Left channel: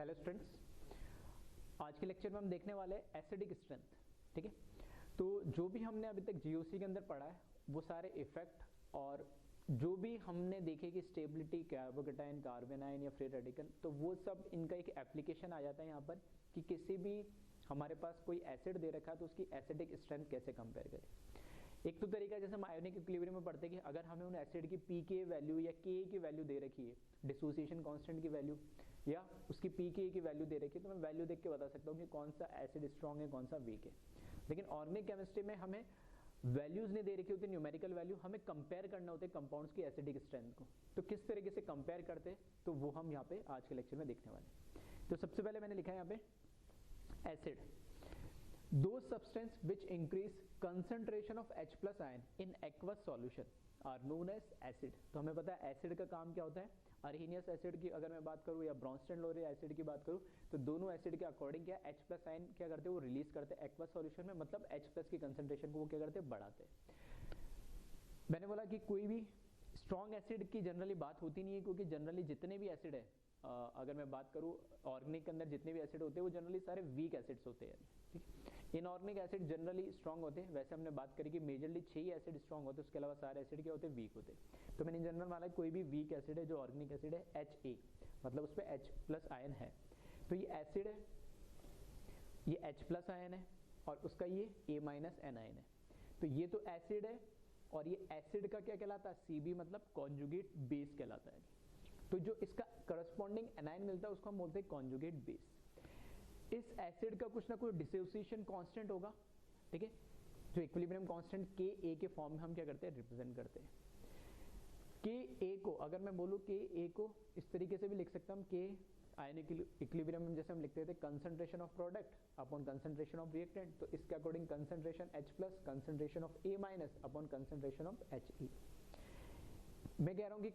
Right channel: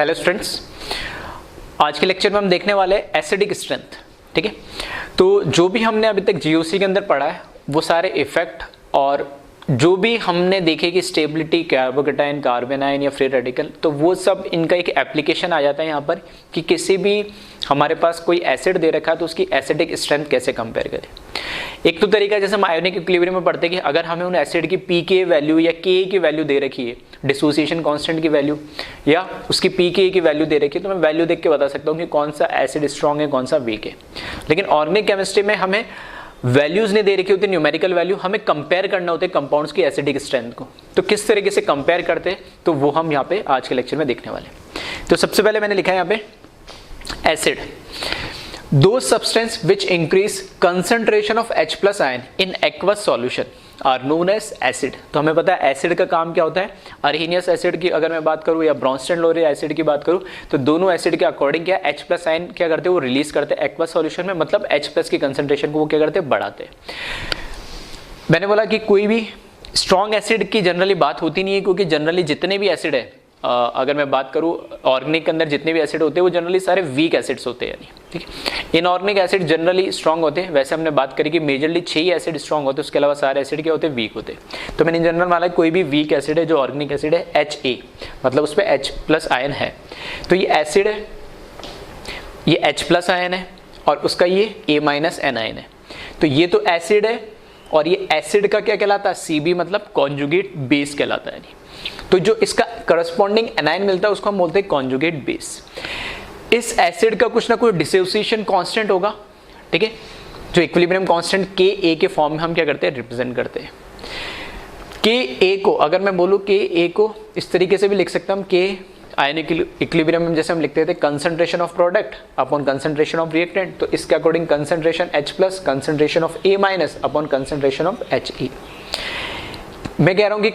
Hello students, आज के lecture में हम देखने वाले हैं एसिडिक स्ट्रेंथ। ठीक है, तो जो भी हमने अभी तक जीओसी के अंदर पढ़ा है वो सारे इफेक्ट और जो भी हमने देखे कि स्टेबिलिटी, कार्बोकेटाइन, कार्बेनाइन या फ्री रेडिकल, तो वो सब इनका एक एप्लीकेशन आ जाता है यहाँ पर कि किसी भी हमारे पास कोई एसिड दे रखा है तो उसकी एसिडिक स्ट्रेंथ कैसे कंपेयर करें। एक तो तरीका जैसे हम आयोनिक इक्विलिब्रियम में पढ़ते हैं कि अगर हमें उन एसिड की पी के वैल्यू या के की वैल्यू दे रखी है, डिसोसिएशन कांस्टेंट की वैल्यू या उसकी पी के की वैल्यू दे रखी है, तो मैं वैल्यू देख के बता सकता हूँ कि कौन सा एसिड स्ट्रॉन्ग है, कौन सा वीक है। लेकिन ऑर्गेनिक केमिस्ट्री में हमें वैल्यूज नहीं दे रखी होती, न्यूमेरिकल वैल्यू, हमें कंपेयर करना होते कंपाउंड्स की एसिडिक स्ट्रेंथ को। तो किस तरीके से कंपेयर करते हैं तो वो हम यहाँ पे आज के लेक्चर में देखने वाले हैं। तो सबसे पहले मैंने लिखा है यहाँ पे acid, those substance which increase concentration of H plus ion in aqueous solution are known as acid। तो हमें पता है एसिड का काम क्या होता है। अर्हीनियस एसिड की अगर मैं बात करूँ या ब्रॉन्स्टन-लोरे एसिड की बात करूँ तो दोनों एसिड के अकॉर्डिंग क्या H प्लस आयन क्या करते हैं, वो रिलीज करते हैं एक्वस सॉल्यूशन में, मतलब H प्लस की कंसंट्रेशन को वो क्या करते हैं, बढ़ाते हैं। मैंने बोला कि कोई भी स्ट्रॉन्ग एसिड की जनरली बात होती नहीं है, क्योंकि जनरली जितने भी एसिड है, अगर मैं बात करूँ ऑर्गेनिक के अंदर जितने भी एसिड होते हैं वो जनरली सारे वीक एसिड्स होते हैं। यानी ठीक है, इनऑर्गेनिक एसिड जनरली स्ट्रॉन्ग होते हैं। वैसे हमने बात करी कि मेजरली 6 ही एसिड स्ट्रॉन्ग होते हैं, उसके अलावा सारे एसिड क्या होते हैं, वीक होते हैं। तो मैंने इन जनरल माना कोई भी वीक एसिड है जो ऑर्गेनिक एसिड है HA, मतलब उस पर H प्लस आयन है, तो ये एसिड है, ये H प्लस आयन है और उसका ये A माइनस एन आयन है। तो ये तो एसिड है और ये एसिड का क्या कहलाता है, CB, मतलब कॉन्जुगेट बेस कहलाता है। तो जो इसका करस्पॉन्डिंग एनायन मिलता है उसको हम बोलते हैं कॉन्जुगेट बेस। इस एसिड का कुछ ना कुछ डिसोसिएशन कांस्टेंट होगा, ठीक है, जो इक्विलिब्रियम कांस्टेंट Ka के फॉर्म में हम क्या करते हैं, रिप्रेजेंट करते हैं। Ka को अगर मैं बोलूँ Ka को इस तरीके से भी लिख सकता हूँ, K आयनिक इक्विलिब्रियम में जैसे हम लिखते थे concentration of product upon concentration of reactant, तो इसके according concentration H plus concentration of A minus upon concentration of He। मैं कह रहा हूँ कि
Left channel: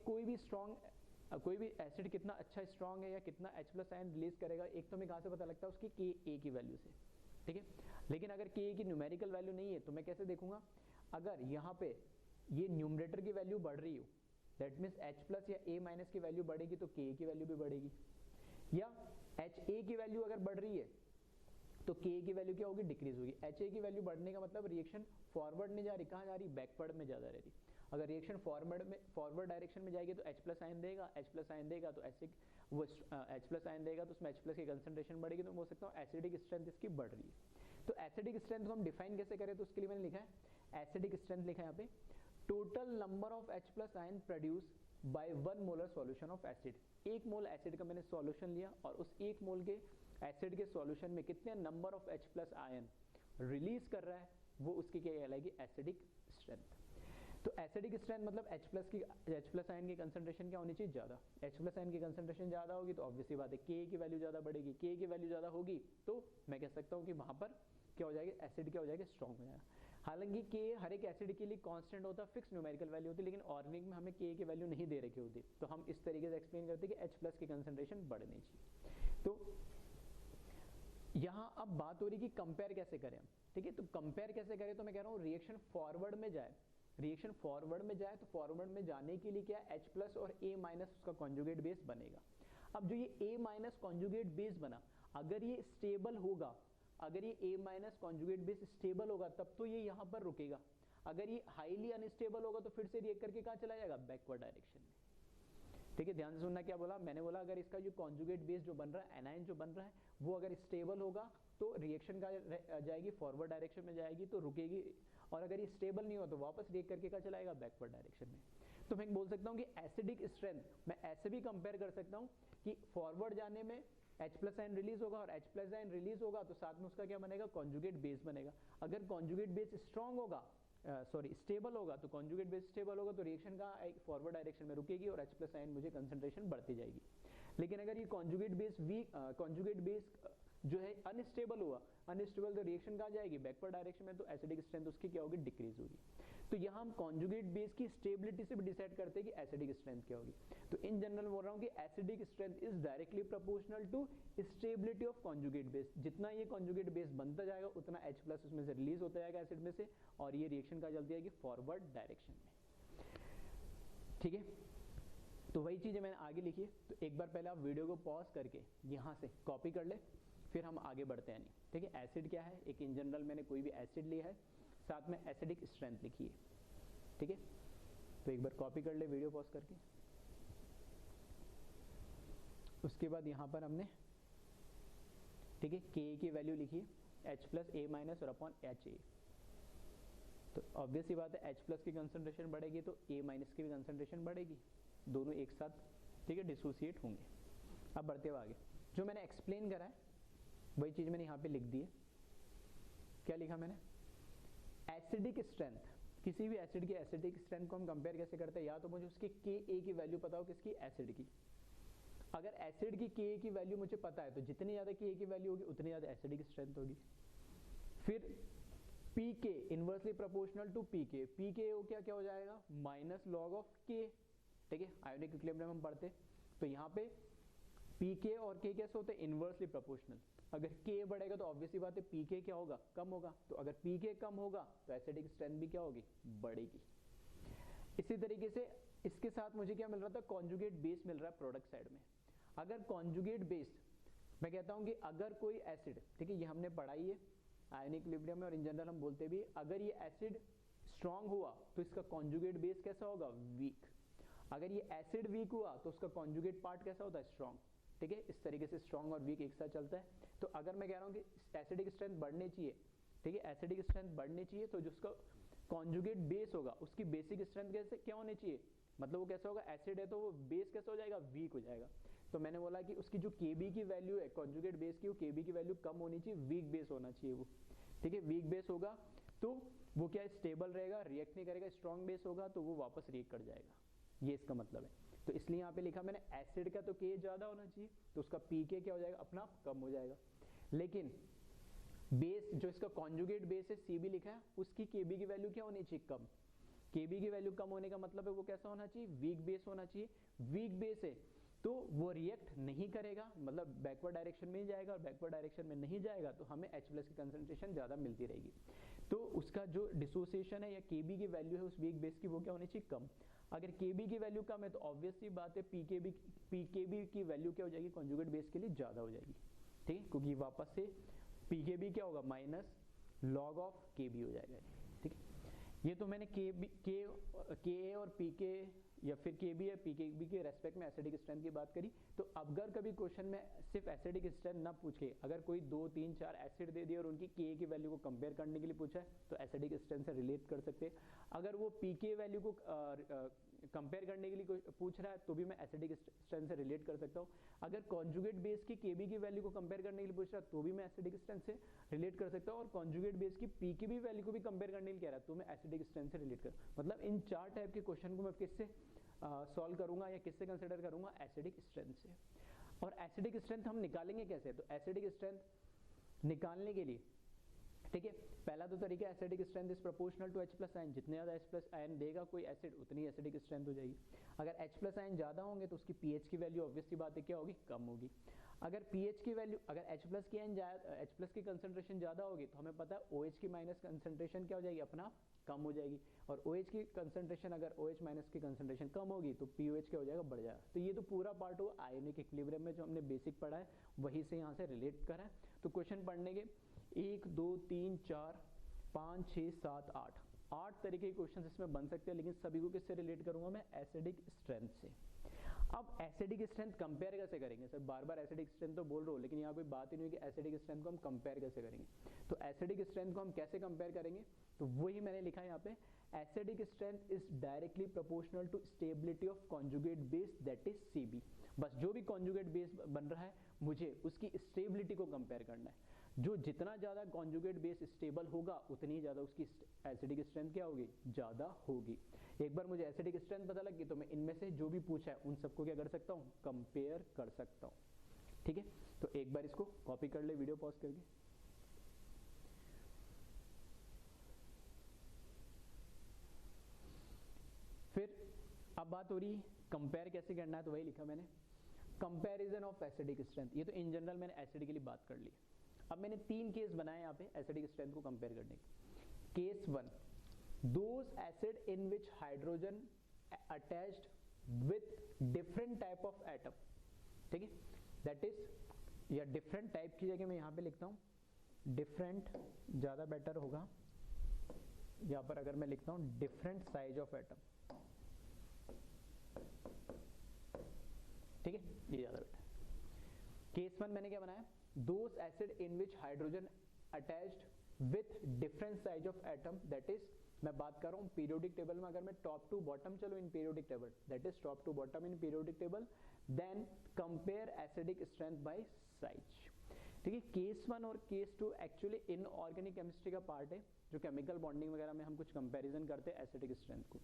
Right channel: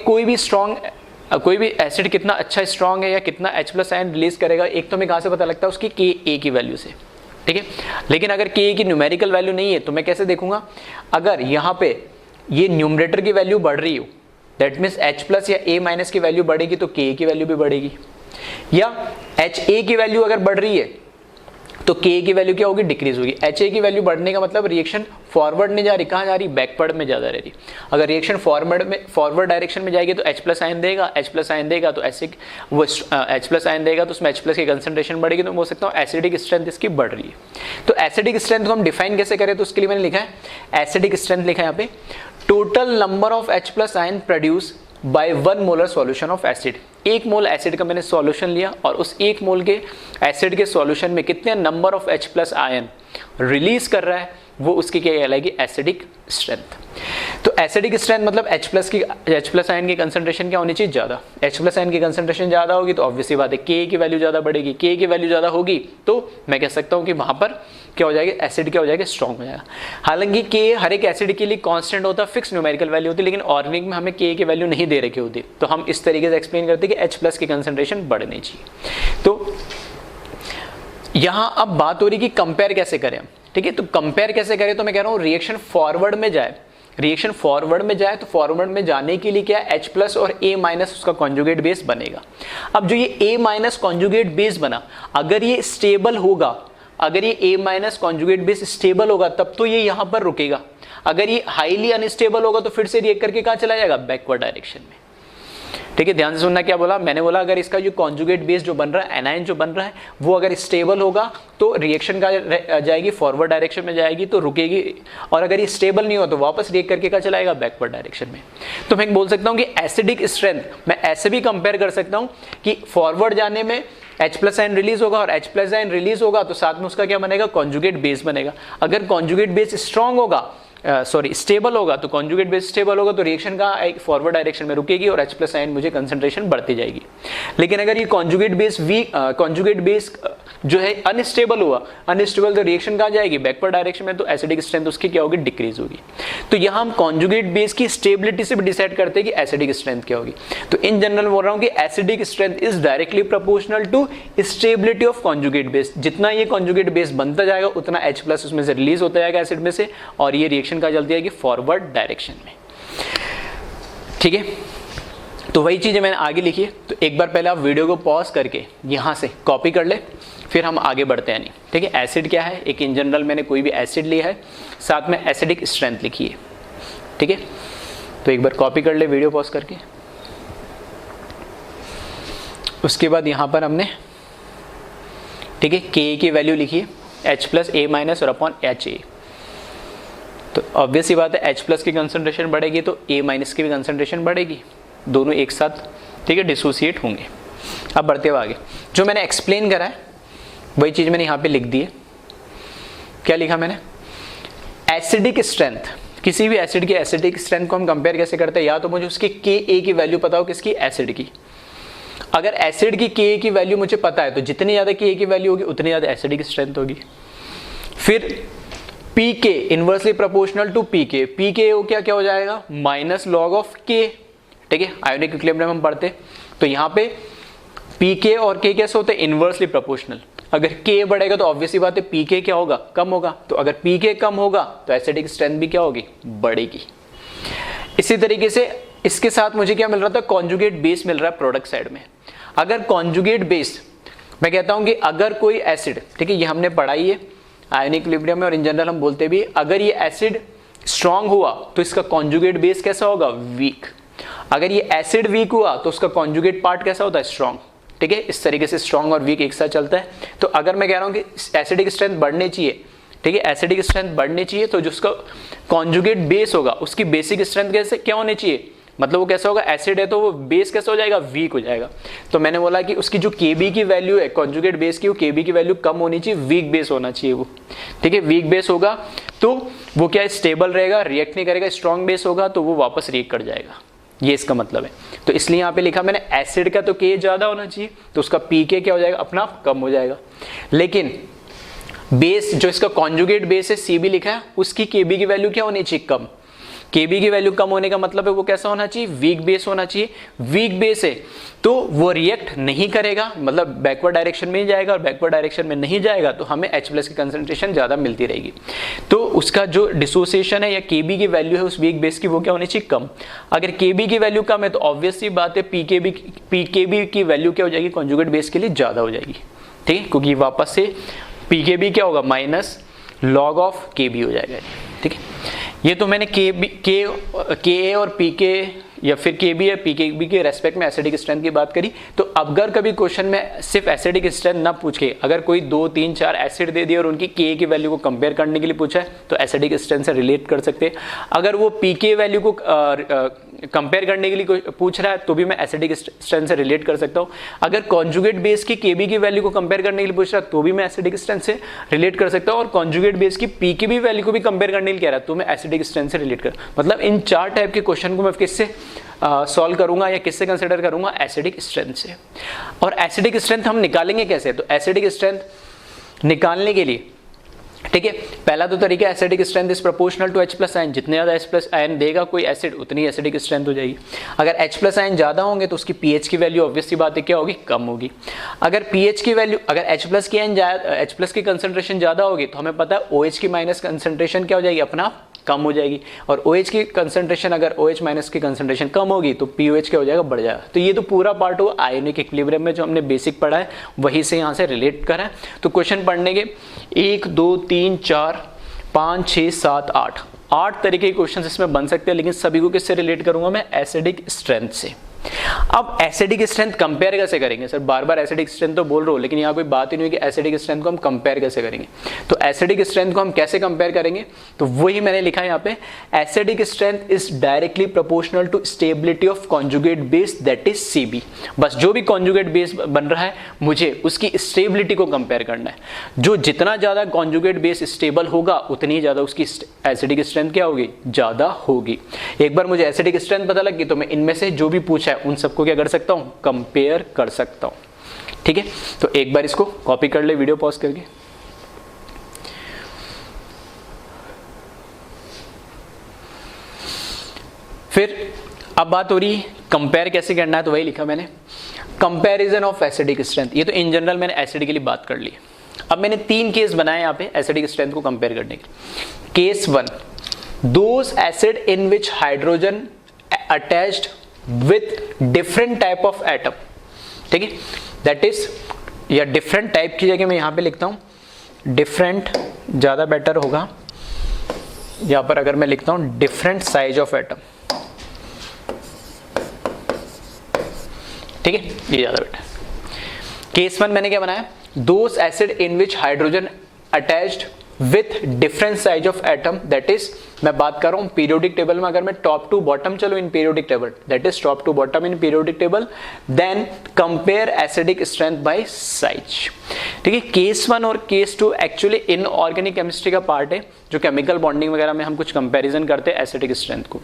कोई भी एसिड कितना अच्छा स्ट्रॉन्ग है या कितना H प्लस आयन रिलीज करेगा, एक तो हमें कहाँ से पता लगता है, उसकी Ka की वैल्यू से। ठीक है, लेकिन अगर Ka की न्यूमेरिकल वैल्यू नहीं है तो मैं कैसे देखूंगा, अगर यहाँ पे ये न्यूमरेटर की वैल्यू बढ़ रही हो, दैट मीन्स H प्लस या A माइनस की वैल्यू बढ़ेगी तो Ka की वैल्यू भी बढ़ेगी, या HA की वैल्यू अगर बढ़ रही है तो Ka की वैल्यू क्या होगी, डिक्रीज होगी। HA की वैल्यू बढ़ने का मतलब रिएक्शन फॉरवर्ड नहीं जा रही, कहाँ जा रही, बैकवर्ड में ज्यादा रह रही। अगर रिएक्शन फॉरवर्ड डायरेक्शन में जाएगी तो H प्लस आयन देगा, H प्लस आयन देगा तो एसिड वो H प्लस आयन देगा तो उसमें H प्लस की कंसंट्रेशन बढ़ेगी, तो मैं बोल सकता हूँ एसिडिक स्ट्रेंथ इसकी बढ़ रही है। तो एसिडिक स्ट्रेंथ को हम डिफाइन कैसे करें, तो उसके लिए मैंने लिखा है एसिडिक स्ट्रेंथ, लिखा है यहाँ पे total number of H plus ion produce by 1 molar solution of acid. 1 mole acid का मैंने सॉल्यूशन लिया और उस 1 मोल के एसिड के सॉल्यूशन में कितने number of H plus ion release कर रहा है, वो उसकी क्या कहलाएगी, एसिडिक स्ट्रेंथ। तो एसिडिक स्ट्रेंथ मतलब H प्लस आयन की कंसंट्रेशन क्या होनी चाहिए, ज्यादा। H प्लस आयन की कंसंट्रेशन ज्यादा होगी तो ऑब्वियसली बात है Ka की वैल्यू ज्यादा बढ़ेगी। Ka की वैल्यू ज्यादा होगी तो मैं कह सकता हूँ कि वहां पर क्या हो जाएगा, एसिड क्या हो जाएगा, स्ट्रॉन्ग हो जाएगा। हालांकि Ka हर एक एसिड के लिए कांस्टेंट होता है, फिक्स न्यूमेरिकल वैल्यू होती है, लेकिन ऑर्गेनिक में हमें Ka की वैल्यू नहीं दे रखी होती, तो हम इस तरीके से एक्सप्लेन करते हैं कि H प्लस की कंसंट्रेशन बढ़नी चाहिए। तो यहाँ अब बात हो रही कि कंपेयर कैसे करें, ठीक है। तो कंपेयर कैसे करें, तो मैं कह रहा हूँ रिएक्शन फॉरवर्ड में जाए, रिएक्शन फॉरवर्ड में जाए तो फॉरवर्ड में जाने के लिए क्या है, H प्लस और A माइनस उसका कॉन्जुगेट बेस बनेगा। अब जो ये A माइनस कॉन्जुगेट बेस बना, अगर ये स्टेबल होगा, अगर ये A minus conjugate base stable होगा तब तो ये यहाँ पर रुकेगा। अगर ये हाईली अनस्टेबल होगा तो फिर से रिएक्ट करके कहाँ चला जाएगा, बैकवर्ड डायरेक्शन में। ठीक है, ध्यान से सुनना क्या बोला मैंने, बोला अगर इसका जो कॉन्जुगेट बेस जो बन रहा है, एनायन जो बन रहा है, वो अगर स्टेबल होगा तो रिएक्शन का जाएगी फॉरवर्ड डायरेक्शन में जाएगी तो रुकेगी, और अगर ये स्टेबल नहीं हो तो वापस रिएक्ट करके कहाँ चलाएगा, बैकवर्ड डायरेक्शन में। तो मैं बोल सकता हूँ कि एसिडिक स्ट्रेंथ मैं ऐसे भी कंपेयर कर सकता हूँ कि फॉरवर्ड जाने में H प्लस आयन रिलीज होगा और H प्लस आयन रिलीज होगा तो साथ में उसका क्या बनेगा, कॉन्जुगेट बेस बनेगा। अगर कॉन्जुगेट बेस स्ट्रॉन्ग होगा, स्टेबल होगा, तो कॉन्जुगेट बेस स्टेबल होगा तो रिएक्शन का एक फॉरवर्ड डायरेक्शन में रुकेगी और H प्लस आयन मुझे कंसंट्रेशन बढ़ती जाएगी। लेकिन अगर ये कॉन्जुगेट बेस जो है अनस्टेबल हुआ, अनस्टेबल तो रिएक्शन कहाँ जाएगी, बैकवर्ड डायरेक्शन में, तो एसिडिक स्ट्रेंथ उसकी क्या होगी, डिक्रीज होगी। तो यहाँ हम कॉन्जुगेट बेस की स्टेबिलिटी से भी डिसाइड करते हैं कि एसिडिक स्ट्रेंथ क्या होगी। तो इन जनरल बोल रहा हूँ कि acidic strength is directly proportional to stability of conjugate base. जितना ये कॉन्जुगेट बेस बनता जाएगा उतना H प्लस उसमें से रिलीज होता जाएगा एसिड में से, और ये रिएक्शन कहाँ चलती जाएगी, फॉरवर्ड डायरेक्शन में। ठीक है, तो वही चीज़ें मैंने आगे लिखी है। तो एक बार पहले आप वीडियो को पॉज करके यहाँ से कॉपी कर ले, फिर हम आगे बढ़ते हैं। नहीं ठीक है, एसिड क्या है, एक इन जनरल मैंने कोई भी एसिड लिया है, साथ में एसिडिक स्ट्रेंथ लिखी है। ठीक है, तो एक बार कॉपी कर ले वीडियो पॉज करके। उसके बाद यहाँ पर हमने ठीक है के की वैल्यू लिखी है H प्लस A माइनस और अपॉन HA। तो ऑब्वियस ही बात है H प्लस की कंसंट्रेशन बढ़ेगी तो A माइनस की भी कंसंट्रेशन बढ़ेगी, दोनों एक साथ ठीक है डिसोसिएट होंगे। अब बढ़ते हुए आगे, जो मैंने एक्सप्लेन करा है वही चीज़ मैंने यहाँ पे लिख दी है। क्या लिखा मैंने, एसिडिक स्ट्रेंथ, किसी भी एसिड की एसिडिक स्ट्रेंथ को हम कंपेयर कैसे करते हैं, या तो मुझे उसकी Ka की वैल्यू पता हो, किसकी, एसिड की। अगर एसिड की Ka की वैल्यू मुझे पता है तो जितनी ज़्यादा Ka की वैल्यू होगी उतनी ज़्यादा एसिडिक स्ट्रेंथ होगी। फिर Pk inversely proportional to Pk, Pk क्या हो जाएगा, माइनस लॉग ऑफ K। ठीक है, आयोनिक इक्विलिब्रियम हम पढ़ते, तो यहाँ पे Pk और K कैसे होते हैं, इनवर्सली प्रोपोर्शनल। अगर K बढ़ेगा तो ऑब्वियसली बात है Pk क्या होगा, कम होगा। तो अगर Pk कम होगा तो एसिडिक स्ट्रेंथ भी क्या होगी, बढ़ेगी। इसी तरीके से इसके साथ मुझे क्या मिल रहा था, कॉन्जुगेट बेस मिल रहा है प्रोडक्ट साइड में। अगर कॉन्जुगेट बेस, मैं कहता हूं कि अगर कोई एसिड, ठीक है ये हमने पढ़ाई है आयोनिक इक्विलिब्रियम में और इन जनरल हम बोलते भी, अगर ये एसिड स्ट्रांग हुआ तो इसका कॉन्जुगेट बेस कैसा होगा, वीक। अगर ये एसिड वीक हुआ तो उसका कॉन्जुगेट पार्ट कैसा होता है, स्ट्रांग। ठीक है, इस तरीके से स्ट्रांग और वीक एक साथ चलता है। तो अगर मैं कह रहा हूं कि एसिडिक स्ट्रेंथ बढ़नी चाहिए, ठीक है एसिडिक स्ट्रेंथ बढ़नी चाहिए, तो जो उसका कॉन्जुगेट बेस होगा उसकी बेसिक स्ट्रेंथ कैसे क्या होनी चाहिए, मतलब वो कैसा होगा, एसिड है तो वो बेस कैसा हो जाएगा, वीक हो जाएगा। तो मैंने बोला कि उसकी जो Kb की वैल्यू है कॉन्जुगेट बेस की, वो Kb की वैल्यू कम होनी चाहिए, वीक बेस होना चाहिए वो। ठीक है, वीक बेस होगा तो वो क्या स्टेबल रहेगा, रिएक्ट नहीं करेगा। स्ट्रॉन्ग बेस होगा तो वो वापस रिएक्ट कर जाएगा, ये इसका मतलब है। तो इसलिए यहाँ पे लिखा मैंने एसिड का तो K ज्यादा होना चाहिए, तो उसका Pk क्या हो जाएगा, अपना आप कम हो जाएगा। लेकिन बेस जो इसका कॉन्जुगेट बेस है Cb लिखा है, उसकी Kb की वैल्यू क्या होनी चाहिए, कम। Kb की वैल्यू कम होने का मतलब है वो कैसा होना चाहिए, वीक बेस होना चाहिए। वीक बेस है तो वो रिएक्ट नहीं करेगा, मतलब बैकवर्ड डायरेक्शन में ही जाएगा, और बैकवर्ड डायरेक्शन में नहीं जाएगा तो हमें H प्लस की कंसंट्रेशन ज्यादा मिलती रहेगी। तो उसका जो डिसोसिएशन है या Kb की वैल्यू है उस वीक बेस की, वो क्या होनी चाहिए, कम। अगर Kb की वैल्यू कम है तो ऑब्वियस सी बात है Pkb की वैल्यू क्या हो जाएगी, कॉन्जुगेट बेस के लिए ज्यादा हो जाएगी। ठीक है, क्योंकि वापस से Pkb क्या होगा, माइनस लॉग ऑफ Kb हो जाएगा। ठीक है, ये तो मैंने Ka और Pk या फिर Kb या Pkb के रेस्पेक्ट में एसिडिक स्ट्रेंथ की बात करी। तो अगर कभी क्वेश्चन में सिर्फ एसिडिक स्ट्रेंथ ना पूछ के अगर कोई 2, 3, 4 एसिड दे दिए और उनकी Ka की वैल्यू को कंपेयर करने के लिए पूछा है तो एसिडिक स्ट्रेंथ से रिलेट कर सकते हैं। अगर वो Pk वैल्यू को कंपेयर करने के लिए पूछ रहा है तो भी मैं एसिडिक स्ट्रेंथ से रिलेट कर सकता हूँ। अगर कॉन्जुगेट बेस की Kb की वैल्यू को कंपेयर करने के लिए पूछ रहा है तो भी मैं एसिडिक स्ट्रेंथ से रिलेट कर सकता हूँ, और कॉन्जुगेट बेस की Pkb वैल्यू को भी कंपेयर करने के लिए कह रहा है तो मैं एसिडिक स्ट्रेंथ से रिलेट कर, मतलब इन 4 टाइप के क्वेश्चन को मैं किससे सॉल्व करूंगा या किससे कंसिडर करूंगा, एसिडिक स्ट्रेंथ से। और एसिडिक स्ट्रेंथ हम निकालेंगे कैसे, तो एसिडिक स्ट्रेंथ निकालने के लिए ठीक है, पहला तो तरीका acidic strength is proportional to H plus ion, जितने ज्यादा H प्लस आयन देगा कोई एसिड उतनी एसिडिक स्ट्रेंथ हो जाएगी। अगर H प्लस आयन ज्यादा होंगे तो उसकी pH की वैल्यू ऑब्वियस सी बात है क्या होगी, कम होगी। अगर pH की वैल्यू, अगर H प्लस की आयन H प्लस की कंसंट्रेशन ज्यादा होगी तो हमें पता है OH की माइनस कंसंट्रेशन क्या हो जाएगी, अपना कम हो जाएगी। और OH की कंसंट्रेशन, अगर OH माइनस की कंसंट्रेशन कम होगी तो POH क्या हो जाएगा, बढ़ जाएगा। तो ये तो पूरा पार्ट हुआ आयोनिक इक्विलिब्रियम में जो हमने बेसिक पढ़ा है वही से यहाँ से रिलेट करा है। तो क्वेश्चन पढ़ने के 1, 2, 3, 4, 5, 6, 7, 8 तरीके के क्वेश्चन इसमें बन सकते हैं, लेकिन सभी को किससे रिलेट करूंगा मैं, एसिडिक स्ट्रेंथ से। अब एसिडिक स्ट्रेंथ कंपेयर कैसे करेंगे, सर बार बार एसिडिक स्ट्रेंथ तो बोल रहा हूं लेकिन यहाँ कोई बात ही नहीं हुई कि एसिडिक स्ट्रेंथ को हम कंपेयर कैसे करेंगे। तो एसिडिक स्ट्रेंथ को हम कैसे कंपेयर करेंगे, तो वही मैंने लिखा है यहाँ पे, acidic strength is directly proportional to stability of conjugate base that is Cb। बस जो भी कॉन्जुगेट बेस बन रहा है मुझे उसकी स्टेबिलिटी को कंपेयर करना है। जो जितना ज्यादा कॉन्जुगेट बेस स्टेबल होगा उतनी ज्यादा उसकी एसिडिक स्ट्रेंथ क्या होगी, ज्यादा होगी। एक बार मुझे एसिडिक स्ट्रेंथ पता लग गई तो मैं इनमें से जो भी पूछा उन सबको क्या कर सकता हूं, कंपेयर कर सकता हूं। ठीक है, तो एक बार इसको कॉपी कर ले वीडियो पॉज करके। फिर अब बात हो रही कंपेयर कैसे करना है, तो वही लिखा मैंने, कंपैरिजन ऑफ एसिडिक स्ट्रेंथ। ये तो इन जनरल मैंने एसिड के लिए बात कर ली। अब मैंने 3 केस बनाए यहाँ पे एसिडिक स्ट्रेंथ को कंपेयर करने के। Case 1, those acid in which hydrogen attached with different type of atom, ठीक है, दैट इज, या डिफरेंट टाइप की जगह मैं यहां पे लिखता हूं डिफरेंट, ज्यादा बेटर होगा, यहां पर अगर मैं लिखता हूं डिफरेंट साइज ऑफ एटम, ठीक है, ये ज्यादा बेटर। केस 1 मैंने क्या बनाया, those acid in which hydrogen attached with different size of atom, that is, मैं बात कर रहा हूं पीरियोडिक टेबल में, अगर मैं टॉप टू बॉटम चलो in periodic table, that is top to bottom in periodic table, then compare acidic strength by size, ठीक है। केस 1 और केस 2 एक्चुअली इनऑर्गेनिक केमिस्ट्री का पार्ट है, जो केमिकल बॉन्डिंग वगैरह में हम कुछ कंपैरिजन करते हैं एसिडिक स्ट्रेंथ को।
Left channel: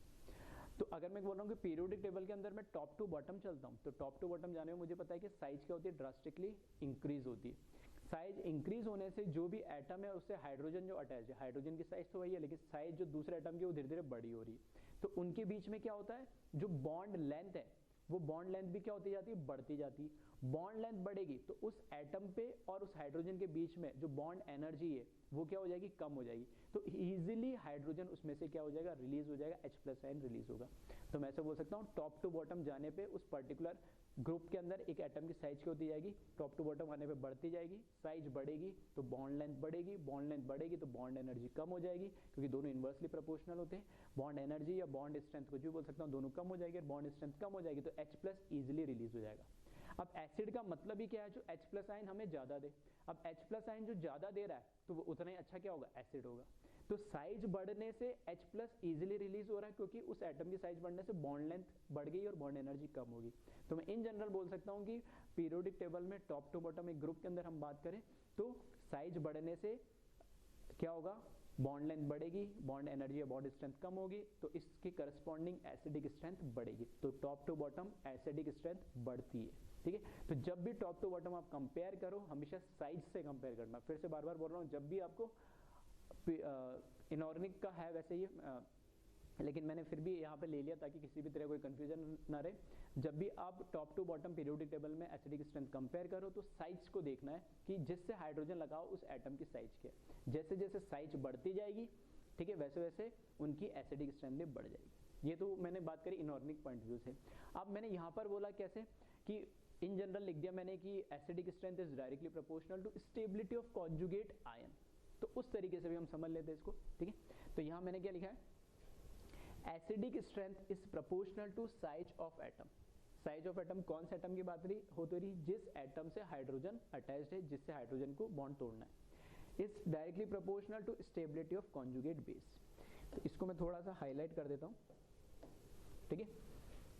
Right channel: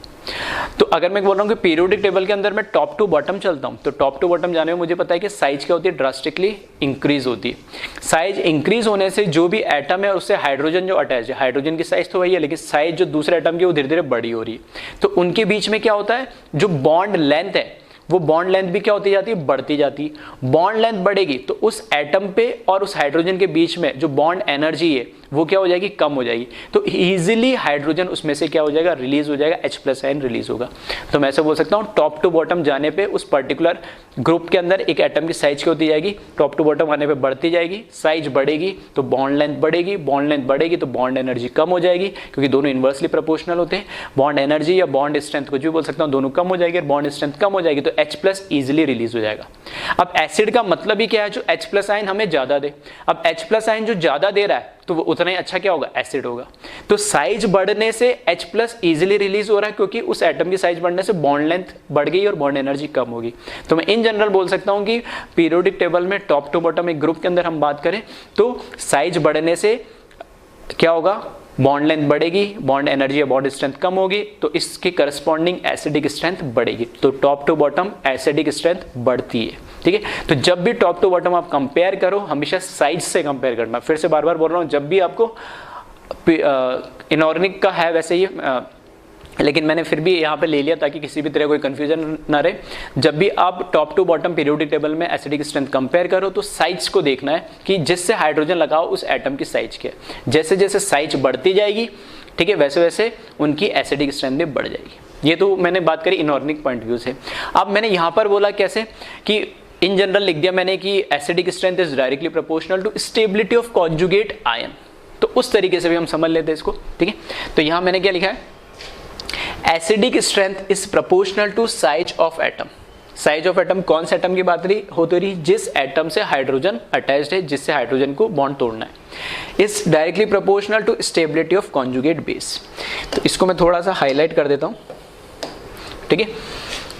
तो अगर मैं बोल रहा हूं कि पीरियोडिक टेबल के अंदर मैं टॉप टू बॉटम चलता हूं, तो टॉप टू बॉटम जाने में मुझे पता है कि साइज क्या होती है, ड्रास्टिकली इंक्रीज होती है। साइज इंक्रीज होने से जो भी एटम है उससे हाइड्रोजन जो अटैच है, हाइड्रोजन की साइज तो वही है, लेकिन साइज जो दूसरे एटम की वो धीरे धीरे बड़ी हो रही है। तो उनके बीच में क्या होता है, जो बॉन्ड लेंथ है वो बॉन्ड लेंथ भी क्या होती जाती है, बढ़ती जाती है। बॉन्ड लेंथ बढ़ेगी तो उस एटम पे और उस हाइड्रोजन के बीच में जो बॉन्ड एनर्जी है वो क्या हो जाएगी, कम हो जाएगी। तो इजीली हाइड्रोजन उसमें से क्या हो जाएगा, रिलीज हो जाएगा, H+ आयन रिलीज होगा। तो मैं ऐसे बोल सकता हूँ टॉप टू बॉटम जाने पे उस पर्टिकुलर ग्रुप के अंदर एक एटम की साइज क्या होती जाएगी, टॉप टू बॉटम आने पे बढ़ती जाएगी, साइज बढ़ेगी तो बॉन्ड लेंथ बढ़ेगी, बॉन्ड लेंथ बढ़ेगी तो बॉन्ड एनर्जी कम हो जाएगी, क्योंकि दोनों इन्वर्सली प्रोपोर्शनल होते हैं। बॉन्ड एनर्जी या बॉन्ड स्ट्रेंथ कुछ भी बोल सकता हूँ, दोनों कम हो जाएगी, बॉन्ड स्ट्रेंथ कम हो जाएगी तो H+ इजिली रिलीज हो जाएगा। अब एसिड का मतलब ही क्या है, जो H+ आयन हमें ज्यादा दे। अब H+ आयन जो ज्यादा दे रहा है तो वो उतना ही अच्छा क्या होगा, एसिड होगा। तो साइज बढ़ने से H+ इजीली रिलीज हो रहा है, क्योंकि उस एटम की साइज बढ़ने से बॉन्ड लेंथ बढ़ गई और बॉन्ड एनर्जी कम होगी। तो मैं इन जनरल बोल सकता हूं कि पीरियोडिक टेबल में टॉप टू बॉटम एक ग्रुप के अंदर हम बात करें तो साइज बढ़ने से क्या होगा, बॉन्ड लेंथ बढ़ेगी, बॉन्ड एनर्जी या बॉन्ड स्ट्रेंथ कम होगी, तो इसके करस्पॉन्डिंग एसिडिक स्ट्रेंथ बढ़ेगी। तो top to bottom acidic strength बढ़ती है, ठीक है। तो जब भी टॉप टू बॉटम आप कंपेयर करो, हमेशा साइज से कंपेयर करना। फिर से बार बार बोल रहा हूं, जब भी आपको इनऑर्गेनिक का है वैसे ही, लेकिन मैंने फिर भी यहाँ पे ले लिया ताकि किसी भी तरह कोई कंफ्यूजन ना रहे। जब भी आप top to bottom periodic table में एसिडिक स्ट्रेंथ कंपेयर करो तो साइज को देखना है कि जिससे हाइड्रोजन लगाओ उस एटम की साइज क्या है। जैसे जैसे साइज बढ़ती जाएगी, ठीक है, वैसे वैसे उनकी एसिडिक स्ट्रेंथ भी बढ़ जाएगी। ये तो मैंने बात करी इनऑर्गेनिक पॉइंट व्यू से। अब मैंने यहाँ पर बोला कैसे कि इन जनरल लिख दिया मैंने कि acidic strength is directly proportional to stability of conjugate ion. तो उस तरीके से भी हम समझ लेते हैं इसको, ठीक है। तो यहाँ मैंने क्या लिखा है, acidic strength is proportional to size of atom. Size of atom कौन से एटम की बात होती रही, जिस एटम से हाइड्रोजन अटैच्ड है, जिससे हाइड्रोजन को बॉन्ड तोड़ना है। Is directly proportional to stability of conjugate base. तो इसको मैं थोड़ा सा हाईलाइट कर देता हूं, ठीक है।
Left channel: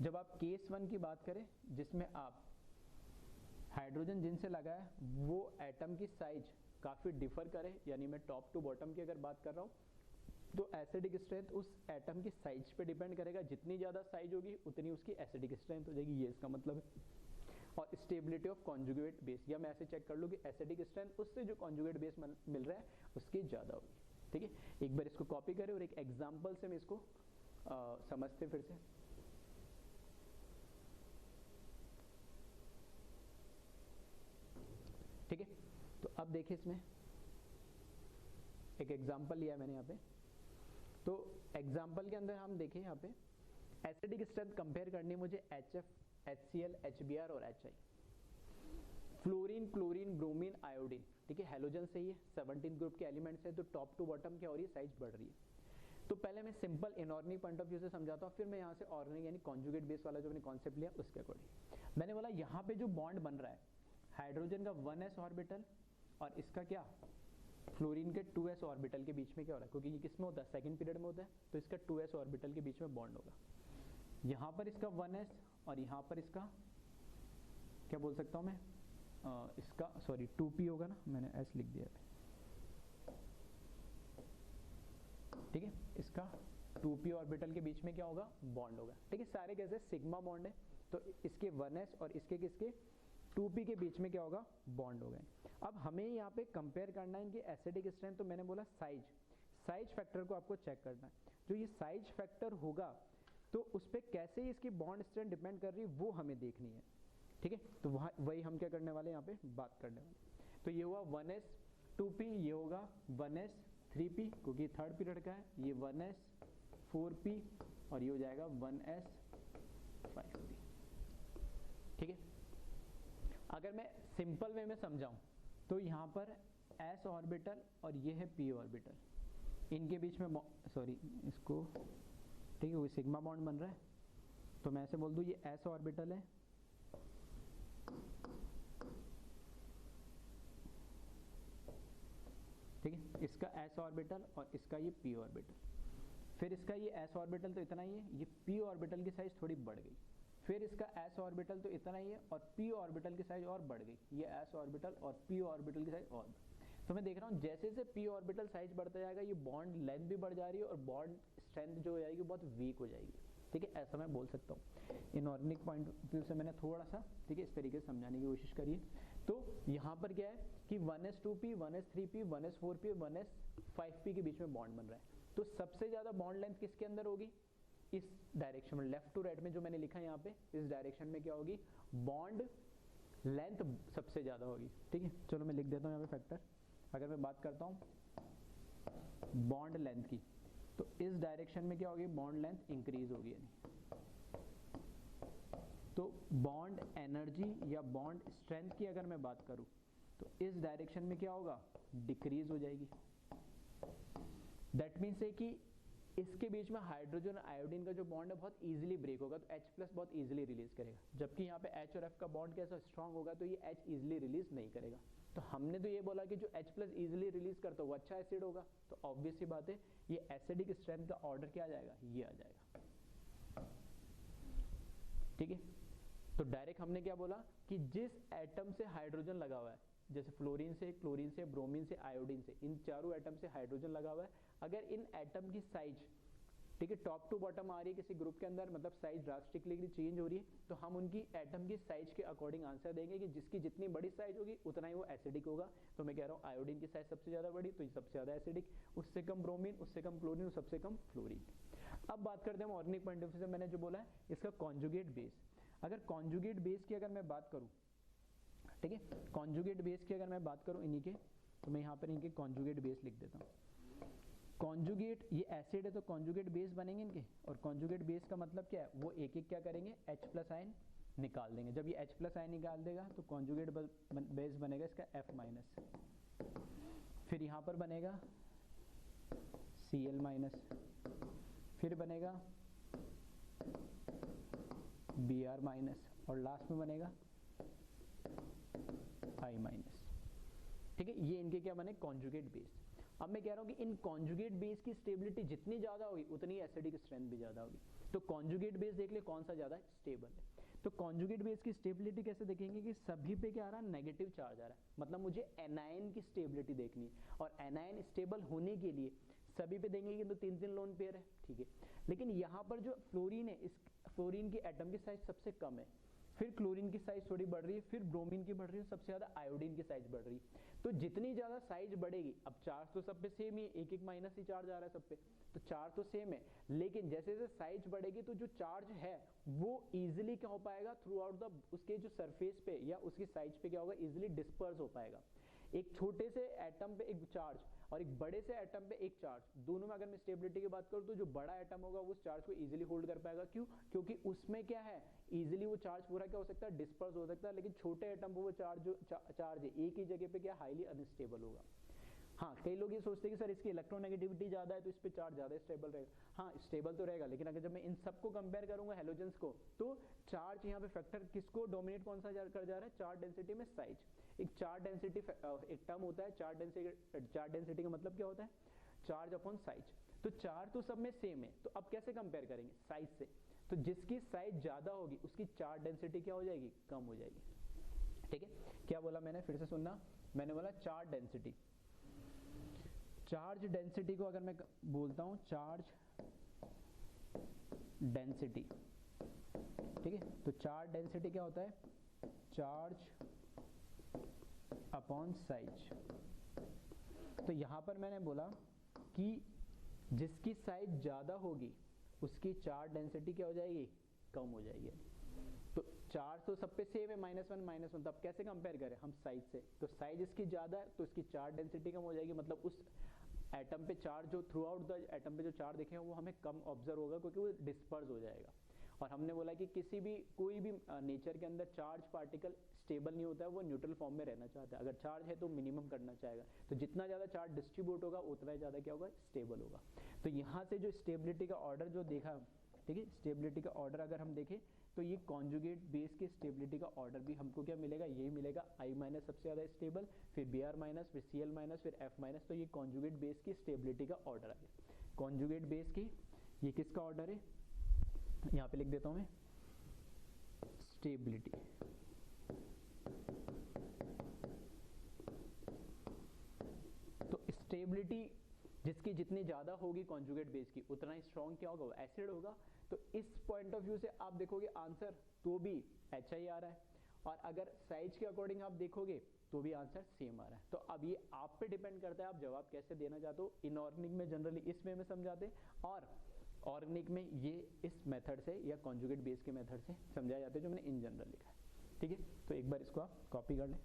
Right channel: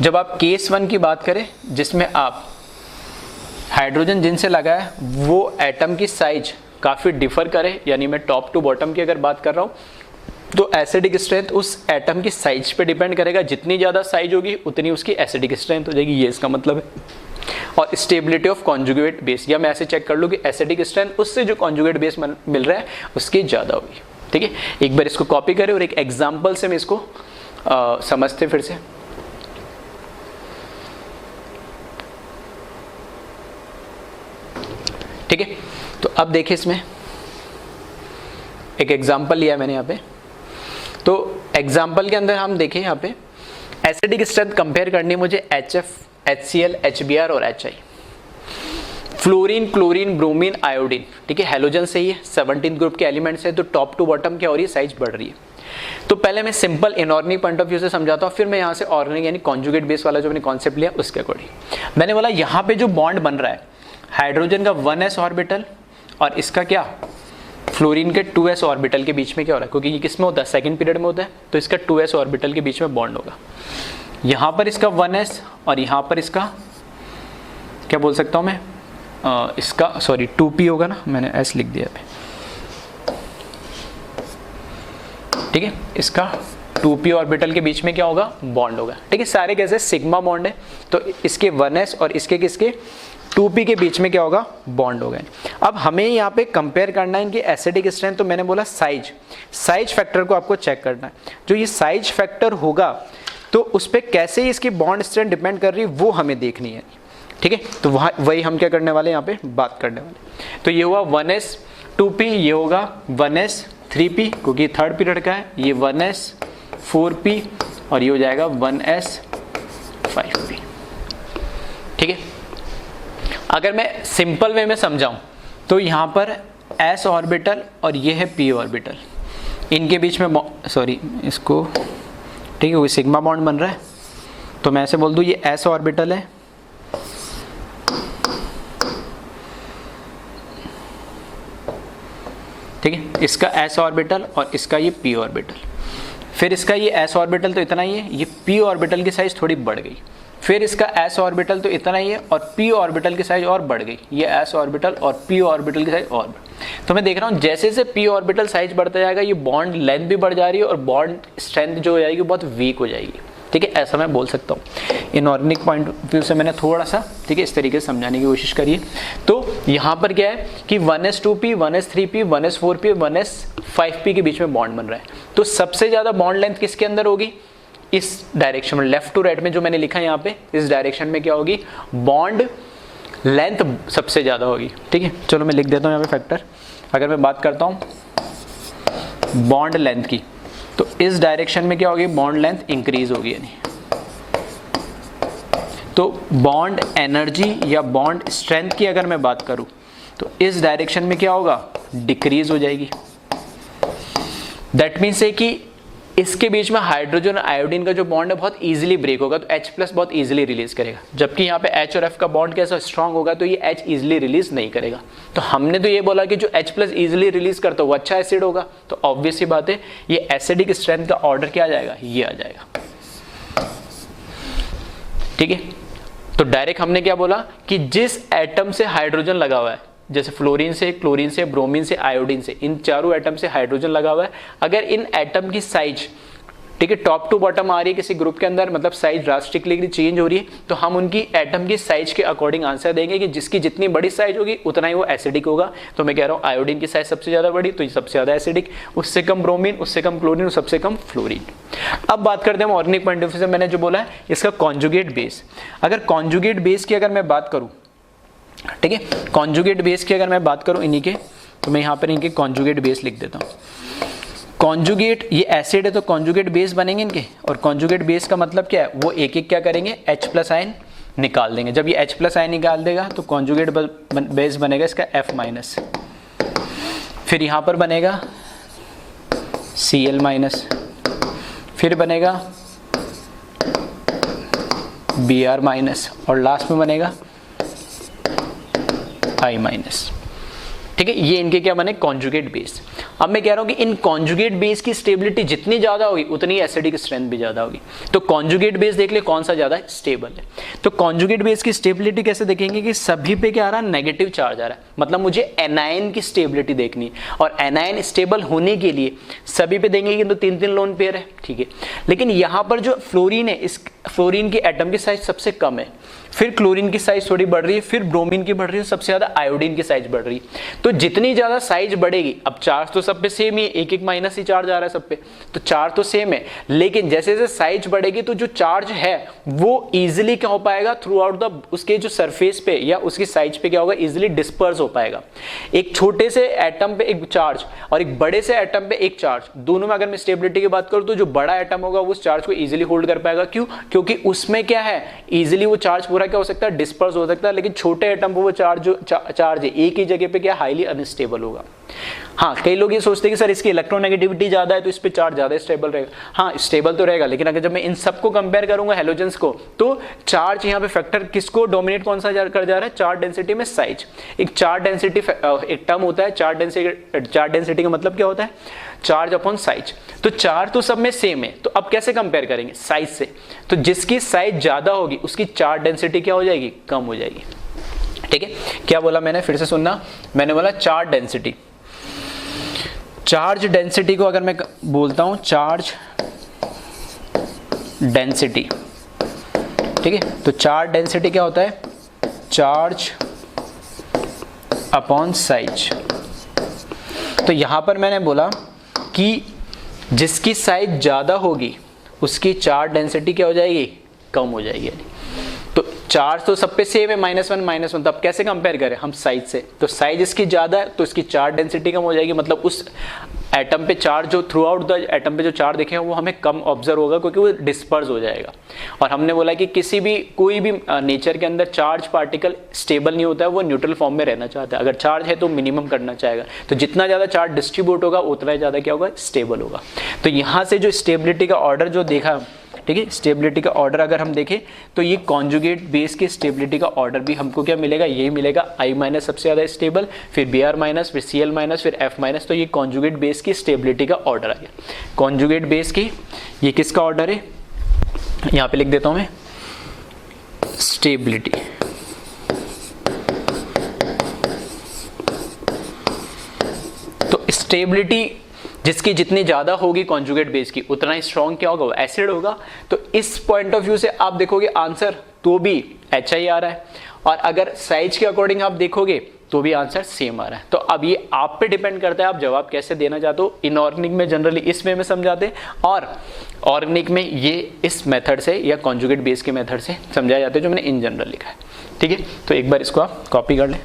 जब आप केस 1 की बात करें जिसमें आप हाइड्रोजन जिनसे लगा है वो एटम की साइज काफी डिफर करे, यानी मैं टॉप टू बॉटम की अगर बात कर रहा हूं, तो एसिडिक स्ट्रेंथ उस एटम की साइज पे डिपेंड करेगा। जितनी ज्यादा साइज होगी उतनी उसकी एसिडिक स्ट्रेंथ हो जाएगी, ये इसका मतलब है। और स्टेबिलिटी ऑफ कॉन्जुगेट बेस, या मैं ऐसे चेक कर लूँ कि एसिडिक स्ट्रेंथ उससे जो कॉन्जुगेट बेस मिल रहा है उसकी ज्यादा होगी, ठीक है। एक बार इसको कॉपी करें और एक एग्जाम्पल से मैं इसको समझते फिर से। ठीक है, तो अब देखिए इसमें एक एग्जाम्पल लिया मैंने यहाँ पे। तो एग्जाम्पल के अंदर हम देखें यहाँ पे एसिडिक स्ट्रेंथ कंपेयर करनी है मुझे HF, HCl, HBr और HI। Fluorine, chlorine, bromine, iodine, ठीक है, हेलोजन से ही है, 17 ग्रुप के एलिमेंट्स है। तो टॉप टू बॉटम क्या हो रही है, साइज बढ़ रही है। तो पहले मैं simple inorganic point of view से समझाता हूँ, फिर मैं यहाँ से ऑर्गेनिक यानी कॉन्जुगेट बेस वाला जो मैंने कॉन्सेप्ट लिया उसके अकॉर्डिंग। मैंने बोला यहाँ पे जो बॉन्ड बन रहा है हाइड्रोजन का 1s ऑर्बिटल और इसका क्या फ्लोरीन के 2s ऑर्बिटल के बीच में क्या हो रहा है, क्योंकि ये किस में होता है, सेकंड पीरियड में होता है, तो इसका 2s ऑर्बिटल के बीच में बॉन्ड होगा। यहाँ पर इसका 1s और यहाँ पर इसका क्या बोल सकता हूँ मैं, इसका सॉरी 2p होगा ना, मैंने s लिख दिया है, ठीक है। इसका 2p ऑर्बिटल के बीच में क्या होगा, बॉन्ड होगा, ठीक है। सारे कैसे सिग्मा बॉन्ड है, तो इसके 1s और इसके किसके 2p के बीच में क्या होगा, बॉन्ड होगा। अब हमें यहाँ पे कंपेयर करना है इनकी एसिडिक स्ट्रेंथ। तो मैंने बोला साइज फैक्टर को आपको चेक करना है। जो ये साइज फैक्टर होगा तो उस पर कैसे इसकी बॉन्ड स्ट्रेंथ डिपेंड कर रही है वो हमें देखनी है, ठीक है। तो वही हम क्या करने वाले यहाँ पे बात करने वाले। तो ये हुआ 1s 2p, ये होगा 1s 3p क्योंकि थर्ड पीरियड का है, ये 1s 4p और ये हो जाएगा 1s 5p। ठीक है, अगर मैं सिंपल वे में समझाऊं तो यहाँ पर s ऑर्बिटल और ये है p ऑर्बिटल, इनके बीच में सॉरी इसको ठीक है कोई सिग्मा बॉन्ड बन रहा है, तो मैं ऐसे बोल दूं ये s ऑर्बिटल है, ठीक है, इसका s ऑर्बिटल और इसका ये p ऑर्बिटल। फिर इसका ये s ऑर्बिटल तो इतना ही है, ये p ऑर्बिटल की साइज थोड़ी बढ़ गई। फिर इसका s ऑर्बिटल तो इतना ही है और p ऑर्बिटल की साइज और बढ़ गई, ये s ऑर्बिटल और p ऑर्बिटल की साइज और तो मैं देख रहा हूँ जैसे जैसे p ऑर्बिटल साइज बढ़ता जाएगा ये बॉन्ड लेंथ भी बढ़ जा रही है और बॉन्ड स्ट्रेंथ जो हो जाएगी बहुत वीक हो जाएगी। ठीक है, ऐसा मैं बोल सकता हूँ। इनऑर्गेनिक पॉइंट ऑफ व्यू से मैंने थोड़ा सा ठीक है इस तरीके से समझाने की कोशिश करी है। तो यहाँ पर क्या है कि 1s2p, 1s3p, 1s4p, 1s5p के बीच में बॉन्ड बन रहा है। तो सबसे ज़्यादा बॉन्ड लेंथ किसके अंदर होगी? इस डायरेक्शन में, लेफ्ट टू राइट में जो मैंने लिखा है यहाँ पे, इस डायरेक्शन में क्या होगी? बॉन्ड लेंथ सबसे ज़्यादा होगी। ठीक है, चलो मैं लिख देता हूँ यहाँ पे फैक्टर। अगर मैं बात करता हूँ बॉन्ड लेंथ की, तो इस डायरेक्शन में क्या होगी? बॉन्ड लेंथ इंक्रीज होगी, यानी तो बॉन्ड एनर्जी या बॉन्ड स्ट्रेंथ की अगर मैं बात करूं तो इस डायरेक्शन में क्या होगा? डिक्रीज हो जाएगी। दैट मीन्स है कि इसके बीच में हाइड्रोजन और आयोडीन का जो बॉन्ड है बहुत इजीली ब्रेक होगा, तो H+ बहुत इजीली रिलीज करेगा। जबकि यहाँ पे H और F का बॉन्ड कैसा स्ट्रांग होगा तो ये H इजीली रिलीज नहीं करेगा। तो हमने तो ये बोला कि जो H+ इजीली रिलीज करता है वो अच्छा एसिड होगा, तो ऑब्वियस सी बात है ये एसिडिक स्ट्रेंथ का ऑर्डर क्या आ जाएगा? ये आ जाएगा। ठीक है, तो डायरेक्ट हमने क्या बोला कि जिस एटम से हाइड्रोजन लगा हुआ है, जैसे फ्लोरीन से, क्लोरीन से, ब्रोमीन से, आयोडीन से, इन चारों एटम से हाइड्रोजन लगा हुआ है, अगर इन एटम की साइज ठीक है टॉप टू बॉटम आ रही है किसी ग्रुप के अंदर, मतलब साइज ड्रास्टिकली चेंज हो रही है, तो हम उनकी एटम की साइज के अकॉर्डिंग आंसर देंगे कि जिसकी जितनी बड़ी साइज होगी उतना ही वो एसिडिक होगा। तो मैं कह रहा हूँ आयोडीन की साइज सबसे ज्यादा बड़ी तो ये सबसे ज्यादा एसिडिक, उससे कम ब्रोमीन, उससे कम क्लोरीन, सबसे कम फ्लोरीन। अब बात करते हैं ऑर्गेनिक पॉइंट ऑफ व्यू से, मैंने जो बोला है इसका कॉन्जुगेट बेस। अगर कॉन्जुगेट बेस की अगर मैं बात करूँ, ठीक है, कॉन्जुगेट बेस की अगर मैं बात करूं इन्हीं के, तो मैं यहाँ पर इनके कॉन्जुगेट बेस लिख देता हूँ। कॉन्जुगेट, ये एसिड है तो कॉन्जुगेट बेस बनेंगे इनके, और कॉन्जुगेट बेस का मतलब क्या है? वो एक एक क्या करेंगे? H+ आयन निकाल देंगे। जब ये H+ आयन निकाल देगा तो कॉन्जुगेट बेस बनेगा इसका F-, फिर यहाँ पर बनेगा Cl-, फिर बनेगा Br-, और लास्ट में बनेगा I-। ठीक है, ये इनके क्या बने? Conjugate base. अब मैं कह रहा हूं कि इन कॉन्जुगेट बेस की स्टेबिलिटी जितनी ज्यादा होगी उतनी एसिडिक स्ट्रेंथ भी ज्यादा होगी। तो कॉन्जुगेट बेस देख ले कौन सा ज्यादा स्टेबल है। तो कॉन्जुगेट बेस की स्टेबिलिटी कैसे देखेंगे कि सभी पे क्या आ रहा है? नेगेटिव चार्ज आ रहा है, मतलब मुझे एनायन की स्टेबिलिटी देखनी है, और एनायन स्टेबल होने के लिए सभी पे देंगे कि तो 3-3 लोन पेयर है। ठीक है, लेकिन यहाँ पर जो फ्लोरीन है, इस फ्लोरीन की एटम की साइज सबसे कम है, फिर क्लोरीन की साइज थोड़ी बढ़ रही है, फिर ब्रोमीन की बढ़ रही है, सबसे ज्यादा आयोडीन की साइज बढ़ रही है। तो जितनी ज्यादा साइज बढ़ेगी, अब चार्ज तो सब पे सेम ही है, एक एक माइनस ही चार्ज आ रहा है सब पे, तो चार्ज तो सेम है, लेकिन जैसे जैसे साइज बढ़ेगी तो जो चार्ज है वो इजीली क्या हो पाएगा? थ्रू आउट द उसके जो सरफेस पे या उसकी साइज पे क्या होगा? इजीली डिस्पर्स हो पाएगा। एक छोटे से एटम पे एक चार्ज और एक बड़े से एटम पे एक चार्ज, दोनों में अगर मैं स्टेबिलिटी की बात करूं तो जो बड़ा एटम होगा वो उस चार्ज को इजीली होल्ड कर पाएगा। क्यों? क्योंकि उसमें क्या है? इजीली वो चार्ज पूरा क्या हो सकता है? डिस्पर्स हो सकता है। लेकिन छोटे एटम पर वो चार्ज है एक ही जगह पे क्या हाईली अनस्टेबल होगा। हाँ, कई लोग ये सोचते हैं कि सर इसकी इलेक्ट्रोनेगेटिविटी ज्यादा है तो इस पे चार्ज ज्यादा स्टेबल रहेगा। हाँ, स्टेबल तो रहेगा, लेकिन अगर जब मैं इन सबको कंपेयर करूंगा हेलोजेंस को, तो चार्ज यहाँ पे फैक्टर किसको डोमिनेट कौन सा कर जा रहा है? चार्ज डेंसिटी में साइज। एक चार्ज डेंसिटी एक टर्म होता है चार्ज डेंसिटी का मतलब क्या होता है? Charge upon size. तो चार्ज तो सब में सेम है, तो अब कैसे कंपेयर करेंगे? साइज से। तो जिसकी साइज ज्यादा होगी उसकी चार्ज डेंसिटी क्या हो जाएगी? कम हो जाएगी। ठीक है, क्या बोला मैंने? फिर से सुनना, मैंने बोला चार्ज डेंसिटी। चार्ज डेंसिटी को अगर मैं बोलता हूं चार्ज डेंसिटी, ठीक है, तो चार्ज डेंसिटी क्या होता है? Charge upon size. तो यहां पर मैंने बोला कि जिसकी साइज ज्यादा होगी उसकी चार्ज डेंसिटी क्या हो जाएगी? कम हो जाएगी। तो चार्ज तो सब पे सेम है, -1 तब कैसे कंपेयर करें हम साइज से, तो साइज इसकी ज़्यादा है तो इसकी चार्ज डेंसिटी कम हो जाएगी, मतलब उस एटम पे चार्ज जो थ्रू आउट द एटम पे जो चार्ज दिखेगा वो हमें कम ऑब्जर्व होगा क्योंकि वो डिस्पर्स हो जाएगा। और हमने बोला कि कोई भी नेचर के अंदर चार्ज पार्टिकल स्टेबल नहीं होता है, वो न्यूट्रल फॉर्म में रहना चाहता है। अगर चार्ज है तो मिनिमम करना चाहेगा, तो जितना ज़्यादा चार्ज डिस्ट्रीब्यूट होगा उतना ही ज़्यादा क्या होगा, स्टेबल होगा। तो यहाँ से जो स्टेबिलिटी का ऑर्डर जो देखा, ठीक है, स्टेबिलिटी का ऑर्डर अगर हम देखें तो ये कॉन्जुगेट बेस के स्टेबिलिटी का ऑर्डर भी हमको क्या मिलेगा, यही मिलेगा, I- सबसे ज़्यादा स्टेबल, फिर Br-, फिर Cl-, फिर F-, तो ये कॉन्जुगेट बेस की स्टेबिलिटी का ऑर्डर आ गया। कॉन्जुगेट बेस की ये किसका ऑर्डर है, यहाँ पे लिख देता हूँ मैं, स्टेबिलिटी। तो स्टेबिलिटी जिसकी जितनी ज़्यादा होगी कॉन्जुगेट बेस की, उतना ही स्ट्रॉन्ग क्या होगा, वो एसिड होगा। तो इस पॉइंट ऑफ व्यू से आप देखोगे आंसर तो भी HI आ रहा है, और अगर साइज के अकॉर्डिंग आप देखोगे तो भी आंसर सेम आ रहा है। तो अब ये आप पे डिपेंड करता है आप जवाब कैसे देना चाहते हो। इनऑर्गेनिक में जनरली इस वे में समझाते हैं, और ऑर्गेनिक में ये इस मेथड से या कॉन्जुगेट बेस के मेथड से समझाया जाता है जो मैंने इन जनरल लिखा है। ठीक है, तो एक बार इसको आप कॉपी कर लें।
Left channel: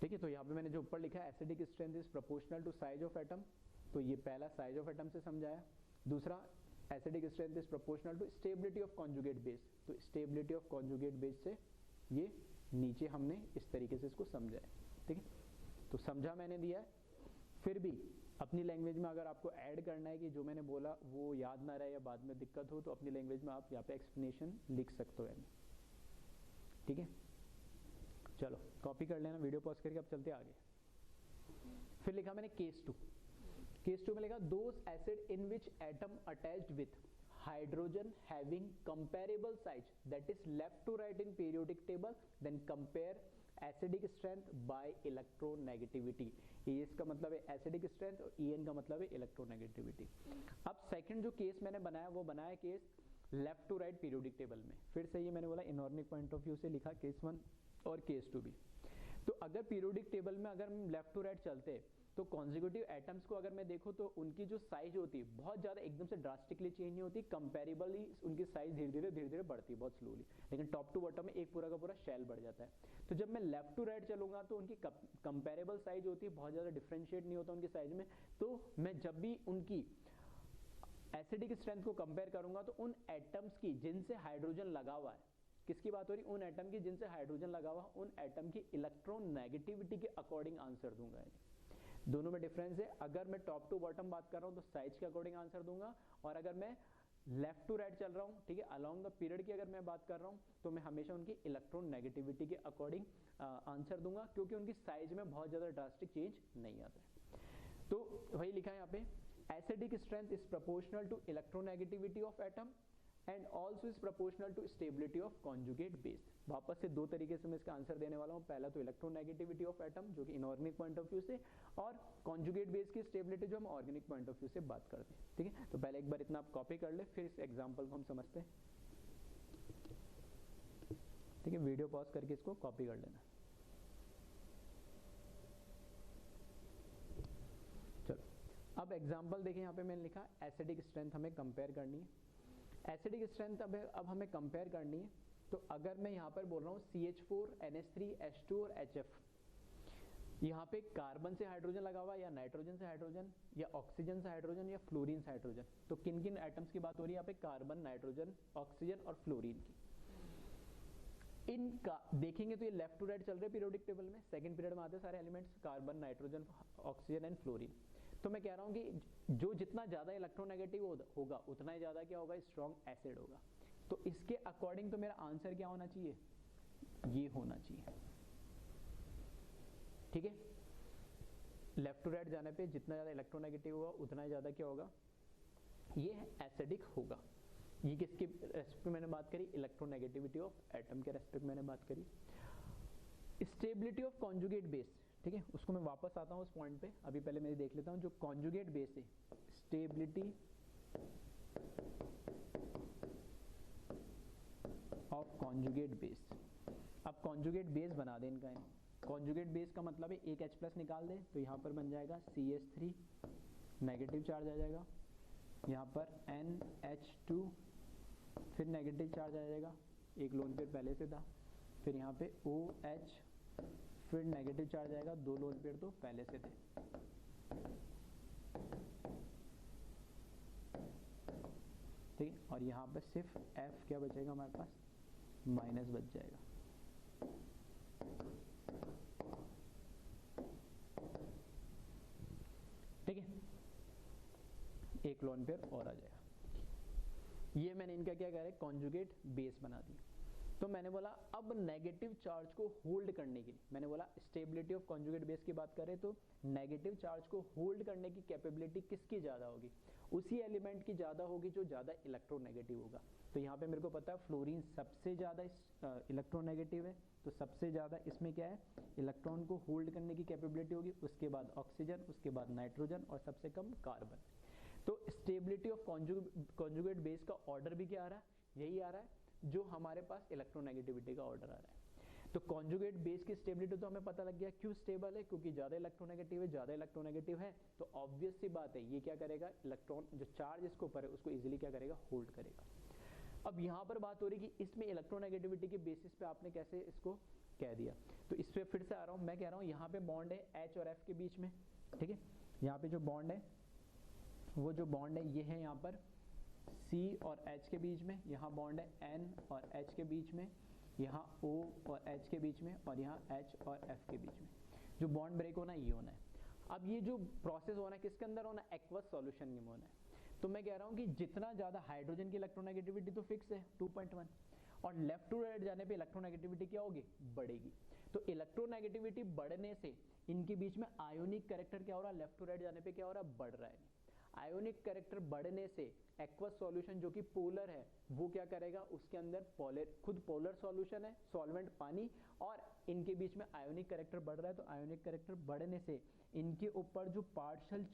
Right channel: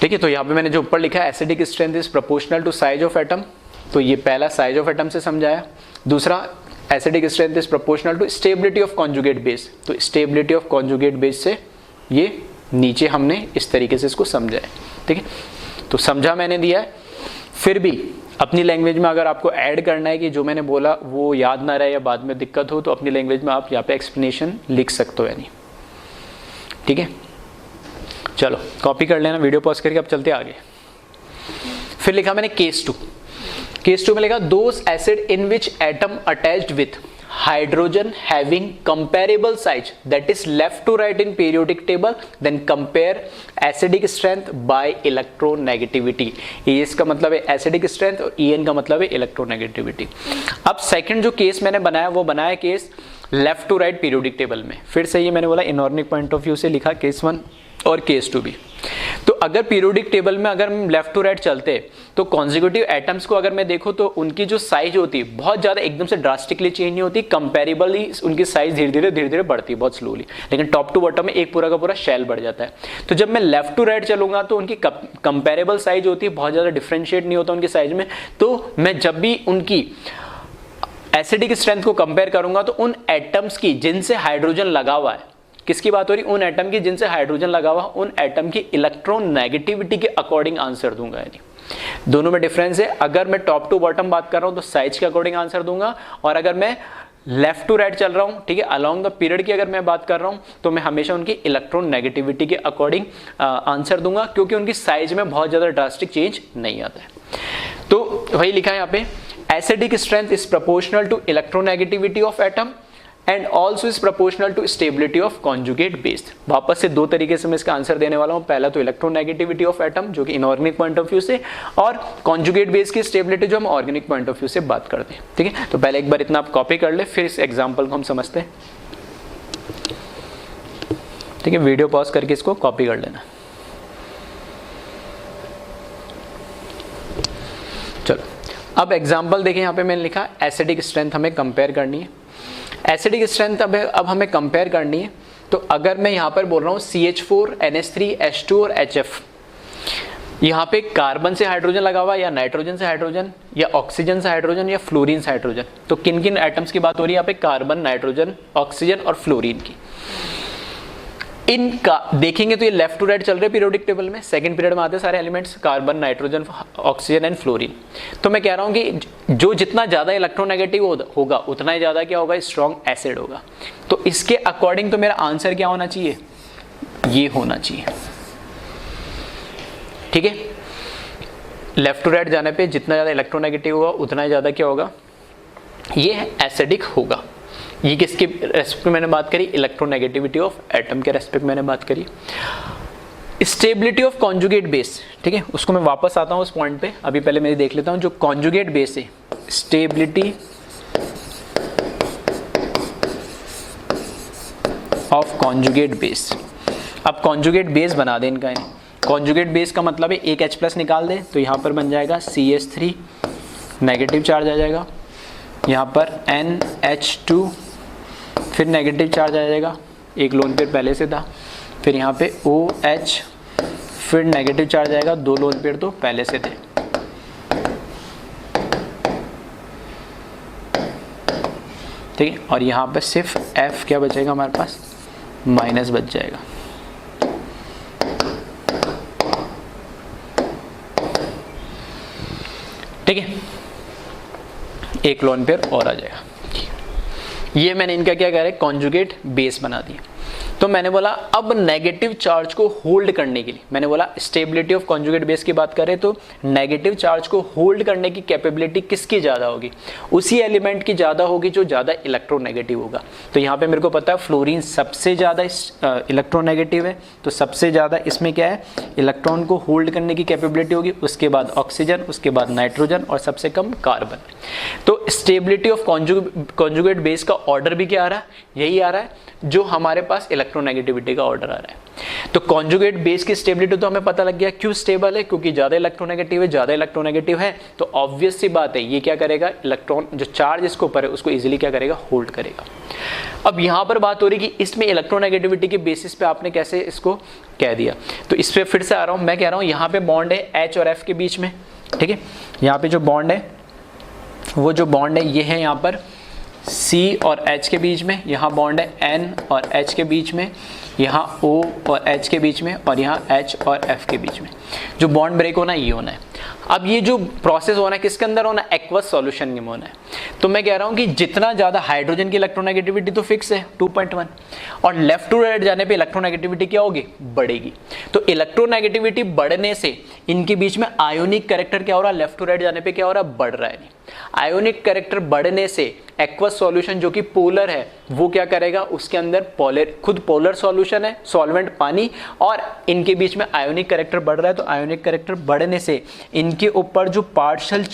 ठीक है, तो यहाँ पे मैंने जो ऊपर लिखा है acidic strength is proportional to size of atom, तो ये पहला साइज ऑफ एटम से समझाया। दूसरा acidic strength is proportional to stability of conjugate base, तो स्टेबिलिटी ऑफ कॉन्जुगेट बेस से ये नीचे हमने इस तरीके से इसको समझा है। ठीक है, तो समझा मैंने दिया है। फिर भी अपनी लैंग्वेज में अगर आपको ऐड करना है कि जो मैंने बोला वो याद ना रहे या बाद में दिक्कत हो, तो अपनी लैंग्वेज में आप यहाँ पे एक्सप्लेनेशन लिख सकते हो यानी। ठीक है, चलो कॉपी कर लेना, वीडियो पॉज करके अब चलते आगे। फिर लिखा मैंने केस 2। केस 2 में लिखा those acid in which atom attached with hydrogen having comparable size that is left to right in periodic table, then compare acidic strength by electronegativity. ES का मतलब है एसिडिक स्ट्रेंथ और EN का मतलब है electronegativity. अब सेकंड जो case मैंने बनाया वो बनाया case left to right periodic table में। फिर से ये मैंने बोला इनऑर्गेनिक पॉइंट ऑफ व्यू से लिखा केस 1 और केस 2 भी। तो अगर पीरियोडिक टेबल में अगर हम लेफ्ट टू राइट चलते तो कॉन्जिक्यूटिव एटम्स को अगर मैं देखूं तो उनकी जो साइज होती है बहुत ज़्यादा एकदम से ड्रास्टिकली चेंज नहीं होती, कंपेरेबली उनकी साइज धीरे धीरे बढ़ती है बहुत स्लोली, लेकिन टॉप टू बॉटम में एक पूरा का पूरा शेल बढ़ जाता है। तो जब मैं लेफ्ट टू राइट चलूंगा तो उनकी कंपेरेबल साइज होती है, बहुत ज़्यादा डिफ्रेंशिएट नहीं होता उनकी साइज में। तो मैं जब भी उनकी एसिडिक स्ट्रेंथ को कंपेयर करूंगा तो उन एटम्स की जिनसे हाइड्रोजन लगा हुआ है, किसकी बात हो रही, उन एटम की जिनसे हाइड्रोजन लगा हुआ, उन एटम की इलेक्ट्रोनेगेटिविटी के अकॉर्डिंग आंसर दूंगा। यानी दोनों में डिफरेंस है, अगर मैं टॉप टू बॉटम बात कर रहा हूं तो साइज के अकॉर्डिंग आंसर दूंगा, और अगर मैं लेफ्ट टू राइट चल रहा हूं, ठीक है, अलोंग द पीरियड की अगर मैं बात कर रहा हूं तो मैं हमेशा उनकी इलेक्ट्रोनेगेटिविटी के अकॉर्डिंग आंसर दूंगा, क्योंकि उनकी साइज में बहुत ज्यादा ड्रास्टिक चेंज नहीं आता है। तो वही लिखा है यहाँ पे, acidic strength is proportional to electronegativity of atom and also is proportional to stability of conjugate base. वापस से दो तरीके से मैं इसका आंसर देने वाला हूं, पहला तो इलेक्ट्रोनेगेटिविटी ऑफ एटम जो कि इनऑर्गेनिक पॉइंट ऑफ व्यू से, और कॉन्जुगेट बेस की स्टेबिलिटी जो हम ऑर्गेनिक पॉइंट ऑफ व्यू से बात करते हैं। ठीक है, तो पहले एक बार इतना आप कॉपी कर ले, फिर इस एग्जाम्पल को हम समझते हैं। ठीक है, वीडियो पॉज करके इसको कॉपी कर लेना। चलो अब एग्जाम्पल देखें, यहाँ पे मैंने लिखा एसिडिक स्ट्रेंथ हमें कंपेयर करनी है। एसिडिक स्ट्रेंथ अब हमें कंपेयर करनी है, तो अगर मैं यहाँ पर बोल रहा हूँ CH4 NH3 H2 और HF, यहाँ पे कार्बन से हाइड्रोजन लगा हुआ, या नाइट्रोजन से हाइड्रोजन, या ऑक्सीजन से हाइड्रोजन, या फ्लोरीन से हाइड्रोजन, तो किन किन एटम्स की बात हो रही है यहाँ पे, कार्बन, नाइट्रोजन, ऑक्सीजन और फ्लोरीन की। इनका देखेंगे तो ये लेफ्ट टू राइट चल रहे हैं पीरियोडिक टेबल में, सेकंड पीरियड में आते हैं सारे elements, carbon, nitrogen, oxygen and fluorine. तो मैं कह रहा हूं कि जो जितना ज्यादा इलेक्ट्रोनेगेटिव होगा उतना ही ज्यादा क्या होगा, स्ट्रॉन्ग एसिड होगा। तो इसके अकॉर्डिंग तो मेरा आंसर क्या होना चाहिए, ये होना चाहिए। ठीक है, लेफ्ट टू राइट जाने पे जितना ज्यादा इलेक्ट्रोनेगेटिव होगा उतना ही ज्यादा क्या होगा, ये एसिडिक होगा। ये किसके रेस्पेक्ट में मैंने बात करी, इलेक्ट्रोनेगेटिविटी ऑफ एटम के रेस्पेक्ट में मैंने बात करी। स्टेबिलिटी ऑफ कॉन्जुगेट बेस, ठीक है, उसको मैं वापस आता हूं उस पॉइंट पे, अभी पहले मैं देख लेता हूं जो कॉन्जुगेट बेस है, स्टेबिलिटी ऑफ कॉन्जुगेट बेस। अब कॉन्जुगेट बेस बना दें इनका, कॉन्जुगेट बेस का मतलब है एक H+ निकाल दे तो यहाँ पर बन जाएगा CH3, नेगेटिव चार्ज आ जाएगा, यहाँ पर NH2, फिर नेगेटिव चार्ज आ जाएगा, एक लोन पेयर पहले से था, फिर यहाँ पे OH, फिर नेगेटिव चार्ज आएगा, दो लोन पेयर तो पहले से थे। ठीक है, और यहाँ पे सिर्फ F क्या बचेगा हमारे पास, माइनस बच जाएगा। ठीक है, एक लोन पेयर और आ जाएगा। ये मैंने इनका क्या करा है, कॉन्जुगेट बेस बना दिया। तो मैंने बोला अब नेगेटिव चार्ज को होल्ड करने के लिए, मैंने बोला स्टेबिलिटी ऑफ कॉन्जुगेट बेस की बात करें तो नेगेटिव चार्ज को होल्ड करने की कैपेबिलिटी किसकी ज़्यादा होगी, उसी एलिमेंट की ज़्यादा होगी जो ज़्यादा इलेक्ट्रोनेगेटिव होगा। तो यहाँ पे मेरे को पता है फ्लोरीन सबसे ज़्यादा इलेक्ट्रोनेगेटिव है, तो सबसे ज़्यादा इसमें क्या है, इलेक्ट्रॉन को होल्ड करने की कैपेबिलिटी होगी, उसके बाद ऑक्सीजन, उसके बाद नाइट्रोजन और सबसे कम कार्बन। तो स्टेबिलिटी ऑफ कॉन्जुगेट बेस का ऑर्डर भी क्या आ रहा है, यही आ रहा है जो हमारे पास इलेक्ट्रोनेगेटिविटी का ऑर्डर आ रहा है। तो कॉन्जुगेट बेस की स्टेबिलिटी तो हमें पता लग गया क्यों स्टेबल है, क्योंकि ज्यादा इलेक्ट्रोनेगेटिव है, ज्यादा इलेक्ट्रोनेगेटिव है तो ऑब्वियस सी बात है ये क्या करेगा, इलेक्ट्रॉन जो चार्ज इसके ऊपर है उसको इजीली क्या करेगा, होल्ड करेगा। अब यहां पर बात हो रही कि इसमें इलेक्ट्रोनेगेटिविटी के बेसिस पे आपने कैसे इसको कह दिया, तो इस पे फिर से आ रहा हूं, मैं कह रहा हूं यहां पे बॉन्ड है H और F के बीच में। ठीक है, यहाँ पे जो बॉन्ड है वो जो बॉन्ड है ये है यहाँ पर C और H के बीच में, यहाँ बॉन्ड है N और H के बीच में, यहाँ O और H के बीच में, और यहाँ H और F के बीच में। जो बॉन्ड ब्रेक होना है ये होना है। अब ये जो प्रोसेस होना है किसके अंदर होना है, एक्वस सॉल्यूशन में होना है। तो मैं कह रहा हूँ कि जितना ज़्यादा हाइड्रोजन की इलेक्ट्रोनेगेटिविटी तो फिक्स है 2.1, और लेफ्ट टू राइट जाने पे इलेक्ट्रोनेगेटिविटी क्या होगी, बढ़ेगी। तो इलेक्ट्रोनेगेटिविटी बढ़ने से इनके बीच में आयोनिक कैरेक्टर क्या हो रहा है, लेफ्ट टू राइट जाने पे क्या हो रहा है, बढ़ रहा है। नहीं, आयोनिक कैरेक्टर बढ़ने से एक्वस सॉल्यूशन जो कि पोलर है वो क्या करेगा, उसके अंदर खुद पोलर सॉल्यूशन है, सॉल्वेंट पानी, और इनके बीच में आयोनिक कैरेक्टर बढ़ रहा है। तो आयोनिक कैरेक्टर बढ़ने से इनके ऊपर जो पार्शियल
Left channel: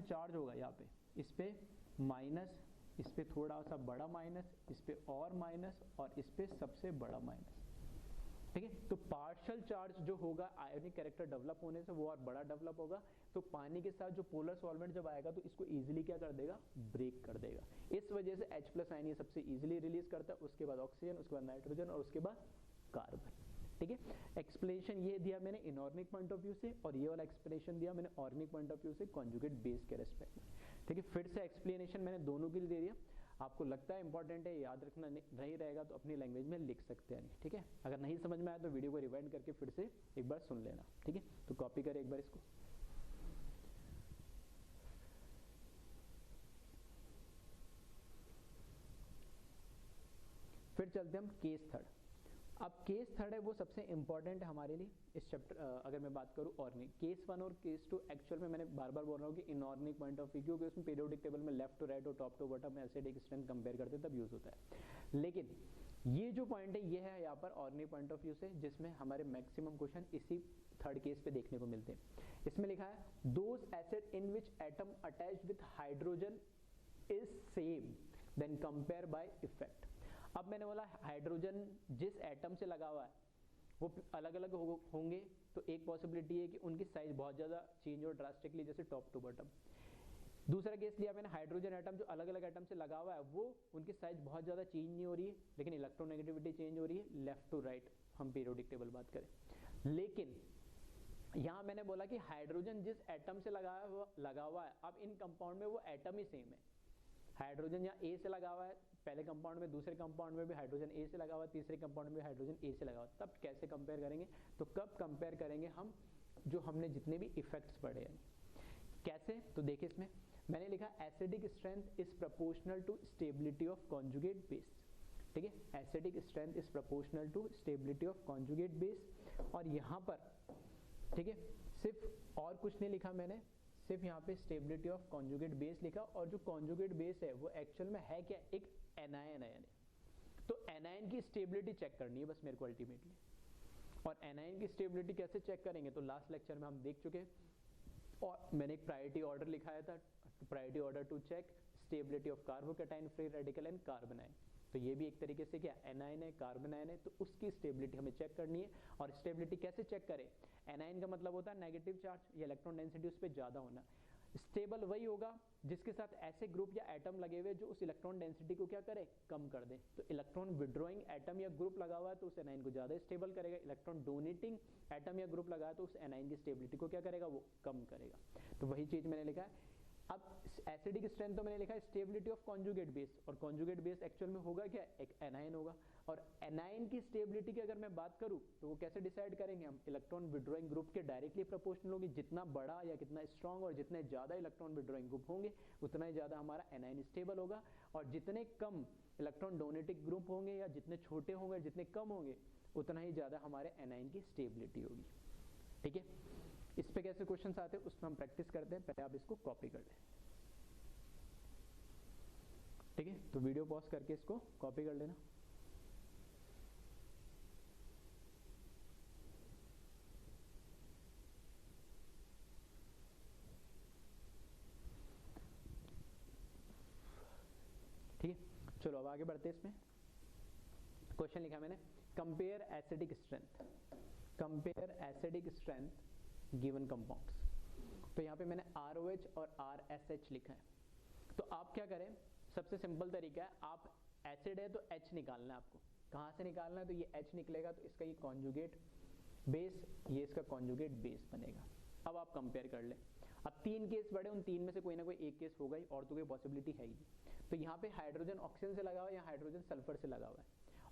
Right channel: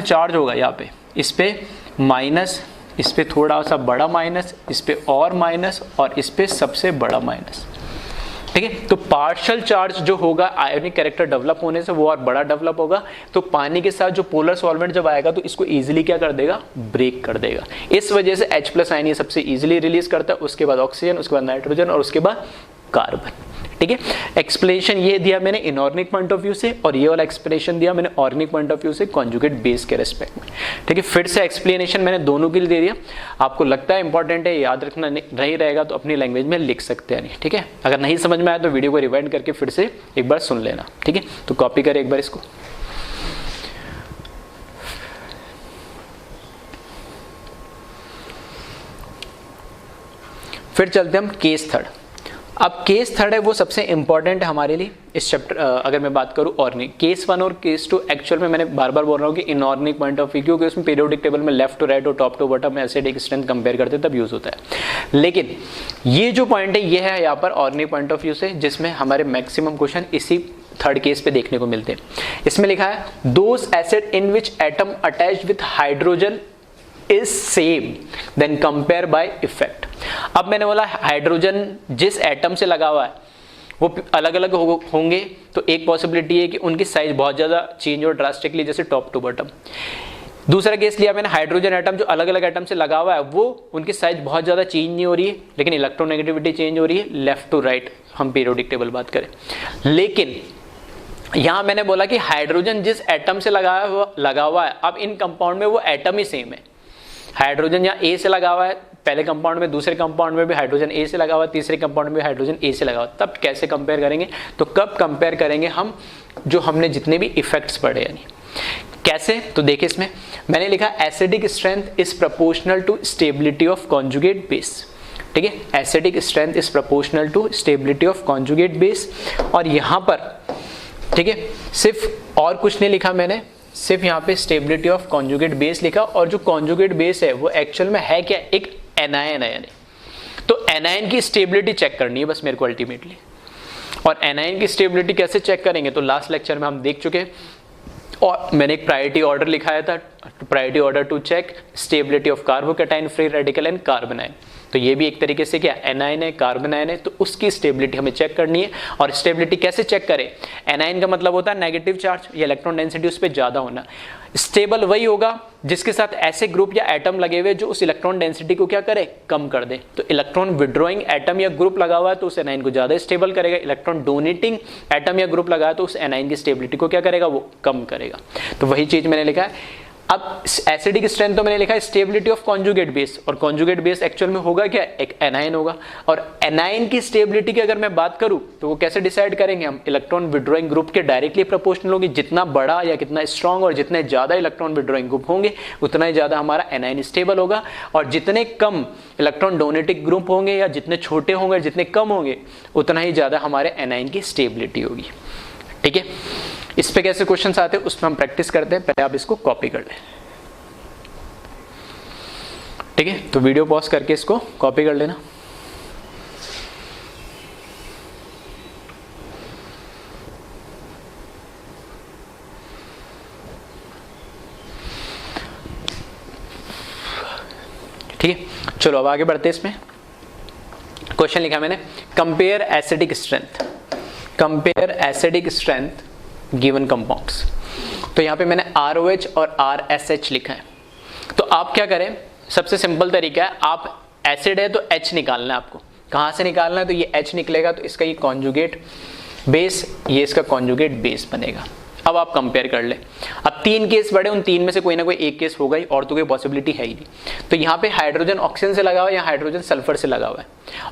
चार्ज होगा यहाँ पे, इस पे माइनस, इस पे थोड़ा सा बड़ा माइनस, इस पे और माइनस, और इस पे सबसे बड़ा माइनस। ठीक है, तो पार्शियल चार्ज जो होगा आयोनिक कैरेक्टर डेवलप होने से वो और बड़ा डेवलप होगा। तो पानी के साथ जो पोलर सॉल्वेंट जब आएगा तो इसको इजीली क्या कर देगा, ब्रेक कर देगा। इस वजह से H+ आयन ये सबसे इजीली रिलीज करता है, उसके बाद ऑक्सीजन, उसके बाद नाइट्रोजन और उसके बाद कार्बन। ठीक है, एक्सप्लेनेशन ये दिया मैंने इनऑर्गेनिक पॉइंट ऑफ व्यू से, और ये वाला एक्सप्लेनेशन दिया मैंने ऑर्गेनिक पॉइंट ऑफ व्यू से कॉन्जुगेट बेस के रेस्पेक्ट में। ठीक है, फिर से एक्सप्लेनेशन मैंने दोनों के लिए दे दिया। आपको लगता है इंपॉर्टेंट है, याद रखना नहीं रहेगा तो अपनी लैंग्वेज में लिख सकते हैं। नहीं, ठीक है, अगर नहीं समझ में आया तो वीडियो को रिवाइंड करके फिर से एक बार सुन लेना। ठीक है, तो कॉपी करें एक बार इसको। फिर चलते हम केस थर्ड। अब केस थर्ड है वो सबसे इंपॉर्टेंट है हमारे लिए इस चैप्टर, अगर मैं बात करूं ऑर्गेनिक। केस 1 और केस 2 एक्चुअल में मैंने बार बार बोल रहा हूँ कि इनऑर्गेनिक पॉइंट ऑफ व्यू, क्योंकि उसमें पीरियोडिक टेबल में लेफ्ट टू राइट और टॉप टू बॉटम में एसिडिक स्ट्रेंथ कंपेयर करते तब यूज होता है। लेकिन ये जो पॉइंट है ये है यहाँ पर ऑर्गेनिक पॉइंट ऑफ व्यू से, जिसमें हमारे मैक्सिमम क्वेश्चन इसी थर्ड केस पे देखने को मिलते हैं। इसमें लिखा है those acid in which atom attached with hydrogen is same then compare by effect. अब मैंने बोला हाइड्रोजन जिस एटम से लगा हुआ है वो अलग अलग होंगे, तो एक पॉसिबिलिटी है कि उनकी साइज बहुत ज़्यादा चेंज हो ड्रास्टिकली, जैसे टॉप टू बॉटम। दूसरा केस लिया मैंने हाइड्रोजन एटम जो अलग अलग एटम से लगा हुआ है वो उनकी साइज बहुत ज़्यादा चेंज नहीं हो रही है, लेकिन इलेक्ट्रोनेगेटिविटी चेंज हो रही है लेफ्ट टू राइट, हम पीरियोडिक टेबल बात करें। लेकिन यहां मैंने बोला कि हाइड्रोजन जिस एटम से लगा हुआ है, अब इन कंपाउंड में वो एटम ही सेम है। हाइड्रोजन यहाँ ए से लगा हुआ है पहले कंपाउंड में, दूसरे कंपाउंड में भी हाइड्रोजन ए से लगा हुआ है, तीसरे कंपाउंड में हाइड्रोजन ए से लगा हुआ है। तब कैसे कंपेयर करेंगे, तो कब कंपेयर करेंगे हम जो हमने जितने भी इफेक्ट्स पढ़े, यानी कैसे, तो देखिए इसमें मैंने लिखा acidic strength is proportional to stability of conjugate base. ठीक है, acidic strength is proportional to stability of conjugate base. और यहाँ पर ठीक है सिर्फ और कुछ नहीं लिखा मैंने, सिर्फ यहाँ पे स्टेबिलिटी ऑफ कॉन्जुगेट बेस लिखा। और जो कॉन्जुगेट बेस है वो एक्चुअल में है क्या, एक एनायन है। तो एनायन की स्टेबिलिटी चेक करनी है बस मेरे को अल्टीमेटली। और एनायन की स्टेबिलिटी कैसे चेक करेंगे, तो लास्ट लेक्चर में हम देख चुके, और मैंने एक प्रायोरिटी ऑर्डर लिखाया था, priority order to check stability of carbocation free radical and carbon ion. तो ये भी एक तरीके से क्या एनायन है, कार्बन आयन है, तो उसकी स्टेबिलिटी हमें चेक करनी है। और स्टेबिलिटी कैसे चेक करें? एनायन का मतलब होता है नेगेटिव चार्ज, या इलेक्ट्रॉन डेंसिटी उस पर ज़्यादा होना। स्टेबल वही होगा जिसके साथ ऐसे ग्रुप या एटम लगे हुए जो उस इलेक्ट्रॉन डेंसिटी को क्या करे, कम कर दे। तो इलेक्ट्रॉन विड्रॉइंग एटम या ग्रुप लगा हुआ है तो उस एनायन को ज़्यादा स्टेबल करेगा, इलेक्ट्रॉन डोनेटिंग एटम या ग्रुप लगा है तो उस एनायन की स्टेबिलिटी को क्या करेगा, वो कम करेगा। तो वही चीज़ मैंने लिखा है। अब एसिडिक स्ट्रेंथ तो मैंने लिखा है स्टेबिलिटी ऑफ कॉन्जुगेट बेस, और कॉन्जुगेट बेस एक्चुअल में होगा क्या, एक एनायन होगा। और एनायन की स्टेबिलिटी की अगर मैं बात करूं तो वो कैसे डिसाइड करेंगे हम, इलेक्ट्रॉन विड्रॉइंग ग्रुप के डायरेक्टली प्रोपोर्शनल होगी। जितना बड़ा या कितना स्ट्रॉन्ग और जितने ज्यादा इलेक्ट्रॉन विड्रॉइंग ग्रुप होंगे उतना ही ज्यादा हमारा एनायन स्टेबल होगा, और जितने कम इलेक्ट्रॉन डोनेटिंग ग्रुप होंगे या जितने छोटे होंगे, जितने कम होंगे, उतना ही ज्यादा हमारे एनायन की स्टेबिलिटी होगी। ठीक है, इस पे कैसे क्वेश्चंस आते हैं उसमें हम प्रैक्टिस करते हैं, पहले आप इसको कॉपी कर लें। ठीक है, तो वीडियो पॉज करके इसको कॉपी कर लेना। ठीक है, चलो अब आगे बढ़ते हैं। इसमें क्वेश्चन लिखा मैंने, compare acidic strength, compare acidic strength given compounds. तो यहां पे मैंने ROH और RSH लिखा है। तो आप क्या करें, सबसे सिंपल तरीका है, आप एसिड है तो H निकालना है आपको। कहाँ से निकालना है, तो ये H निकलेगा तो इसका ये कॉन्जुगेट बेस, ये इसका कॉन्जुगेट बेस बनेगा। अब आप कंपेयर कर ले। अब 3 केस बड़े, उन 3 में से कोई ना कोई एक केस होगा ही, और तो कोई पॉसिबिलिटी है ही नहीं। तो यहाँ पे हाइड्रोजन ऑक्सीजन से लगा हुआ है या हाइड्रोजन सल्फर से लगा हुआ है।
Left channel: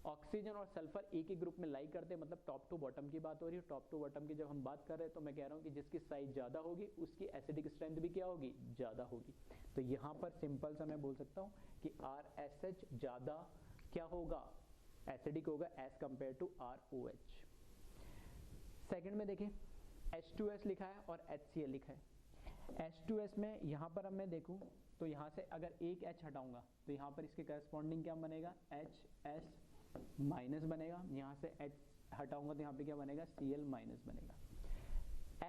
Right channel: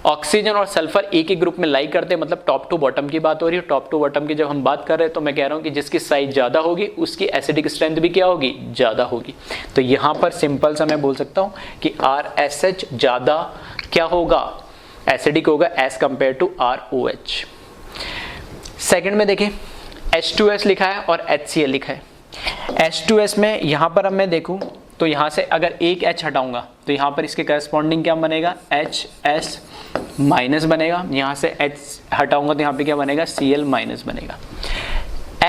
ऑक्सीजन और सल्फर एक ही ग्रुप में लाई करते हैं, मतलब टॉप टू बॉटम की बात हो रही है। टॉप टू बॉटम की जब हम बात कर रहे हैं तो मैं कह रहा हूँ कि जिसकी साइज ज़्यादा होगी उसकी एसिडिक स्ट्रेंथ भी क्या होगी, ज़्यादा होगी। तो यहाँ पर सिंपल सा मैं बोल सकता हूँ कि RSH ज़्यादा क्या होगा, एसिडिक होगा as compare to ROH। Second में देखें, H2S लिखा है और HCl लिखा है। H2S में यहाँ पर अब मैं देखूँ तो यहाँ से अगर एक H हटाऊंगा तो यहाँ पर इसके करस्पॉन्डिंग क्या बनेगा, HS माइनस बनेगा। यहाँ से H हटाऊंगा तो यहाँ पे क्या बनेगा, Cl माइनस बनेगा।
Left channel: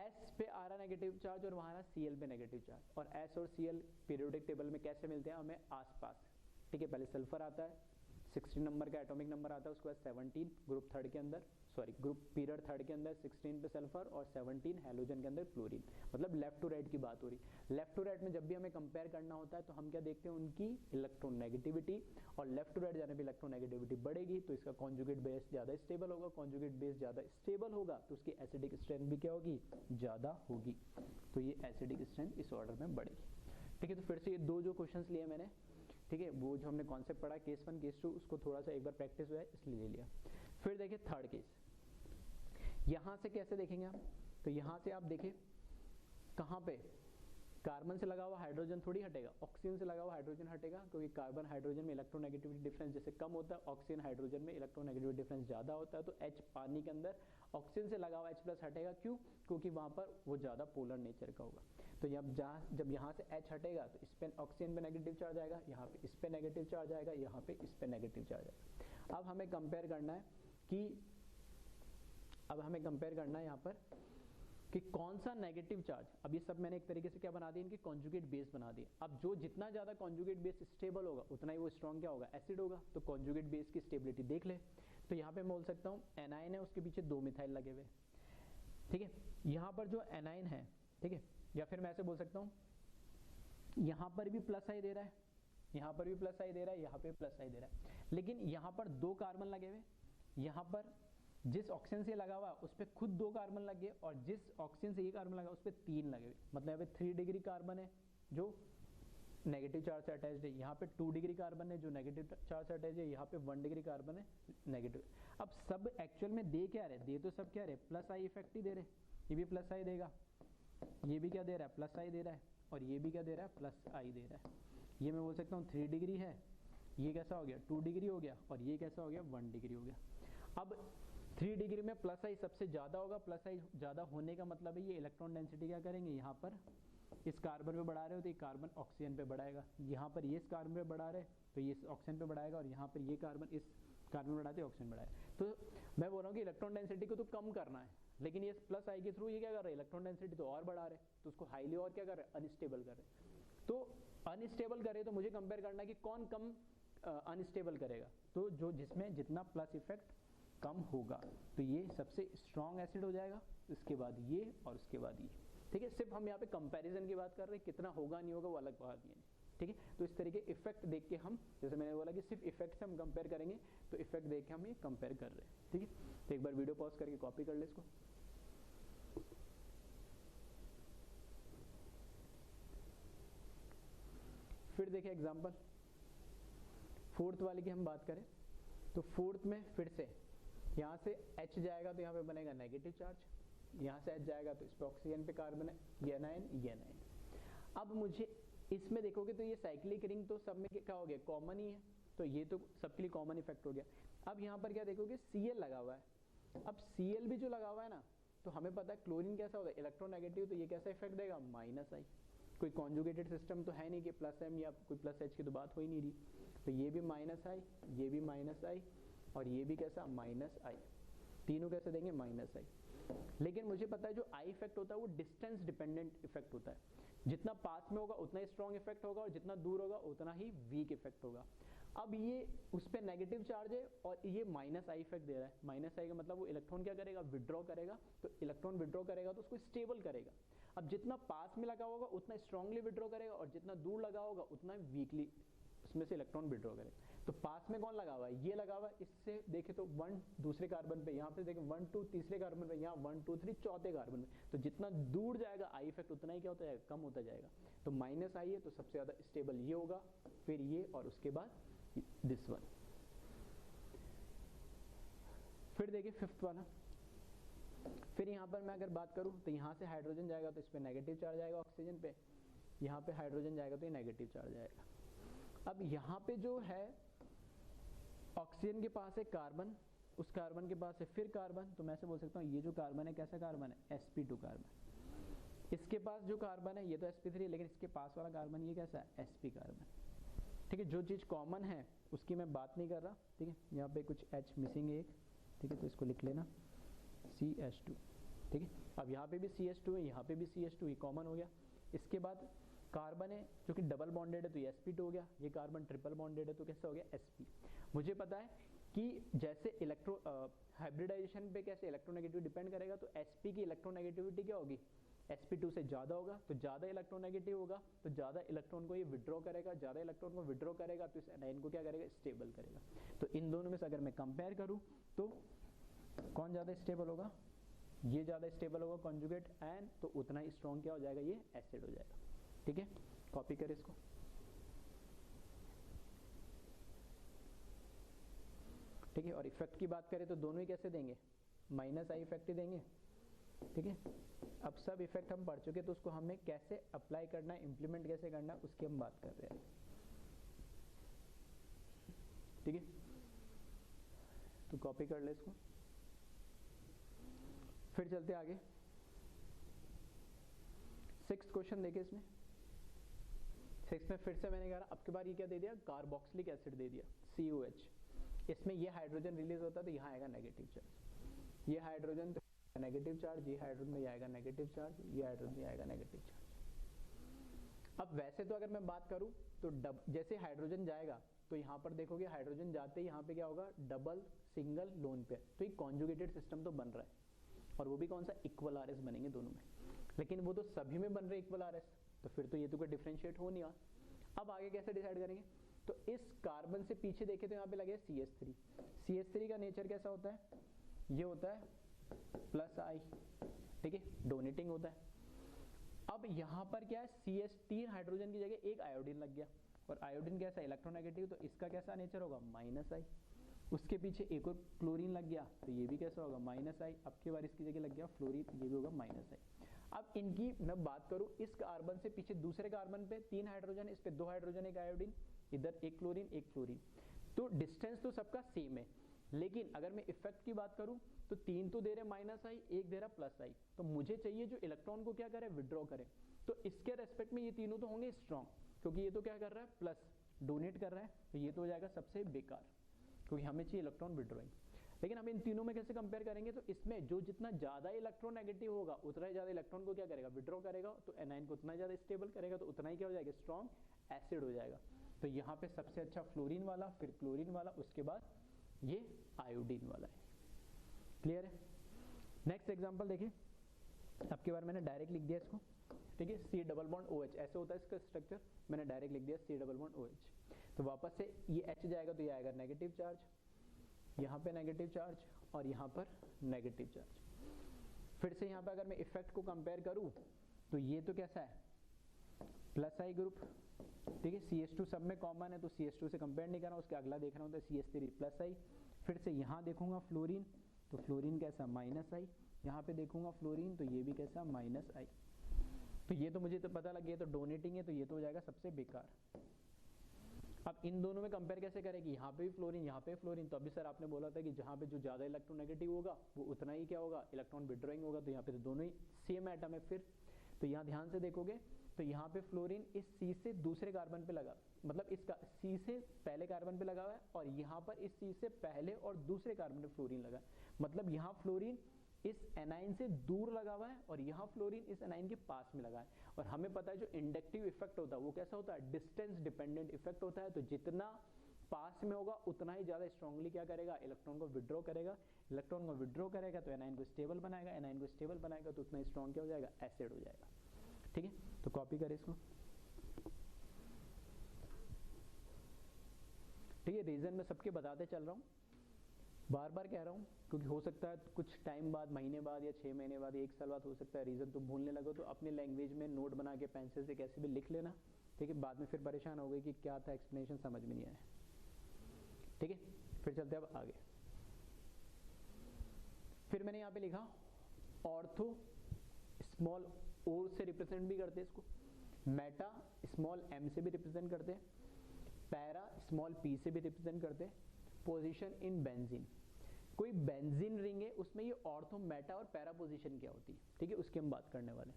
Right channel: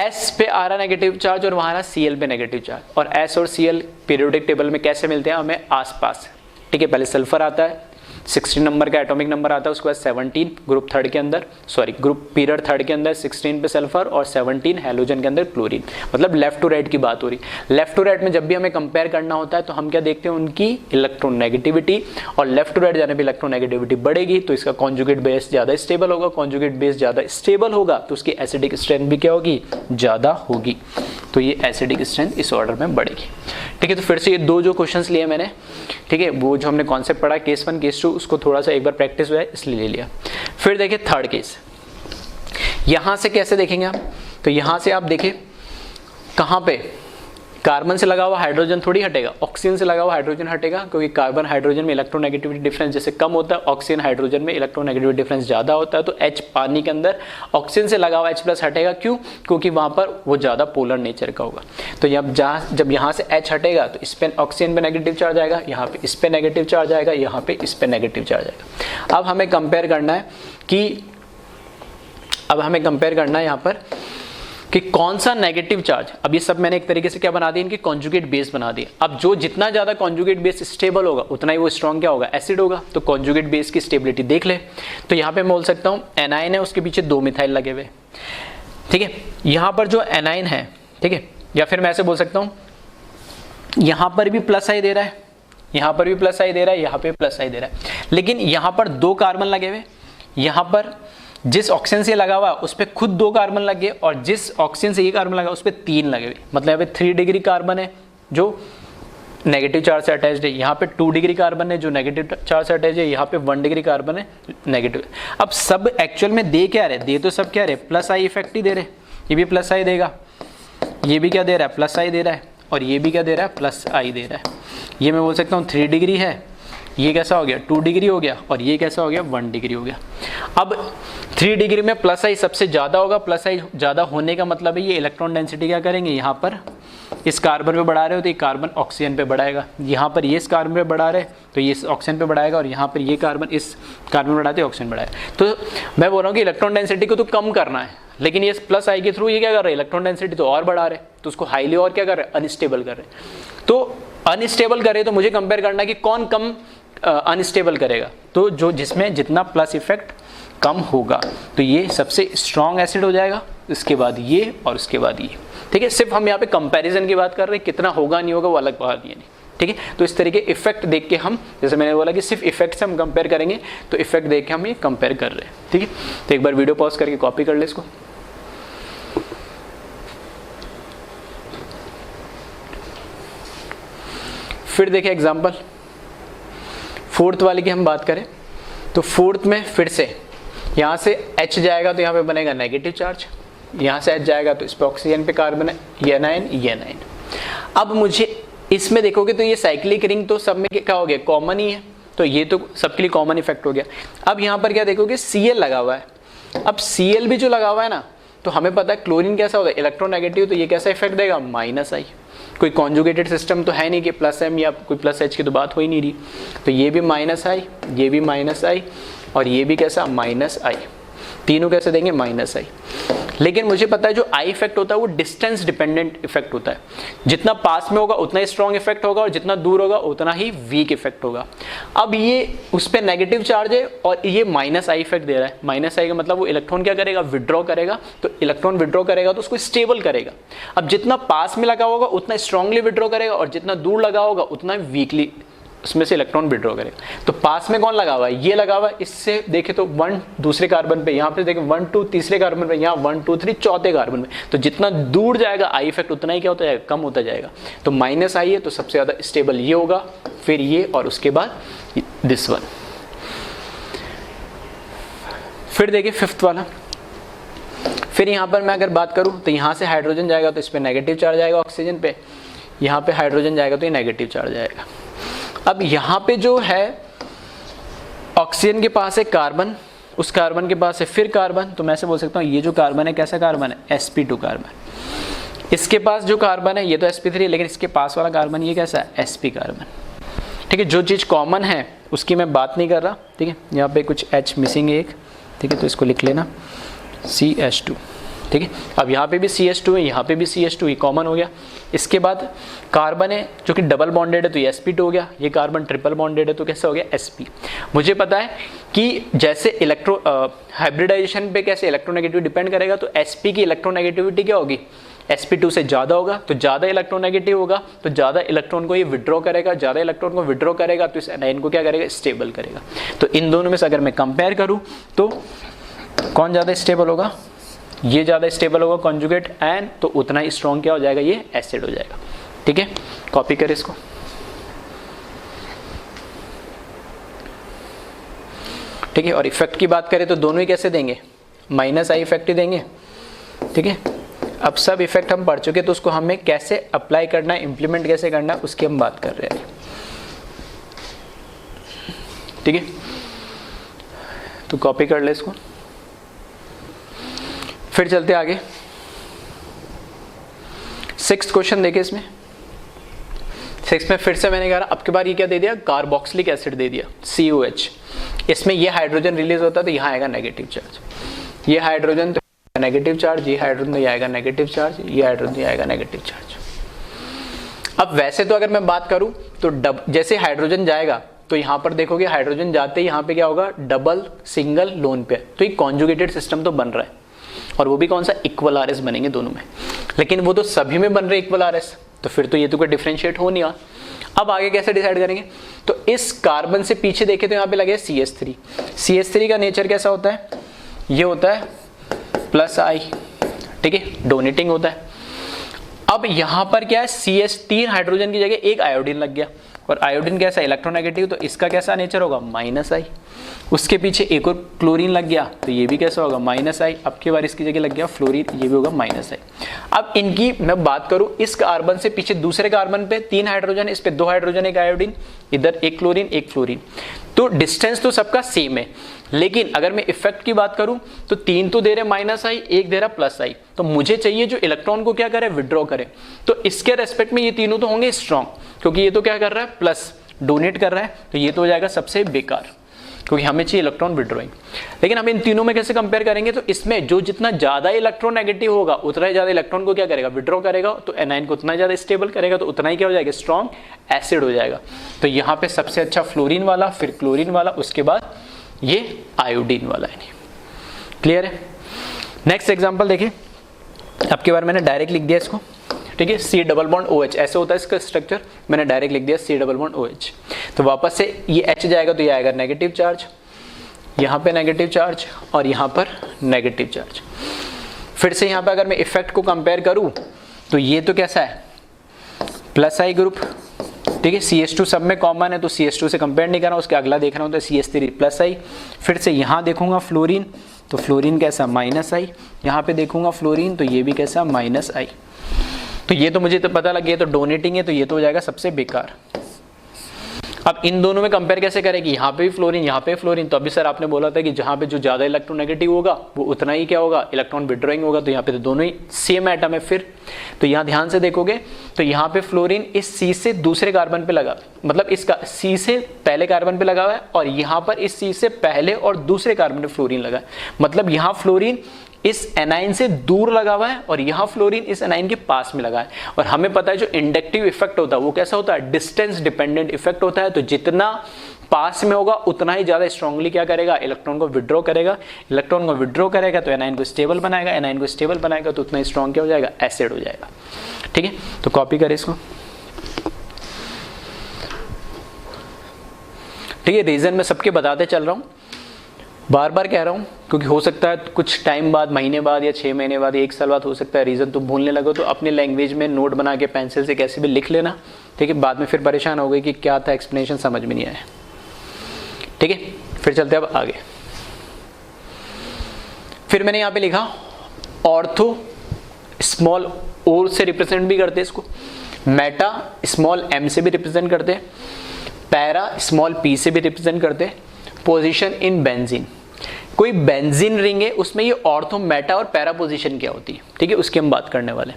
S पे आ रहा नेगेटिव चार्ज और वहाँ रहा Cl पे नेगेटिव चार्ज, और S और Cl पीरियोडिक टेबल में कैसे मिलते हैं हमें, आसपास। ठीक है, पहले सल्फर आता है, 16 नंबर का एटॉमिक नंबर आता है, उसके बाद 17 ग्रुप थर्ड के अंदर, सॉरी ग्रुप पीरियड थर्ड के अंदर 16 पे सल्फर और 17 हैलोजन के अंदर क्लोरीन। मतलब लेफ्ट टू राइट की बात हो रही। लेफ्ट टू राइट में जब भी हमें कंपेयर करना होता है तो हम क्या देखते हैं, उनकी इलेक्ट्रॉन नेगेटिविटी, और लेफ्ट टू राइट जाने पे इलेक्ट्रॉन नेगेटिविटी बढ़ेगी तो इसका कॉन्जुगेट बेस ज़्यादा स्टेबल होगा। कॉन्जुगेट बेस ज़्यादा स्टेबल होगा तो उसकी एसिडिक स्ट्रेंथ भी क्या होगी, ज़्यादा होगी। तो ये एसिडिक स्ट्रेंथ इस ऑर्डर में बढ़ेगी। ठीक है, तो फिर से ये 2 जो क्वेश्चंस लिए मैंने, ठीक है, वो जो हमने कॉन्सेप्ट पढ़ा केस 1 केस 2, उसको थोड़ा सा एक बार प्रैक्टिस हुआ है इसलिए ले लिया। फिर देखिए थर्ड केस, यहां से कैसे देखेंगे आप, तो यहां से आप देखें कहां पे, कार्बन से लगा हुआ हाइड्रोजन थोड़ी हटेगा, ऑक्सीजन से लगा हुआ हाइड्रोजन हटेगा, क्योंकि कार्बन हाइड्रोजन में इलेक्ट्रोनेगेटिविटी डिफरेंस जैसे कम होता है, ऑक्सीजन हाइड्रोजन में इलेक्ट्रोनेगेटिविटी डिफरेंस ज़्यादा होता है। तो H पानी के अंदर ऑक्सीजन से लगा हुआ H+ हटेगा, क्यों, क्योंकि वहाँ पर वो ज़्यादा पोलर नेचर का होगा। तो जब यहाँ से H हटेगा तो इस पर ऑक्सीजन पे नेगेटिव चार्ज आएगा, यहाँ पे इस पर नेगेटिव चार्ज आएगा, यहाँ पे इस पर नेगेटिव चार्ज आएगा। अब हमें कंपेयर करना है कि यहाँ पर कि कौन सा नेगेटिव चार्ज, अब ये सब मैंने एक तरीके से क्या बना दिया, इनकी कॉन्जुगेट बेस बना दिया। अब जो जितना ज़्यादा कॉन्जुगेट बेस स्टेबल होगा उतना ही वो स्ट्रॉन्ग क्या होगा, एसिड होगा। तो कॉन्जुगेट बेस की स्टेबिलिटी देख ले। तो यहाँ पे मैं बोल सकता हूँ एनाइन है, उसके पीछे 2 मिथाइल लगे हुए। ठीक है, यहाँ पर जो एनाइन है, ठीक है, या फिर मैं ऐसे बोल सकता हूँ यहाँ पर भी प्लस आई दे रहा है, यहाँ पर भी प्लस आई दे रहा है, यहाँ पे प्लस आई दे रहा है, लेकिन यहाँ पर 2 कार्बन लगे हुए, यहाँ पर जिस ऑक्सीजन से लगा हुआ उस पर खुद 2 कार्बन लगे, और जिस ऑक्सीजन से ये कार्बन लगा उस पर 3 लगे हुए। मतलब यहाँ पे 3 डिग्री कार्बन है जो नेगेटिव चार्ज से अटैच्ड है, यहाँ पे 2 डिग्री कार्बन है जो नेगेटिव चार्ज से अटैच है, यहाँ पे 1 डिग्री कार्बन है नेगेटिव। अब सब एक्चुअल में दे क्या रहे, दे तो सब क्या रहे, प्लस आई इफेक्ट ही दे रहे। ये भी प्लस आई देगा, ये भी क्या दे रहा है, प्लस आई दे रहा है, और ये भी क्या दे रहा है, प्लस आई दे रहा है। ये मैं बोल सकता हूँ 3 डिग्री है, ये कैसा हो गया 2 डिग्री हो गया, और ये कैसा हो गया 1 डिग्री हो गया। अब 3 डिग्री में प्लस आई सबसे ज़्यादा होगा, प्लस आई ज़्यादा होने का मतलब है ये इलेक्ट्रॉन डेंसिटी क्या करेंगे, यहाँ पर इस कार्बन पे बढ़ा रहे हो तो ये कार्बन ऑक्सीजन पे बढ़ाएगा, यहाँ पर ये इस कार्बन पे बढ़ा रहे तो ये इस ऑक्सीजन पे बढ़ाएगा, और यहाँ पर ये कार्बन इस कार्बन बढ़ाते ऑक्सीजन बढ़ाएगा। तो मैं बोल रहा हूँ कि इलेक्ट्रॉन डेंसिटी को तो कम करना है, लेकिन ये प्लस आई के थ्रू ये क्या कर रहे हैं, इलेक्ट्रॉन डेंसिटी तो और बढ़ा रहे, तो उसको हाईली और क्या कर रहे हैं, अनस्टेबल कर रहे हैं। तो अनस्टेबल करे तो मुझे कंपेयर करना है कि कौन कम अनस्टेबल करेगा, तो जो जिसमें जितना प्लस इफेक्ट कम होगा तो ये सबसे स्ट्रॉन्ग एसिड हो जाएगा, इसके बाद ये और उसके बाद ये। ठीक है, सिर्फ हम यहाँ पे कंपैरिजन की बात कर रहे हैं, कितना होगा नहीं होगा वो अलग बात नहीं। ठीक है, तो इस तरीके इफेक्ट देख के हम, जैसे मैंने बोला कि सिर्फ इफेक्ट से हम कंपेयर करेंगे, तो इफेक्ट देख के हम ये कंपेयर कर रहे हैं। ठीक है, तो एक बार वीडियो पॉज करके कॉपी कर ले इसको। फिर देखिए एग्जांपल फोर्थ वाले की हम बात करें तो फोर्थ में फिर से यहाँ से H जाएगा तो यहाँ पे बनेगा नेगेटिव चार्ज, यहाँ से H जाएगा तो इस पे ऑक्सीजन पे कार्बन है, ये एनायन ये एनायन। अब मुझे इसमें देखोगे तो ये साइक्लिक रिंग तो सब में क्या हो गया, कॉमन ही है, तो ये तो सबके लिए कॉमन इफेक्ट हो गया। अब यहाँ पर क्या देखोगे, Cl लगा हुआ है। अब Cl भी जो लगा हुआ है ना, तो हमें पता है क्लोरीन कैसा होता है, इलेक्ट्रोनेगेटिव, तो ये कैसा इफेक्ट देगा, -I। कोई कॉन्जुगेटेड सिस्टम तो है नहीं कि +M या कोई +H की तो बात हो ही नहीं रही, तो ये भी -I, ये भी -I और ये भी कैसा -I, तीनों कैसे देंगे -I। लेकिन मुझे पता है जो I इफेक्ट होता है वो डिस्टेंस डिपेंडेंट इफेक्ट होता है, जितना पास में होगा उतना ही स्ट्रॉन्ग इफेक्ट होगा और जितना दूर होगा उतना ही वीक इफेक्ट होगा। अब ये उस पर नेगेटिव चार्ज है और ये -I इफेक्ट दे रहा है। -I का मतलब वो इलेक्ट्रॉन क्या करेगा, विड्रॉ करेगा, तो इलेक्ट्रॉन विड्रॉ करेगा तो उसको स्टेबल करेगा। अब जितना पास में लगा होगा उतना स्ट्रांगली विड्रॉ करेगा और जितना दूर लगा होगा उतना वीकली उसमें से इलेक्ट्रॉन विड्रॉ करेगा। तो पास में कौन लगा हुआ है, ये लगा हुआ है, इससे देखे तो 1 दूसरे कार्बन पे, यहाँ पे देखें 1 2 तीसरे कार्बन पे, यहाँ 1 2 3 चौथे कार्बन पे, तो जितना दूर जाएगा I इफेक्ट उतना ही क्या होता जाएगा, कम होता जाएगा। तो -I है तो सबसे ज्यादा स्टेबल ये होगा, फिर ये और उसके बाद दिस वन। फिर देखिए फिफ्थ वाला, फिर यहाँ पर मैं अगर बात करूँ तो यहाँ से हाइड्रोजन जाएगा तो इस पर नेगेटिव चार्ज आएगा ऑक्सीजन पे, यहाँ पे हाइड्रोजन जाएगा तो ये नेगेटिव चार्ज आएगा। अब यहाँ पे जो है ऑक्सीजन के पास है कार्बन, उस कार्बन के पास है फिर कार्बन, तो मैं ऐसे बोल सकता हूँ ये जो कार्बन है कैसा कार्बन है, sp2 कार्बन। इसके पास जो कार्बन है ये तो sp3 है, लेकिन इसके पास वाला कार्बन ये कैसा है, sp कार्बन। ठीक है, जो चीज़ कॉमन है उसकी मैं बात नहीं कर रहा। ठीक है, यहाँ पे कुछ H मिसिंग है एक, ठीक है, तो इसको लिख लेना CH2। ठीक है, अब यहाँ पे भी CH2 है, यहाँ पे भी CH2, ये कॉमन हो गया। इसके बाद कार्बन है जो कि डबल बॉन्डेड है तो ये sp2 हो गया, ये कार्बन ट्रिपल बॉन्डेड है तो कैसा हो गया, sp। मुझे पता है कि जैसे हाइब्रिडाइजेशन पे कैसे इलेक्ट्रोनेगेटिव डिपेंड करेगा, तो sp की इलेक्ट्रोनेगेटिविटी क्या होगी, sp2 से ज़्यादा होगा, तो ज़्यादा इलेक्ट्रोनेगेटिव होगा तो ज़्यादा इलेक्ट्रॉन को ये विड्रॉ करेगा, ज़्यादा इलेक्ट्रॉन को विड्रॉ करेगा तो इस एनायन को क्या करेगा, स्टेबल करेगा। तो इन दोनों में से अगर मैं कंपेयर करूँ तो कौन ज़्यादा स्टेबल होगा, ये ज़्यादा स्टेबल होगा कॉन्जुगेट एन, तो उतना ही स्ट्रॉन्ग क्या हो जाएगा, ये एसिड हो जाएगा। ठीक है, कॉपी करें इसको। ठीक है, और इफेक्ट की बात करें तो दोनों ही कैसे देंगे, -I इफेक्ट ही देंगे। ठीक है, अब सब इफेक्ट हम पढ़ चुके तो उसको हमें कैसे अप्लाई करना है, इम्प्लीमेंट कैसे करना है, उसकी हम बात कर रहे हैं। ठीक है, तो कॉपी कर ले इसको। फिर चलते आगे, 6th क्वेश्चन देखिए। इसमें 6 में फिर से मैंने कहा अब की बार ये क्या दे दिया, कार्बोक्सिलिक एसिड दे दिया COH। इसमें ये हाइड्रोजन रिलीज होता है तो यहाँ आएगा नेगेटिव चार्ज, ये हाइड्रोजन तो नेगेटिव चार्ज, ये हाइड्रोजन तो आएगा नेगेटिव चार्ज, ये हाइड्रोजन आएगा नेगेटिव चार्ज। अब वैसे तो अगर मैं बात करूं तो जैसे हाइड्रोजन जाएगा तो यहाँ पर देखोगे हाइड्रोजन जाते ही यहाँ पे क्या होगा, डबल सिंगल लोन पेयर, तो ये कॉन्जुगेटेड सिस्टम तो बन रहा है, और वो भी कौन सा, इक्वल RS बनेंगे दोनों में। लेकिन वो तो सभी में बन रहे इक्वल RS, तो फिर तो ये तो कोई डिफरेंशिएट हो नहीं रहा। अब आगे कैसे डिसाइड करेंगे, तो इस कार्बन से पीछे देखे तो यहाँ पे लगे CH3। CH3 का नेचर कैसा होता है, ये होता है +I। ठीक है, डोनेटिंग होता है। अब यहाँ पर क्या है, CH3 हाइड्रोजन की जगह एक आयोडीन लग गया, और आयोडीन कैसा, इलेक्ट्रोनेगेटिव, तो इसका कैसा नेचर होगा, -I। उसके पीछे एक और क्लोरीन लग गया तो ये भी कैसा होगा, -I। अब की बार इसकी जगह लग गया फ्लोरीन, ये भी होगा -I। अब इनकी मैं बात करूं, इस कार्बन से पीछे दूसरे कार्बन पे 3 हाइड्रोजन, इस पे 2 हाइड्रोजन एक आयोडीन, इधर एक क्लोरीन एक फ्लोरीन, तो डिस्टेंस तो सबका सेम है। लेकिन अगर मैं इफेक्ट की बात करूं तो 3 तो दे रहे -I, एक दे रहा +I, तो मुझे चाहिए जो इलेक्ट्रॉन को क्या करे, विड्रॉ करे। तो इसके रेस्पेक्ट में ये तीनों तो होंगे स्ट्रॉन्ग, क्योंकि ये तो क्या कर रहा है, प्लस डोनेट कर रहा है, तो ये तो हो जाएगा सबसे बेकार। क्योंकि हमें चाहिए इलेक्ट्रॉन विड्रॉइंग। लेकिन हम इन तीनों में कैसे कंपेयर करेंगे, तो इसमें जो जितना ज्यादा इलेक्ट्रोनेगेटिव होगा उतना ही ज्यादा इलेक्ट्रॉन को क्या करेगा, विड्रॉ करेगा, तो एनाइन को उतना ज्यादा स्टेबल करेगा, तो उतना ही क्या हो जाएगा, स्ट्रॉन्ग एसिड हो जाएगा। तो यहाँ पे सबसे अच्छा फ्लोरीन वाला, फिर क्लोरीन वाला, उसके बाद ये आयोडीन वाला है। क्लियर है। नेक्स्ट एग्जाम्पल देखिए, अब की बार मैंने डायरेक्ट लिख दिया इसको, ठीक है, C डबल बॉन्ड OH ऐसे होता है इसका स्ट्रक्चर, मैंने डायरेक्ट लिख दिया C डबल बॉन्ड OH। तो वापस से ये H जाएगा तो ये आएगा नेगेटिव चार्ज, यहाँ पे नेगेटिव चार्ज और यहाँ पर नेगेटिव चार्ज। फिर से यहाँ पे अगर मैं इफेक्ट को कंपेयर करूँ तो ये तो कैसा है, प्लस आई ग्रुप, ठीक है, CH2 सब में कॉमन है तो CH2 से कंपेयर नहीं करना, उसके अगला देख रहा हूँ तो CH3 प्लस आई। फिर से यहाँ देखूंगा फ्लोरीन, तो फ्लोरीन कैसा, माइनस आई। यहाँ पे देखूंगा फ्लोरीन तो ये भी कैसा, माइनस आई। तो ये तो मुझे तो पता लग गया, तो डोनेटिंग है तो ये तो हो जाएगा सबसे बेकार। अब इन दोनों में कंपेयर कैसे करेंगे, यहाँ पे भी फ्लोरीन, यहाँ पे फ्लोरीन, तो अभी सर आपने बोला था कि जहाँ पे जो ज्यादा इलेक्ट्रोनेगेटिव होगा वो उतना ही क्या होगा, इलेक्ट्रॉन विड्रॉइंग होगा। तो यहाँ पे तो दोनों ही सेम एटम है। फिर तो यहाँ ध्यान से देखोगे तो यहाँ पे फ्लोरीन इस C से दूसरे कार्बन पे लगा, मतलब इसका C से पहले कार्बन पे लगा हुआ है, और यहाँ पर इस C से पहले और दूसरे कार्बन पे फ्लोरीन लगा है। मतलब यहाँ फ्लोरीन इस एनाइन से दूर लगा हुआ है और यहाँ फ्लोरीन इस एनाइन के पास में लगा है। और हमें पता है जो इंडक्टिव इफेक्ट होता है वो कैसा होता है, डिस्टेंस डिपेंडेंट इफेक्ट होता है। तो जितना पास में होगा उतना ही ज्यादा स्ट्रांगली क्या करेगा, इलेक्ट्रॉन को विड्रॉ करेगा। इलेक्ट्रॉन को विड्रॉ करेगा तो एनाइन को स्टेबल बनाएगा, एनाइन को स्टेबल बनाएगा तो उतना स्ट्रांग क्या हो जाएगा, एसिड हो जाएगा। ठीक है, तो कॉपी करें इसको। ठीक है, रीजन मैं सबके बताते चल रहा हूँ, बार बार कह रहा हूँ, क्योंकि हो सकता है कुछ टाइम बाद, महीने बाद या 6 महीने बाद, 1 साल बाद हो सकता है रीजन तुम भूलने लगो। तो अपने लैंग्वेज में नोट बना के पेंसिल से कैसे भी लिख लेना। ठीक है, बाद में फिर परेशान हो गई कि क्या था, एक्सप्लेनेशन समझ में नहीं आया। ठीक है, फिर चलते अब आगे। फिर मैंने यहाँ पे लिखा ऑर्थो स्मॉल ओ से रिप्रेजेंट भी करते इसको, मेटा स्मॉल एम से भी रिप्रेजेंट करते, पैरा स्मॉल पी से भी रिप्रेजेंट करते, पोजीशन इन बेंजीन। कोई बेंजीन रिंग है उसमें ये ऑर्थो, मेटा और पैरा पोजीशन क्या होती है, ठीक है, उसकी हम बात करने वाले।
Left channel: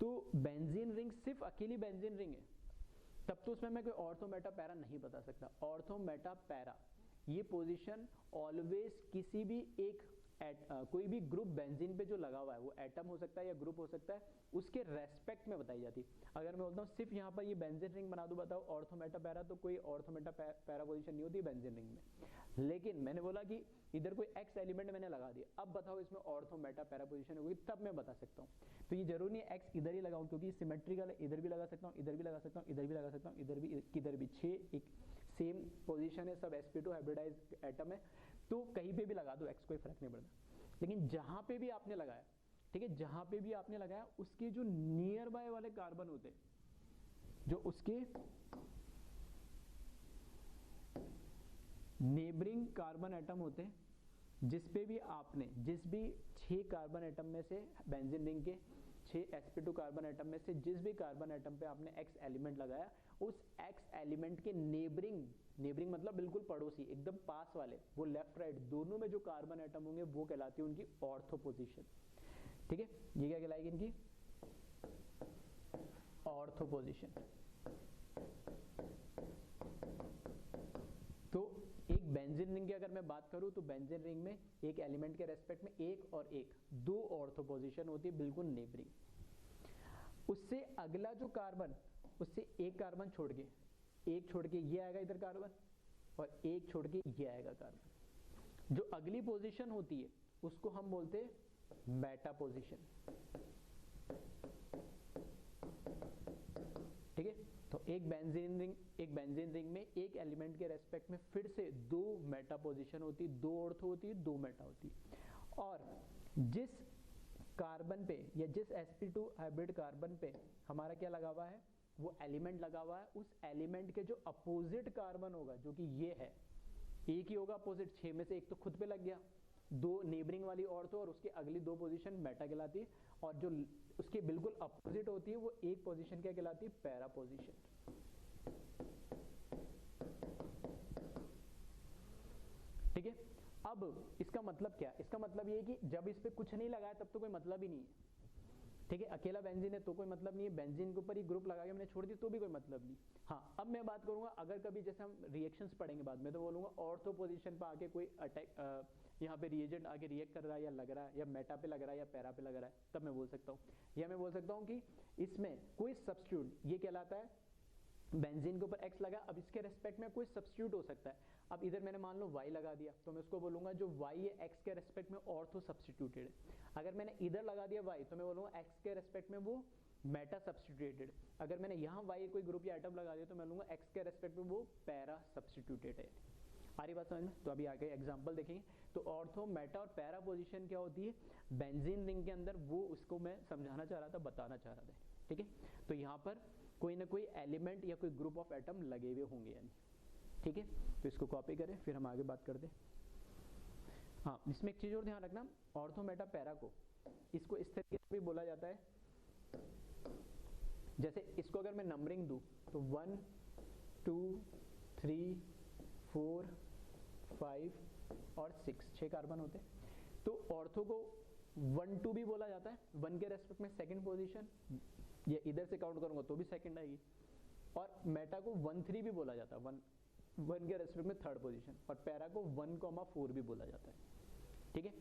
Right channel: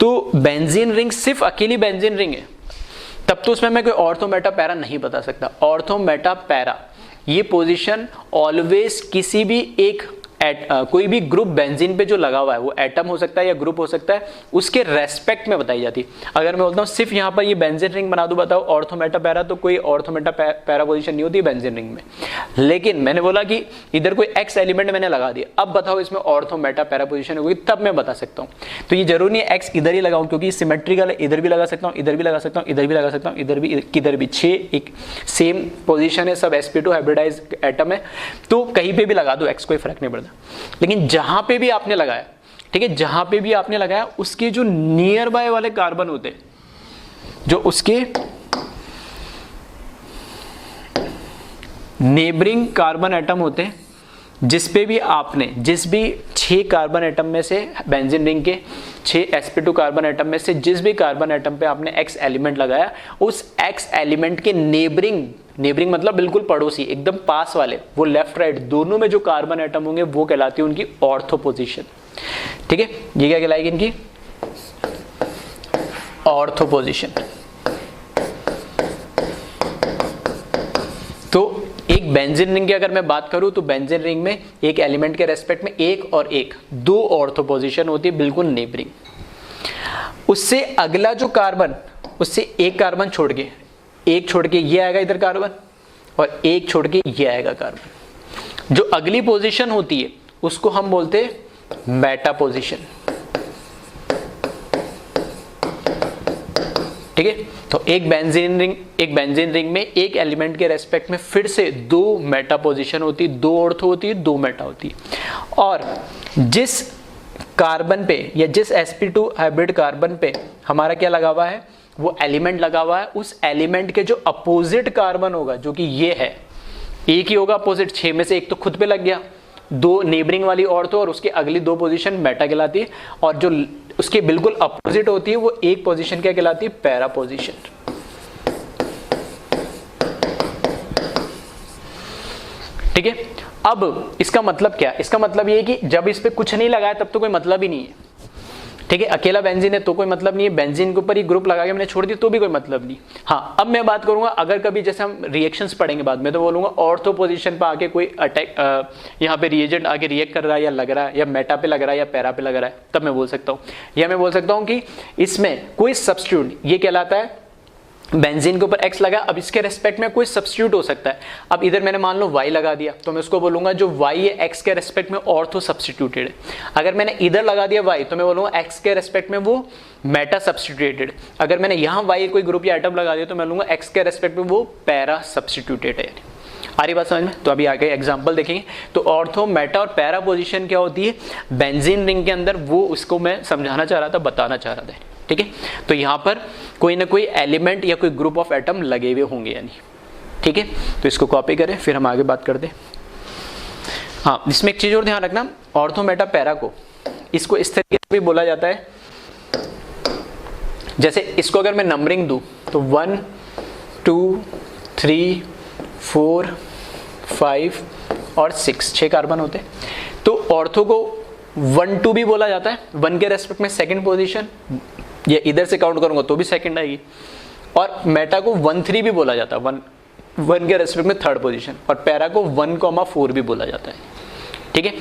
तो बेंजीन रिंग सिर्फ अकेली बेंजीन रिंग है तब तो उसमें मैं कोई ऑर्थो, मेटा, पैरा नहीं बता सकता। ऑर्थो, मेटा, पैरा ये पोजीशन ऑलवेज किसी भी एक कोई भी ग्रुप बेंजीन पे जो लगा हुआ है, वो एटम हो सकता है या ग्रुप हो सकता है, उसके रेस्पेक्ट में बताई जाती है। अगर मैं बोलता हूँ सिर्फ यहाँ पर ये बेंजीन रिंग बना दूं, बताओ ऑर्थो, मेटा, पैरा, तो कोई ऑर्थो, मेटा, पैरा पोजीशन नहीं होती बेंजीन रिंग में। लेकिन मैंने बोला कि इधर कोई एक्स एलिमेंट मैंने लगा दिया, अब बताओ इसमें ऑर्थो, मेटा, पैरा पोजीशन होगी, तब मैं बता सकता हूँ। तो ये जरूरी नहीं एक्स इधर ही लगाऊं, क्योंकि सिमेट्रिकल है, इधर भी लगा सकता हूँ, इधर भी लगा सकता हूँ, इधर भी लगा सकता हूँ, इधर भी, किधर भी। 6 एक सेम पोजीशन है, सब sp2 हाइब्रिडाइज एटम है, तो कहीं पे भी लगा दो एक्स, कोई फर्क नहीं पड़ता। लेकिन जहां पे भी आपने लगाया, ठीक है, जहां पे भी आपने लगाया उसके जो नियर बाय वाले कार्बन होते, जो उसके नेबरिंग कार्बन एटम होते, जिस पे भी आपने, जिस भी 6 कार्बन एटम में से, बेंजीन रिंग के 6 sp2 कार्बन एटम में से जिस भी कार्बन एटम पे आपने x एलिमेंट लगाया, उस x एलिमेंट के नेबरिंग, नेबरिंग मतलब बिल्कुल पड़ोसी, एकदम पास वाले, वो लेफ्ट राइट दोनों में जो कार्बन एटम होंगे वो कहलाती है उनकी ऑर्थो पोजीशन। ठीक है, ये क्या कहलाएगी, इनकी ऑर्थो पोजीशन। तो एक बेंजीन रिंग की अगर मैं बात करूं तो बेंजीन रिंग में एक एलिमेंट के रेस्पेक्ट में एक और एक 2 ऑर्थो पोजीशन होती है, बिल्कुल नेबरिंग। उससे अगला जो कार्बन, उससे एक कार्बन छोड़ के, एक छोड़ के ये आएगा इधर कार्बन, और एक छोड़ के ये आएगा कार्बन। जो अगली पोजीशन होती है उसको हम बोलते हैं मेटा पोजीशन। ठीक है, तो एक बेंजीन रिंग में एक एलिमेंट के रेस्पेक्ट में फिर से 2 मेटा पोजीशन होती है, 2 ऑर्थो होती है, 2 मेटा होती है। और जिस कार्बन पे या जिस sp2 हाइब्रिड कार्बन पे हमारा क्या लगा हुआ है, वो एलिमेंट लगा हुआ है, उस एलिमेंट के जो अपोजिट कार्बन होगा, जो कि ये है, एक ही होगा अपोजिट, 6 में से एक तो खुद पे लग गया, 2 नेबरिंग वाली ऑर्थो और उसकी अगली 2 पोजीशन मेटा कहलाती है, और जो उसके बिल्कुल अपोजिट होती है वो एक पोजीशन क्या कहलाती है, पैरा पोजीशन। ठीक है, अब इसका मतलब क्या, इसका मतलब ये है कि जब इस पे कुछ नहीं लगाया तब तो कोई मतलब ही नहीं है। ठीक है। अकेला बेंजीन है तो कोई मतलब नहीं है, बेंजीन के ऊपर ही ग्रुप लगा के मैंने छोड़ दी तो भी कोई मतलब नहीं। हाँ, अब मैं बात करूंगा अगर कभी जैसे हम रिएक्शंस पढ़ेंगे बाद में, तो बोलूंगा ऑर्थो पोजीशन पे आके कोई अटैक यहाँ पे रिएजेंट आके रिएक्ट कर रहा है या लग रहा है, या मेटा पे लग रहा है या पैरा पे लग रहा है, तब मैं बोल सकता हूँ। या मैं बोल सकता हूँ कि इसमें कोई सब्स्टिट्यूट, ये कहलाता है बेंजीन के ऊपर X लगा, अब इसके रेस्पेक्ट में कोई सब्स्टिट्यूट हो सकता है। अब इधर मैंने मान लो Y लगा दिया, तो मैं उसको बोलूंगा जो Y है X के रेस्पेक्ट में ऑर्थो सब्स्टिट्यूटेड है। अगर मैंने इधर लगा दिया Y, तो मैं बोलूंगा X के रेस्पेक्ट में वो मेटा सब्स्टिट्यूटेड। अगर मैंने यहाँ Y कोई ग्रुप या एटम लगा दिया, तो मैं लूंगा X के रेस्पेक्ट में वो पैरा सब्स्टिट्यूटेड है। आ रही बात समझ में? तो अभी आगे एग्जाम्पल देखेंगे। तो ऑर्थो, मेटा और पैरा पोजिशन क्या होती है बेंजीन रिंग के अंदर, वो उसको मैं समझाना चाह रहा था, बताना चाह रहा था। ठीक है, तो यहाँ पर कोई ना कोई एलिमेंट या कोई ग्रुप ऑफ एटम लगे हुए होंगे यानी। ठीक है, तो इसको कॉपी करें, फिर हम आगे बात करते हैं। हाँ, इसमें एक चीज और ध्यान रखना, ऑर्थो, मेटा, पैरा को इसको इस तरीके से भी बोला जाता है, जैसे इसको अगर मैं नंबरिंग दूं तो 1 2 3 4 5 और 6 कार्बन होते हैं। तो ऑर्थो को 1 2 भी बोला जाता है, 1 के रेस्पेक्ट में सेकंड पोजीशन, ये इधर से काउंट करूंगा तो भी सेकंड आएगी। और मेटा को 1 3 भी बोला जाता है, 1 के रेस्पेक्ट में थर्ड पोजीशन। और पैरा को 1,4 भी बोला जाता है। ठीक है,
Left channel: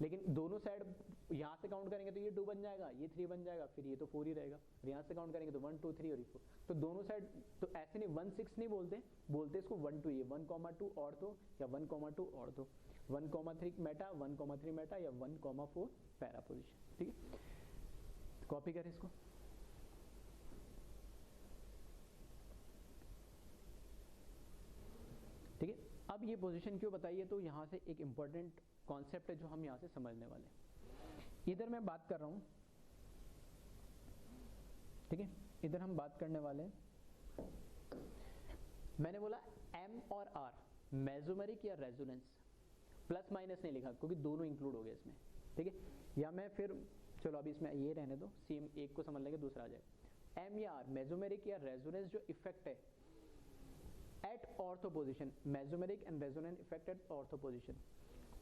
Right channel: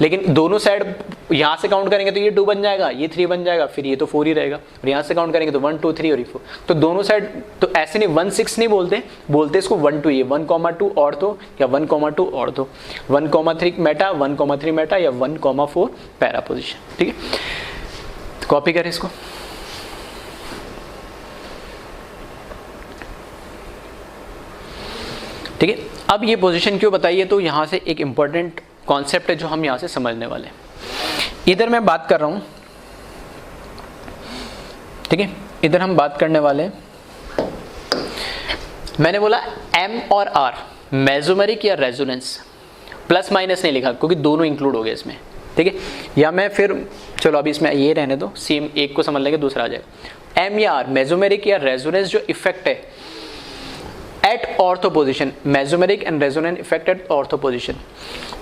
लेकिन दोनों साइड यहाँ से काउंट करेंगे तो ये 2 बन जाएगा, ये 3 बन जाएगा, फिर ये तो 4 ही रहेगा। और यहाँ से काउंट करेंगे तो 1 2 3 और ये 4। तो दोनों साइड तो ऐसे नहीं 1 6 नहीं बोलते इसको 1 2, ये 1,2 ऑर्थो या 1,2 ऑर्थो, 1,3 मेटा, 1,3 मेटा या 1,4 पैरा पोजीशन। ठीक है, तो कॉपी करें इसको। ठीक है, अब ये पोजीशन क्यों बताइए, तो यहाँ से एक इंपॉर्टेंट कॉन्सेप्ट है जो हम यहाँ से समझने वाले हैं। इधर मैं बात कर रहा हूँ, ठीक है, इधर हम बात करने वाले हैं, मैंने बोला M और R मेसोमेरिक या रेजोनेंस, प्लस माइनस नहीं लिखा क्योंकि दोनों इंक्लूड हो गए इसमें। ठीक है, या मैं फिर चलो अभी इसमें ये रहने दो, सेम एक को समझ लेंगे दूसरा आ जाएगा। M या R मेसोमेरिक या रेजोनेंस जो इफेक्ट है at ortho position, mesomeric and resonant effect at ortho position.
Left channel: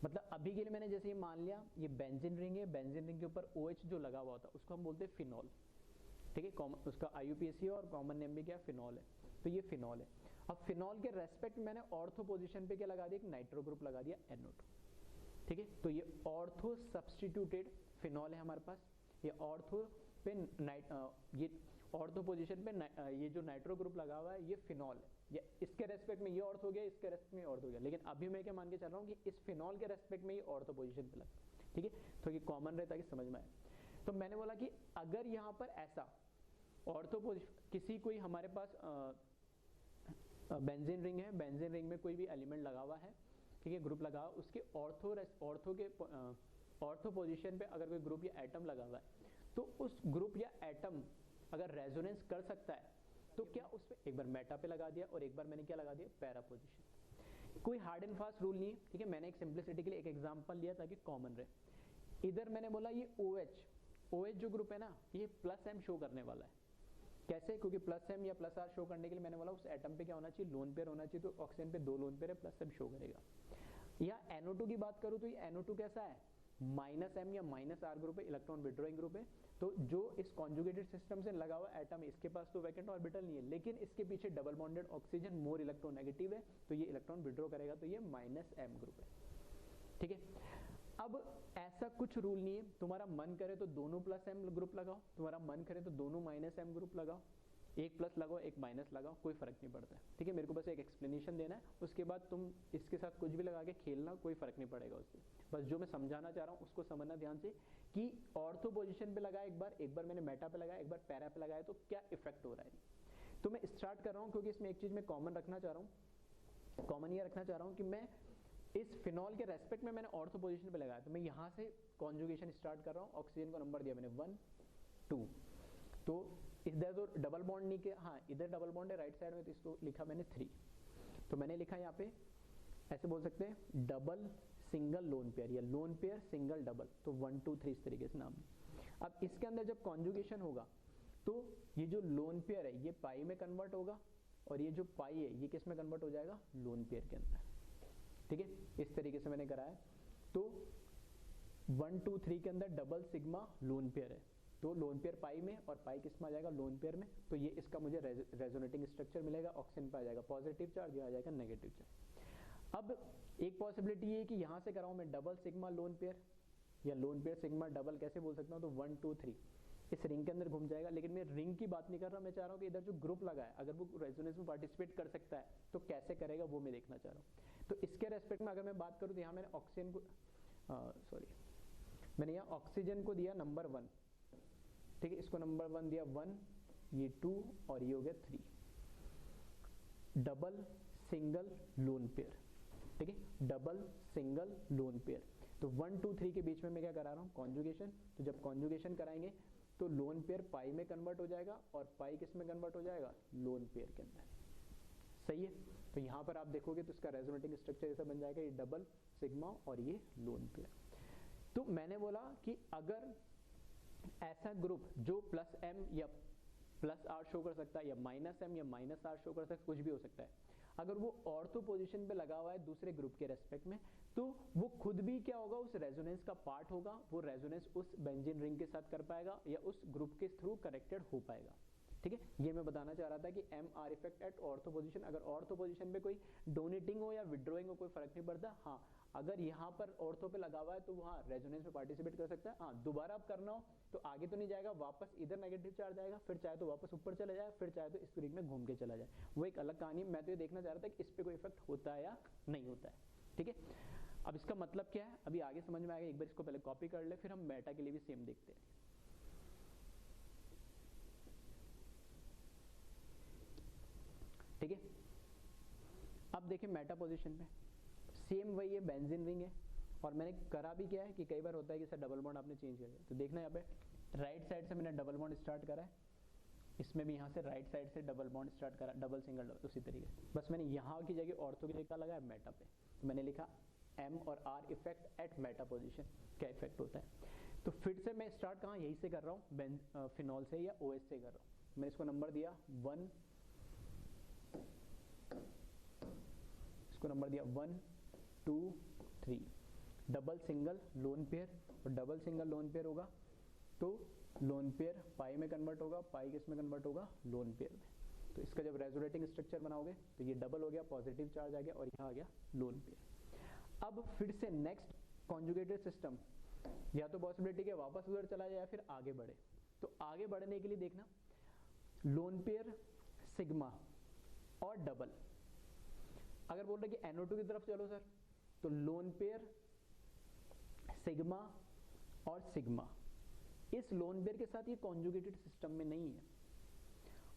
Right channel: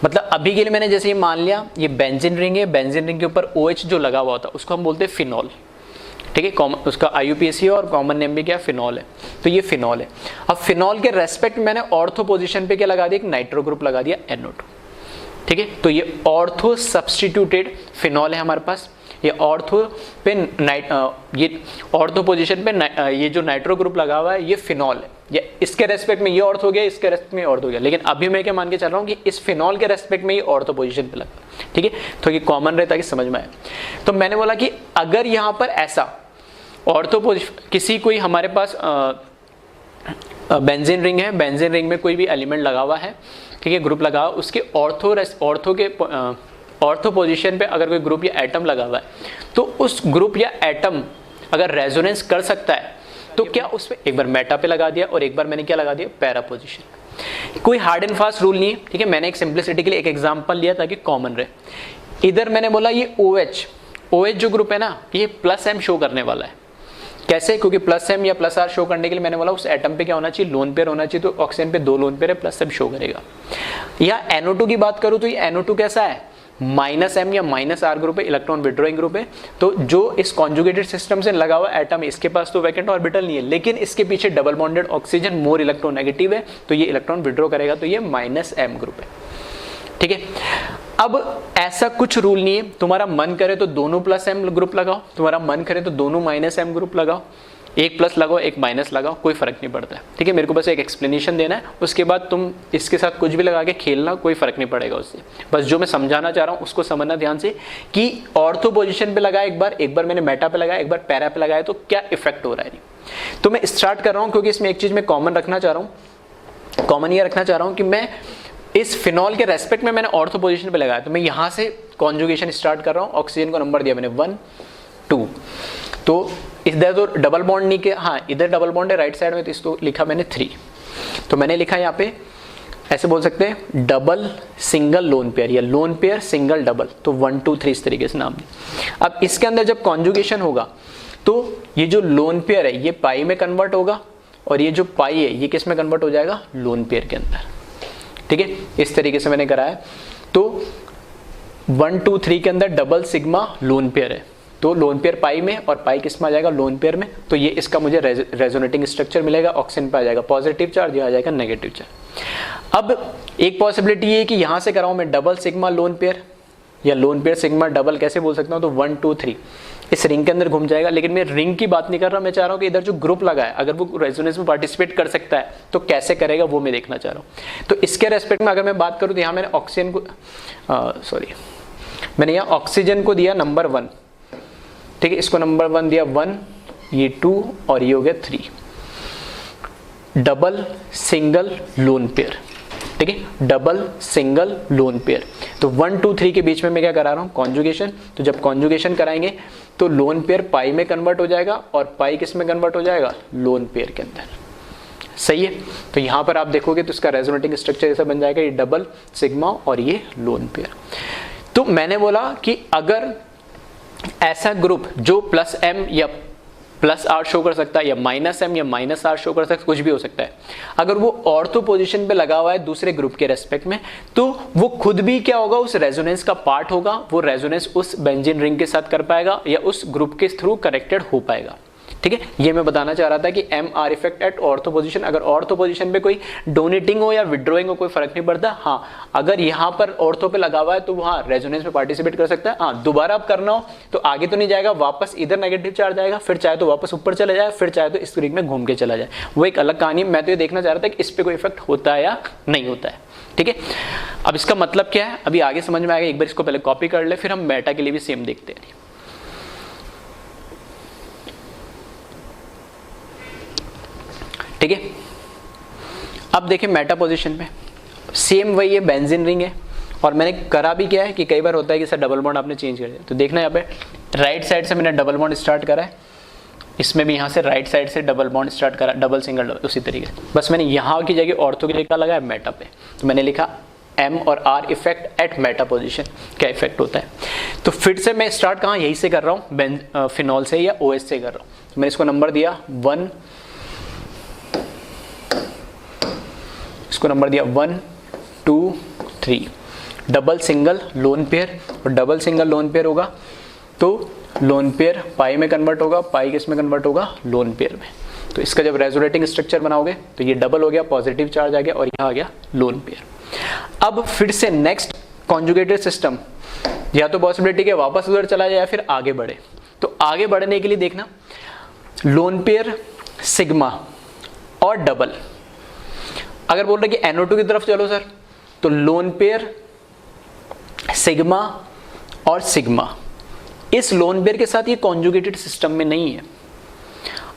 मतलब अभी के लिए मैंने जैसे ये मान लिया ये बेंजीन रिंग है, बेंजीन रिंग के ऊपर OH जो लगा हुआ होता है उसको हम बोलते हैं फिनॉल। ठीक है, उसका IUPAC और कॉमन नेम भी क्या फिनॉल है, तो ये फिनॉल है। अब फिनॉल के रेस्पेक्ट मैंने ऑर्थो पोजिशन पे क्या लगा दिया, एक नाइट्रो ग्रुप लगा दिया NO2। ठीक है, तो ये ऑर्थो सब्स्टिट्यूटेड फिनॉल है हमारे पास। ये ऑर्थो पे ये ऑर्थो पोजीशन पे ये जो नाइट्रो ग्रुप लगा हुआ है ये फिनॉल है। ये इसके रेस्पेक्ट में ये ऑर्थो हो गया, इसके रेस्पेक्ट में ऑर्थो हो गया, लेकिन अभी मैं क्या मान के चल रहा हूँ कि इस फिनॉल के रेस्पेक्ट में ये ऑर्थो पोजीशन पे लगा। ठीक है, तो ये कॉमन रहता है कि समझ में आए। तो मैंने बोला कि अगर यहाँ पर ऐसा ऑर्थो पोजीशन किसी कोई हमारे पास बेंजीन रिंग है, बेंजीन रिंग में कोई भी एलिमेंट लगा हुआ है, ठीक है, ग्रुप लगा हुआ, उसके ऑर्थो पोजीशन पे अगर कोई ग्रुप या एटम लगा हुआ है, तो उस ग्रुप या एटम अगर रेजोनेंस कर सकता है तो क्या उस पे एक बार मेटा पे लगा दिया और एक बार मैंने क्या लगा दिया पैरा पोजीशन। कोई हार्ड एंड फास्ट रूल नहीं है। ठीक है, मैंने एक सिंप्लिसिटी के लिए एक एग्जांपल लिया ताकि कॉमन रहे। इधर मैंने बोला ये OH जो ग्रुप है ना, ये +M शो करने वाला है। कैसे? क्योंकि +M या +R शो करने के लिए मैंने बोला उस एटम पे क्या होना चाहिए, लोन पेयर होना चाहिए। तो ऑक्सीजन पे 2 लोन पेयर है, +M शो करेगा। या NO2 की बात करूं तो ये NO2 कैसा है, -M या -R ग्रुप है, इलेक्ट्रॉन विड्रॉइंग ग्रुप है। तो जो इस कॉन्जुगेटेड सिस्टम से लगा हुआ एटम है, इसके पास तो वैकेंट ऑर्बिटल नहीं है, लेकिन इसके पीछे double bonded oxygen more electronegative है, तो ये इलेक्ट्रॉन विड्रॉ करेगा, तो ये -M ग्रुप है। ठीक है, अब ऐसा कुछ रूल नहीं है, तुम्हारा मन करे तो दोनों +M ग्रुप लगाओ, तुम्हारा मन करे तो दोनों -M ग्रुप लगाओ, एक प्लस लगाओ एक माइनस लगाओ, कोई फर्क नहीं पड़ता है। ठीक है, मेरे को बस एक एक्सप्लेनेशन देना है, उसके बाद तुम इसके साथ कुछ भी लगा के खेलना, कोई फर्क नहीं पड़ेगा उससे। बस जो मैं समझाना चाह रहा हूँ उसको समझना ध्यान से कि ऑर्थो पोजीशन पे लगाया एक बार मैंने मेटा पे लगाया, एक बार पैरा पे लगाया, तो क्या इफेक्ट हो रहा है। तो मैं स्टार्ट कर रहा हूँ क्योंकि इसमें एक चीज मैं कॉमन रखना चाह रहा हूँ, कॉमन ये रखना चाह रहा हूँ कि मैं इस फिनॉल के रेस्पेक्ट में मैंने ऑर्थो पोजीशन पे लगाया, तो मैं यहाँ से कॉन्जुगेशन स्टार्ट कर रहा हूँ। ऑक्सीजन को नंबर दिया मैंने 1 2, तो इधर तो डबल बॉन्ड नहीं के, हाँ इधर डबल बॉन्ड है राइट साइड में, तो इसको लिखा मैंने 3। तो मैंने लिखा यहाँ पे ऐसे बोल सकते हैं डबल सिंगल लोन पेयर या लोन पेयर सिंगल डबल, तो 1 2 3 इस तरीके से नाम दिया। अब इसके अंदर जब कॉन्जुगेशन होगा तो ये जो लोन पेयर है ये पाई में कन्वर्ट होगा, और ये जो पाई है ये किस में कन्वर्ट हो जाएगा, लोन पेयर के अंदर। ठीक है, इस तरीके से मैंने कराया। तो 1 2 3 के अंदर डबल सिग्मा लोन पेयर है, तो लोन पेयर पाई में और पाई किस में आ जाएगा, लोन पेयर में। तो ये इसका मुझे रेजोनेटिंग स्ट्रक्चर मिलेगा, ऑक्सीजन पे आ जाएगा पॉजिटिव चार्ज, ये आ जाएगा नेगेटिव चार्ज। अब एक पॉसिबिलिटी ये है कि यहाँ से कराऊँ मैं डबल सिग्मा लोन पेयर, या लोन पेयर सिग्मा डबल कैसे बोल सकता हूँ, तो 1 2 3 इस रिंग के अंदर घूम जाएगा। लेकिन मैं रिंग की बात नहीं कर रहा, मैं चाह रहा हूँ कि इधर जो ग्रुप लगा है अगर वो रेजोनेंस में पार्टिसिपेट कर सकता है तो कैसे करेगा वो मैं देखना चाह रहा हूँ। तो इसके रेस्पेक्ट में अगर मैं बात करूँ तो यहाँ मैंने ऑक्सीजन को मैंने यहाँ ऑक्सीजन को दिया नंबर 1, ठीक है, इसको नंबर 1 दिया 1, ये 2 और ये हो गया 3, डबल सिंगल लोन पेयर, ठीक है, डबल सिंगल लोन पेयर। तो 1 2 3 के बीच में मैं क्या करा रहा हूँ, कॉन्जुगेशन। तो जब कॉन्जुगेशन कराएंगे तो लोन पेयर पाई में कन्वर्ट हो जाएगा और पाई किस में कन्वर्ट हो जाएगा, लोन पेयर के अंदर। सही है। तो यहाँ पर आप देखोगे तो इसका रेजोनेटिंग स्ट्रक्चर ऐसा बन जाएगा, ये डबल सिग्मा और ये लोन पेयर। तो मैंने बोला कि अगर ऐसा ग्रुप जो प्लस एम या प्लस आर शो कर सकता है या माइनस एम या माइनस आर शो कर सकता है, कुछ भी हो सकता है, अगर वो ऑर्थो पोजीशन पे लगा हुआ है दूसरे ग्रुप के रेस्पेक्ट में, तो वो खुद भी क्या होगा, उस रेजोनेंस का पार्ट होगा, वो रेजोनेंस उस बेंजीन रिंग के साथ कर पाएगा या उस ग्रुप के थ्रू कनेक्टेड हो पाएगा। ठीक है, ये मैं बताना चाह रहा था कि M R effect at ortho position. अगर ऑर्थो पोजीशन पे कोई डोनेटिंग हो या विड्रॉइंग हो कोई फर्क नहीं पड़ता। हाँ, अगर यहाँ पर ऑर्थो पे लगा हुआ है तो वहाँ रेजोनेंस में पार्टिसिपेट कर सकता है। हाँ, दोबारा अब करना हो तो आगे तो नहीं जाएगा, वापस इधर नेगेटिव चार्ज आएगा, फिर चाहे तो वापस ऊपर चले जाए, फिर चाहे तो इस रिंग में घूम के चला जाए, वो एक अलग कहानी। मैं तो ये देखना चाह रहा था कि इस पे कोई इफेक्ट होता है या नहीं होता है। ठीक है, अब इसका मतलब क्या है अभी आगे समझ में आएगा। एक बार इसको पहले कॉपी कर ले, फिर हम मेटा के लिए भी सेम देखते हैं। ठीक है, अब देखिए मेटा पोजीशन में सेम वही है, बेंजीन रिंग है, और मैंने करा भी क्या है कि कई बार होता है कि सर डबल बॉन्ड आपने चेंज कर दिया। तो देखना यहाँ पे राइट साइड से मैंने डबल बॉन्ड स्टार्ट करा है, इसमें भी यहाँ से राइट साइड से डबल बॉन्ड स्टार्ट करा, डबल सिंगल डबल, उसी तरीके से। बस मैंने यहाँ की जगह ऑर्थो की जगह लगाया मेटा पे, तो मैंने लिखा एम और are effect eight meta position, क्या इफेक्ट होता है। तो फिर से मैं स्टार्ट कहाँ यहीं से कर रहा हूँ, फिनॉल से या OH से कर रहा हूँ। तो मैंने इसको नंबर दिया 1, इसको नंबर दिया 1 2 3, डबल सिंगल लोन पेयर, और डबल सिंगल लोन पेयर होगा तो लोन पेयर पाई में कन्वर्ट होगा, पाई किस में कन्वर्ट होगा, लोन पेयर में। तो इसका जब रेजोनेटिंग स्ट्रक्चर बनाओगे तो ये डबल हो गया, पॉजिटिव चार्ज आ गया, और यहाँ आ गया लोन पेयर। अब फिर से नेक्स्ट कॉन्जुगेटेड सिस्टम, या तो पॉसिबिलिटी के वापस उधर चला जाए या फिर आगे बढ़े। तो आगे बढ़ने के लिए देखना लोन पेयर सिग्मा और डबल, अगर बोल रहे कि NO2 की तरफ चलो सर, तो लोन पेयर सिग्मा और सिग्मा, इस लोन पेयर के साथ ये कॉन्जुगेटेड सिस्टम में नहीं है।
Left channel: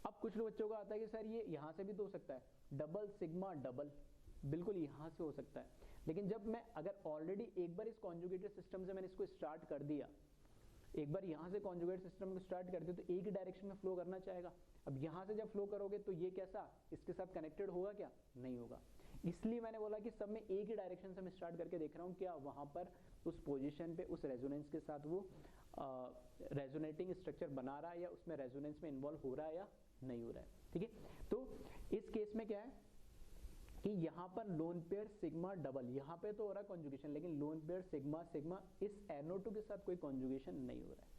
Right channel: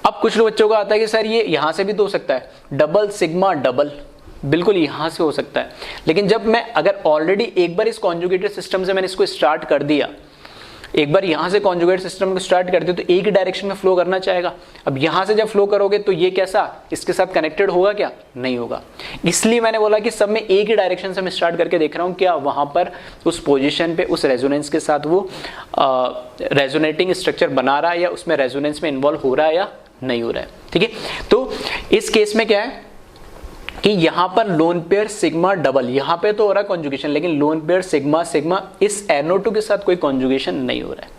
अब कुछ लोग बच्चों का आता है कि सर ये यहां से भी तो हो सकता है, डबल सिग्मा डबल, बिल्कुल यहां से हो सकता है। लेकिन जब मैं अगर ऑलरेडी एक बार इस कॉन्जुगेटेड सिस्टम से मैंने इसको स्टार्ट कर दिया, एक बार यहां से कॉन्जुगेट सिस्टम को स्टार्ट करते तो एक ही डायरेक्शन में फ्लो करना चाहेगा। अब यहां से जब फ्लो करोगे तो ये कैसा इसके साथ कनेक्टेड होगा क्या, नहीं होगा। इसलिए मैंने बोला कि सब में एक ही डायरेक्शन से मैं स्टार्ट करके देख रहा हूं क्या वहां पर उस पोजीशन पे उस रेजोनेंस के साथ वो रेजोनेटिंग स्ट्रक्चर बना रहा है या उसमें रेजोनेंस में इन्वॉल्व हो रहा है या नहीं हो रहा है। ठीक है, तो इस केस में क्या है कि यहां पर लोन पेयर सिग्मा डबल, यहां पे तो हो रहा है कॉन्जुगेशन, लेकिन लोन पेयर सिग्मा सिग्मा इस NO2 के साथ कोई कॉन्जुगेशन नहीं हो रहा है।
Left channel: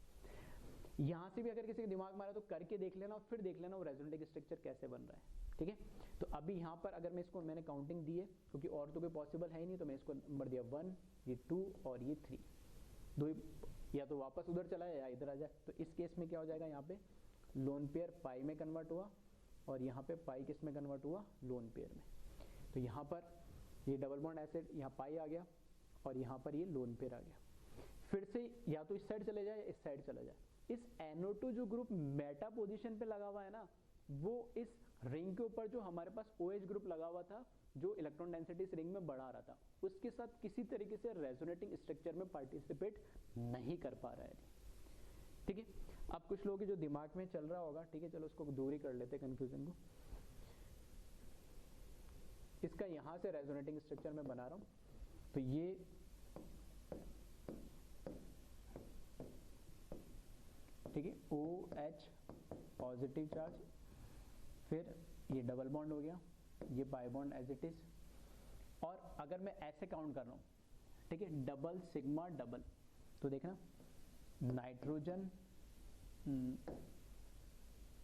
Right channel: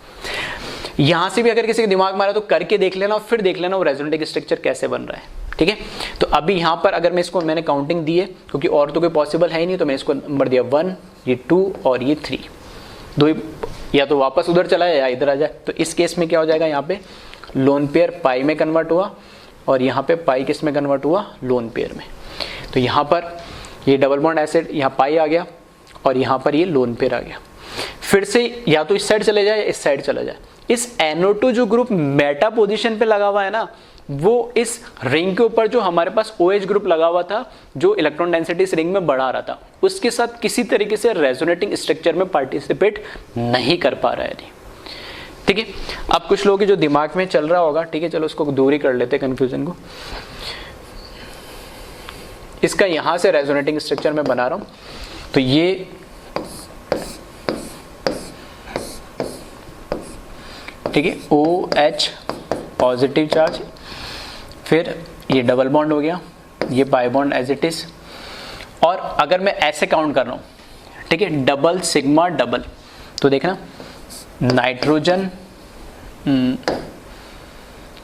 यहां से भी अगर किसी के दिमाग में आ रहा तो करके देख लेना और फिर देख लेना वो रेजोनेटिंग स्ट्रक्चर कैसे बन रहा है। ठीक है, तो अभी यहां पर अगर मैं इसको मैंने काउंटिंग दी है क्योंकि और तो कोई पॉसिबल है ही नहीं, तो मैं इसको नंबर दिया 1, ये 2 और ये 3, दो ही, या तो वापस उधर चला जाए या इधर आ जाए। तो इस केस में क्या हो जाएगा, यहाँ पे लोन पेयर पाई में कन्वर्ट हुआ और यहाँ पे पाई किस में कन्वर्ट हुआ, लोन पेयर में। तो यहाँ पर ये डबल बॉन्ड एसिड, यहाँ पाई आ गया और यहाँ पर ये लोन पेयर आ गया। फिर से या तो इस साइड चले जाए या इस साइड चला जाए। इस NO2 जो ग्रुप मेटा पोजीशन पे लगा हुआ है ना, वो इस रिंग के ऊपर जो हमारे पास OH ग्रुप लगा हुआ था जो इलेक्ट्रॉन डेंसिटी इस रिंग में बढ़ा रहा था, उसके साथ किसी तरीके से रेजोनेटिंग स्ट्रक्चर में पार्टिसिपेट नहीं कर पा रहा है। ठीक है, अब कुछ लोगों के जो दिमाग में चल रहा होगा, ठीक है चलो उसको दूर ही कर लेते हैं कंफ्यूजन को। इसका यहां से रेजोनेटिंग स्ट्रक्चर में बना रहा हूं, तो ये ठीक है OH पॉजिटिव चार्ज, फिर ये डबल बॉन्ड हो गया, ये pi bond as it is. और अगर मैं ऐसे काउंट कर रहा हूं, ठीक है डबल सिग्मा डबल, तो देखना नाइट्रोजन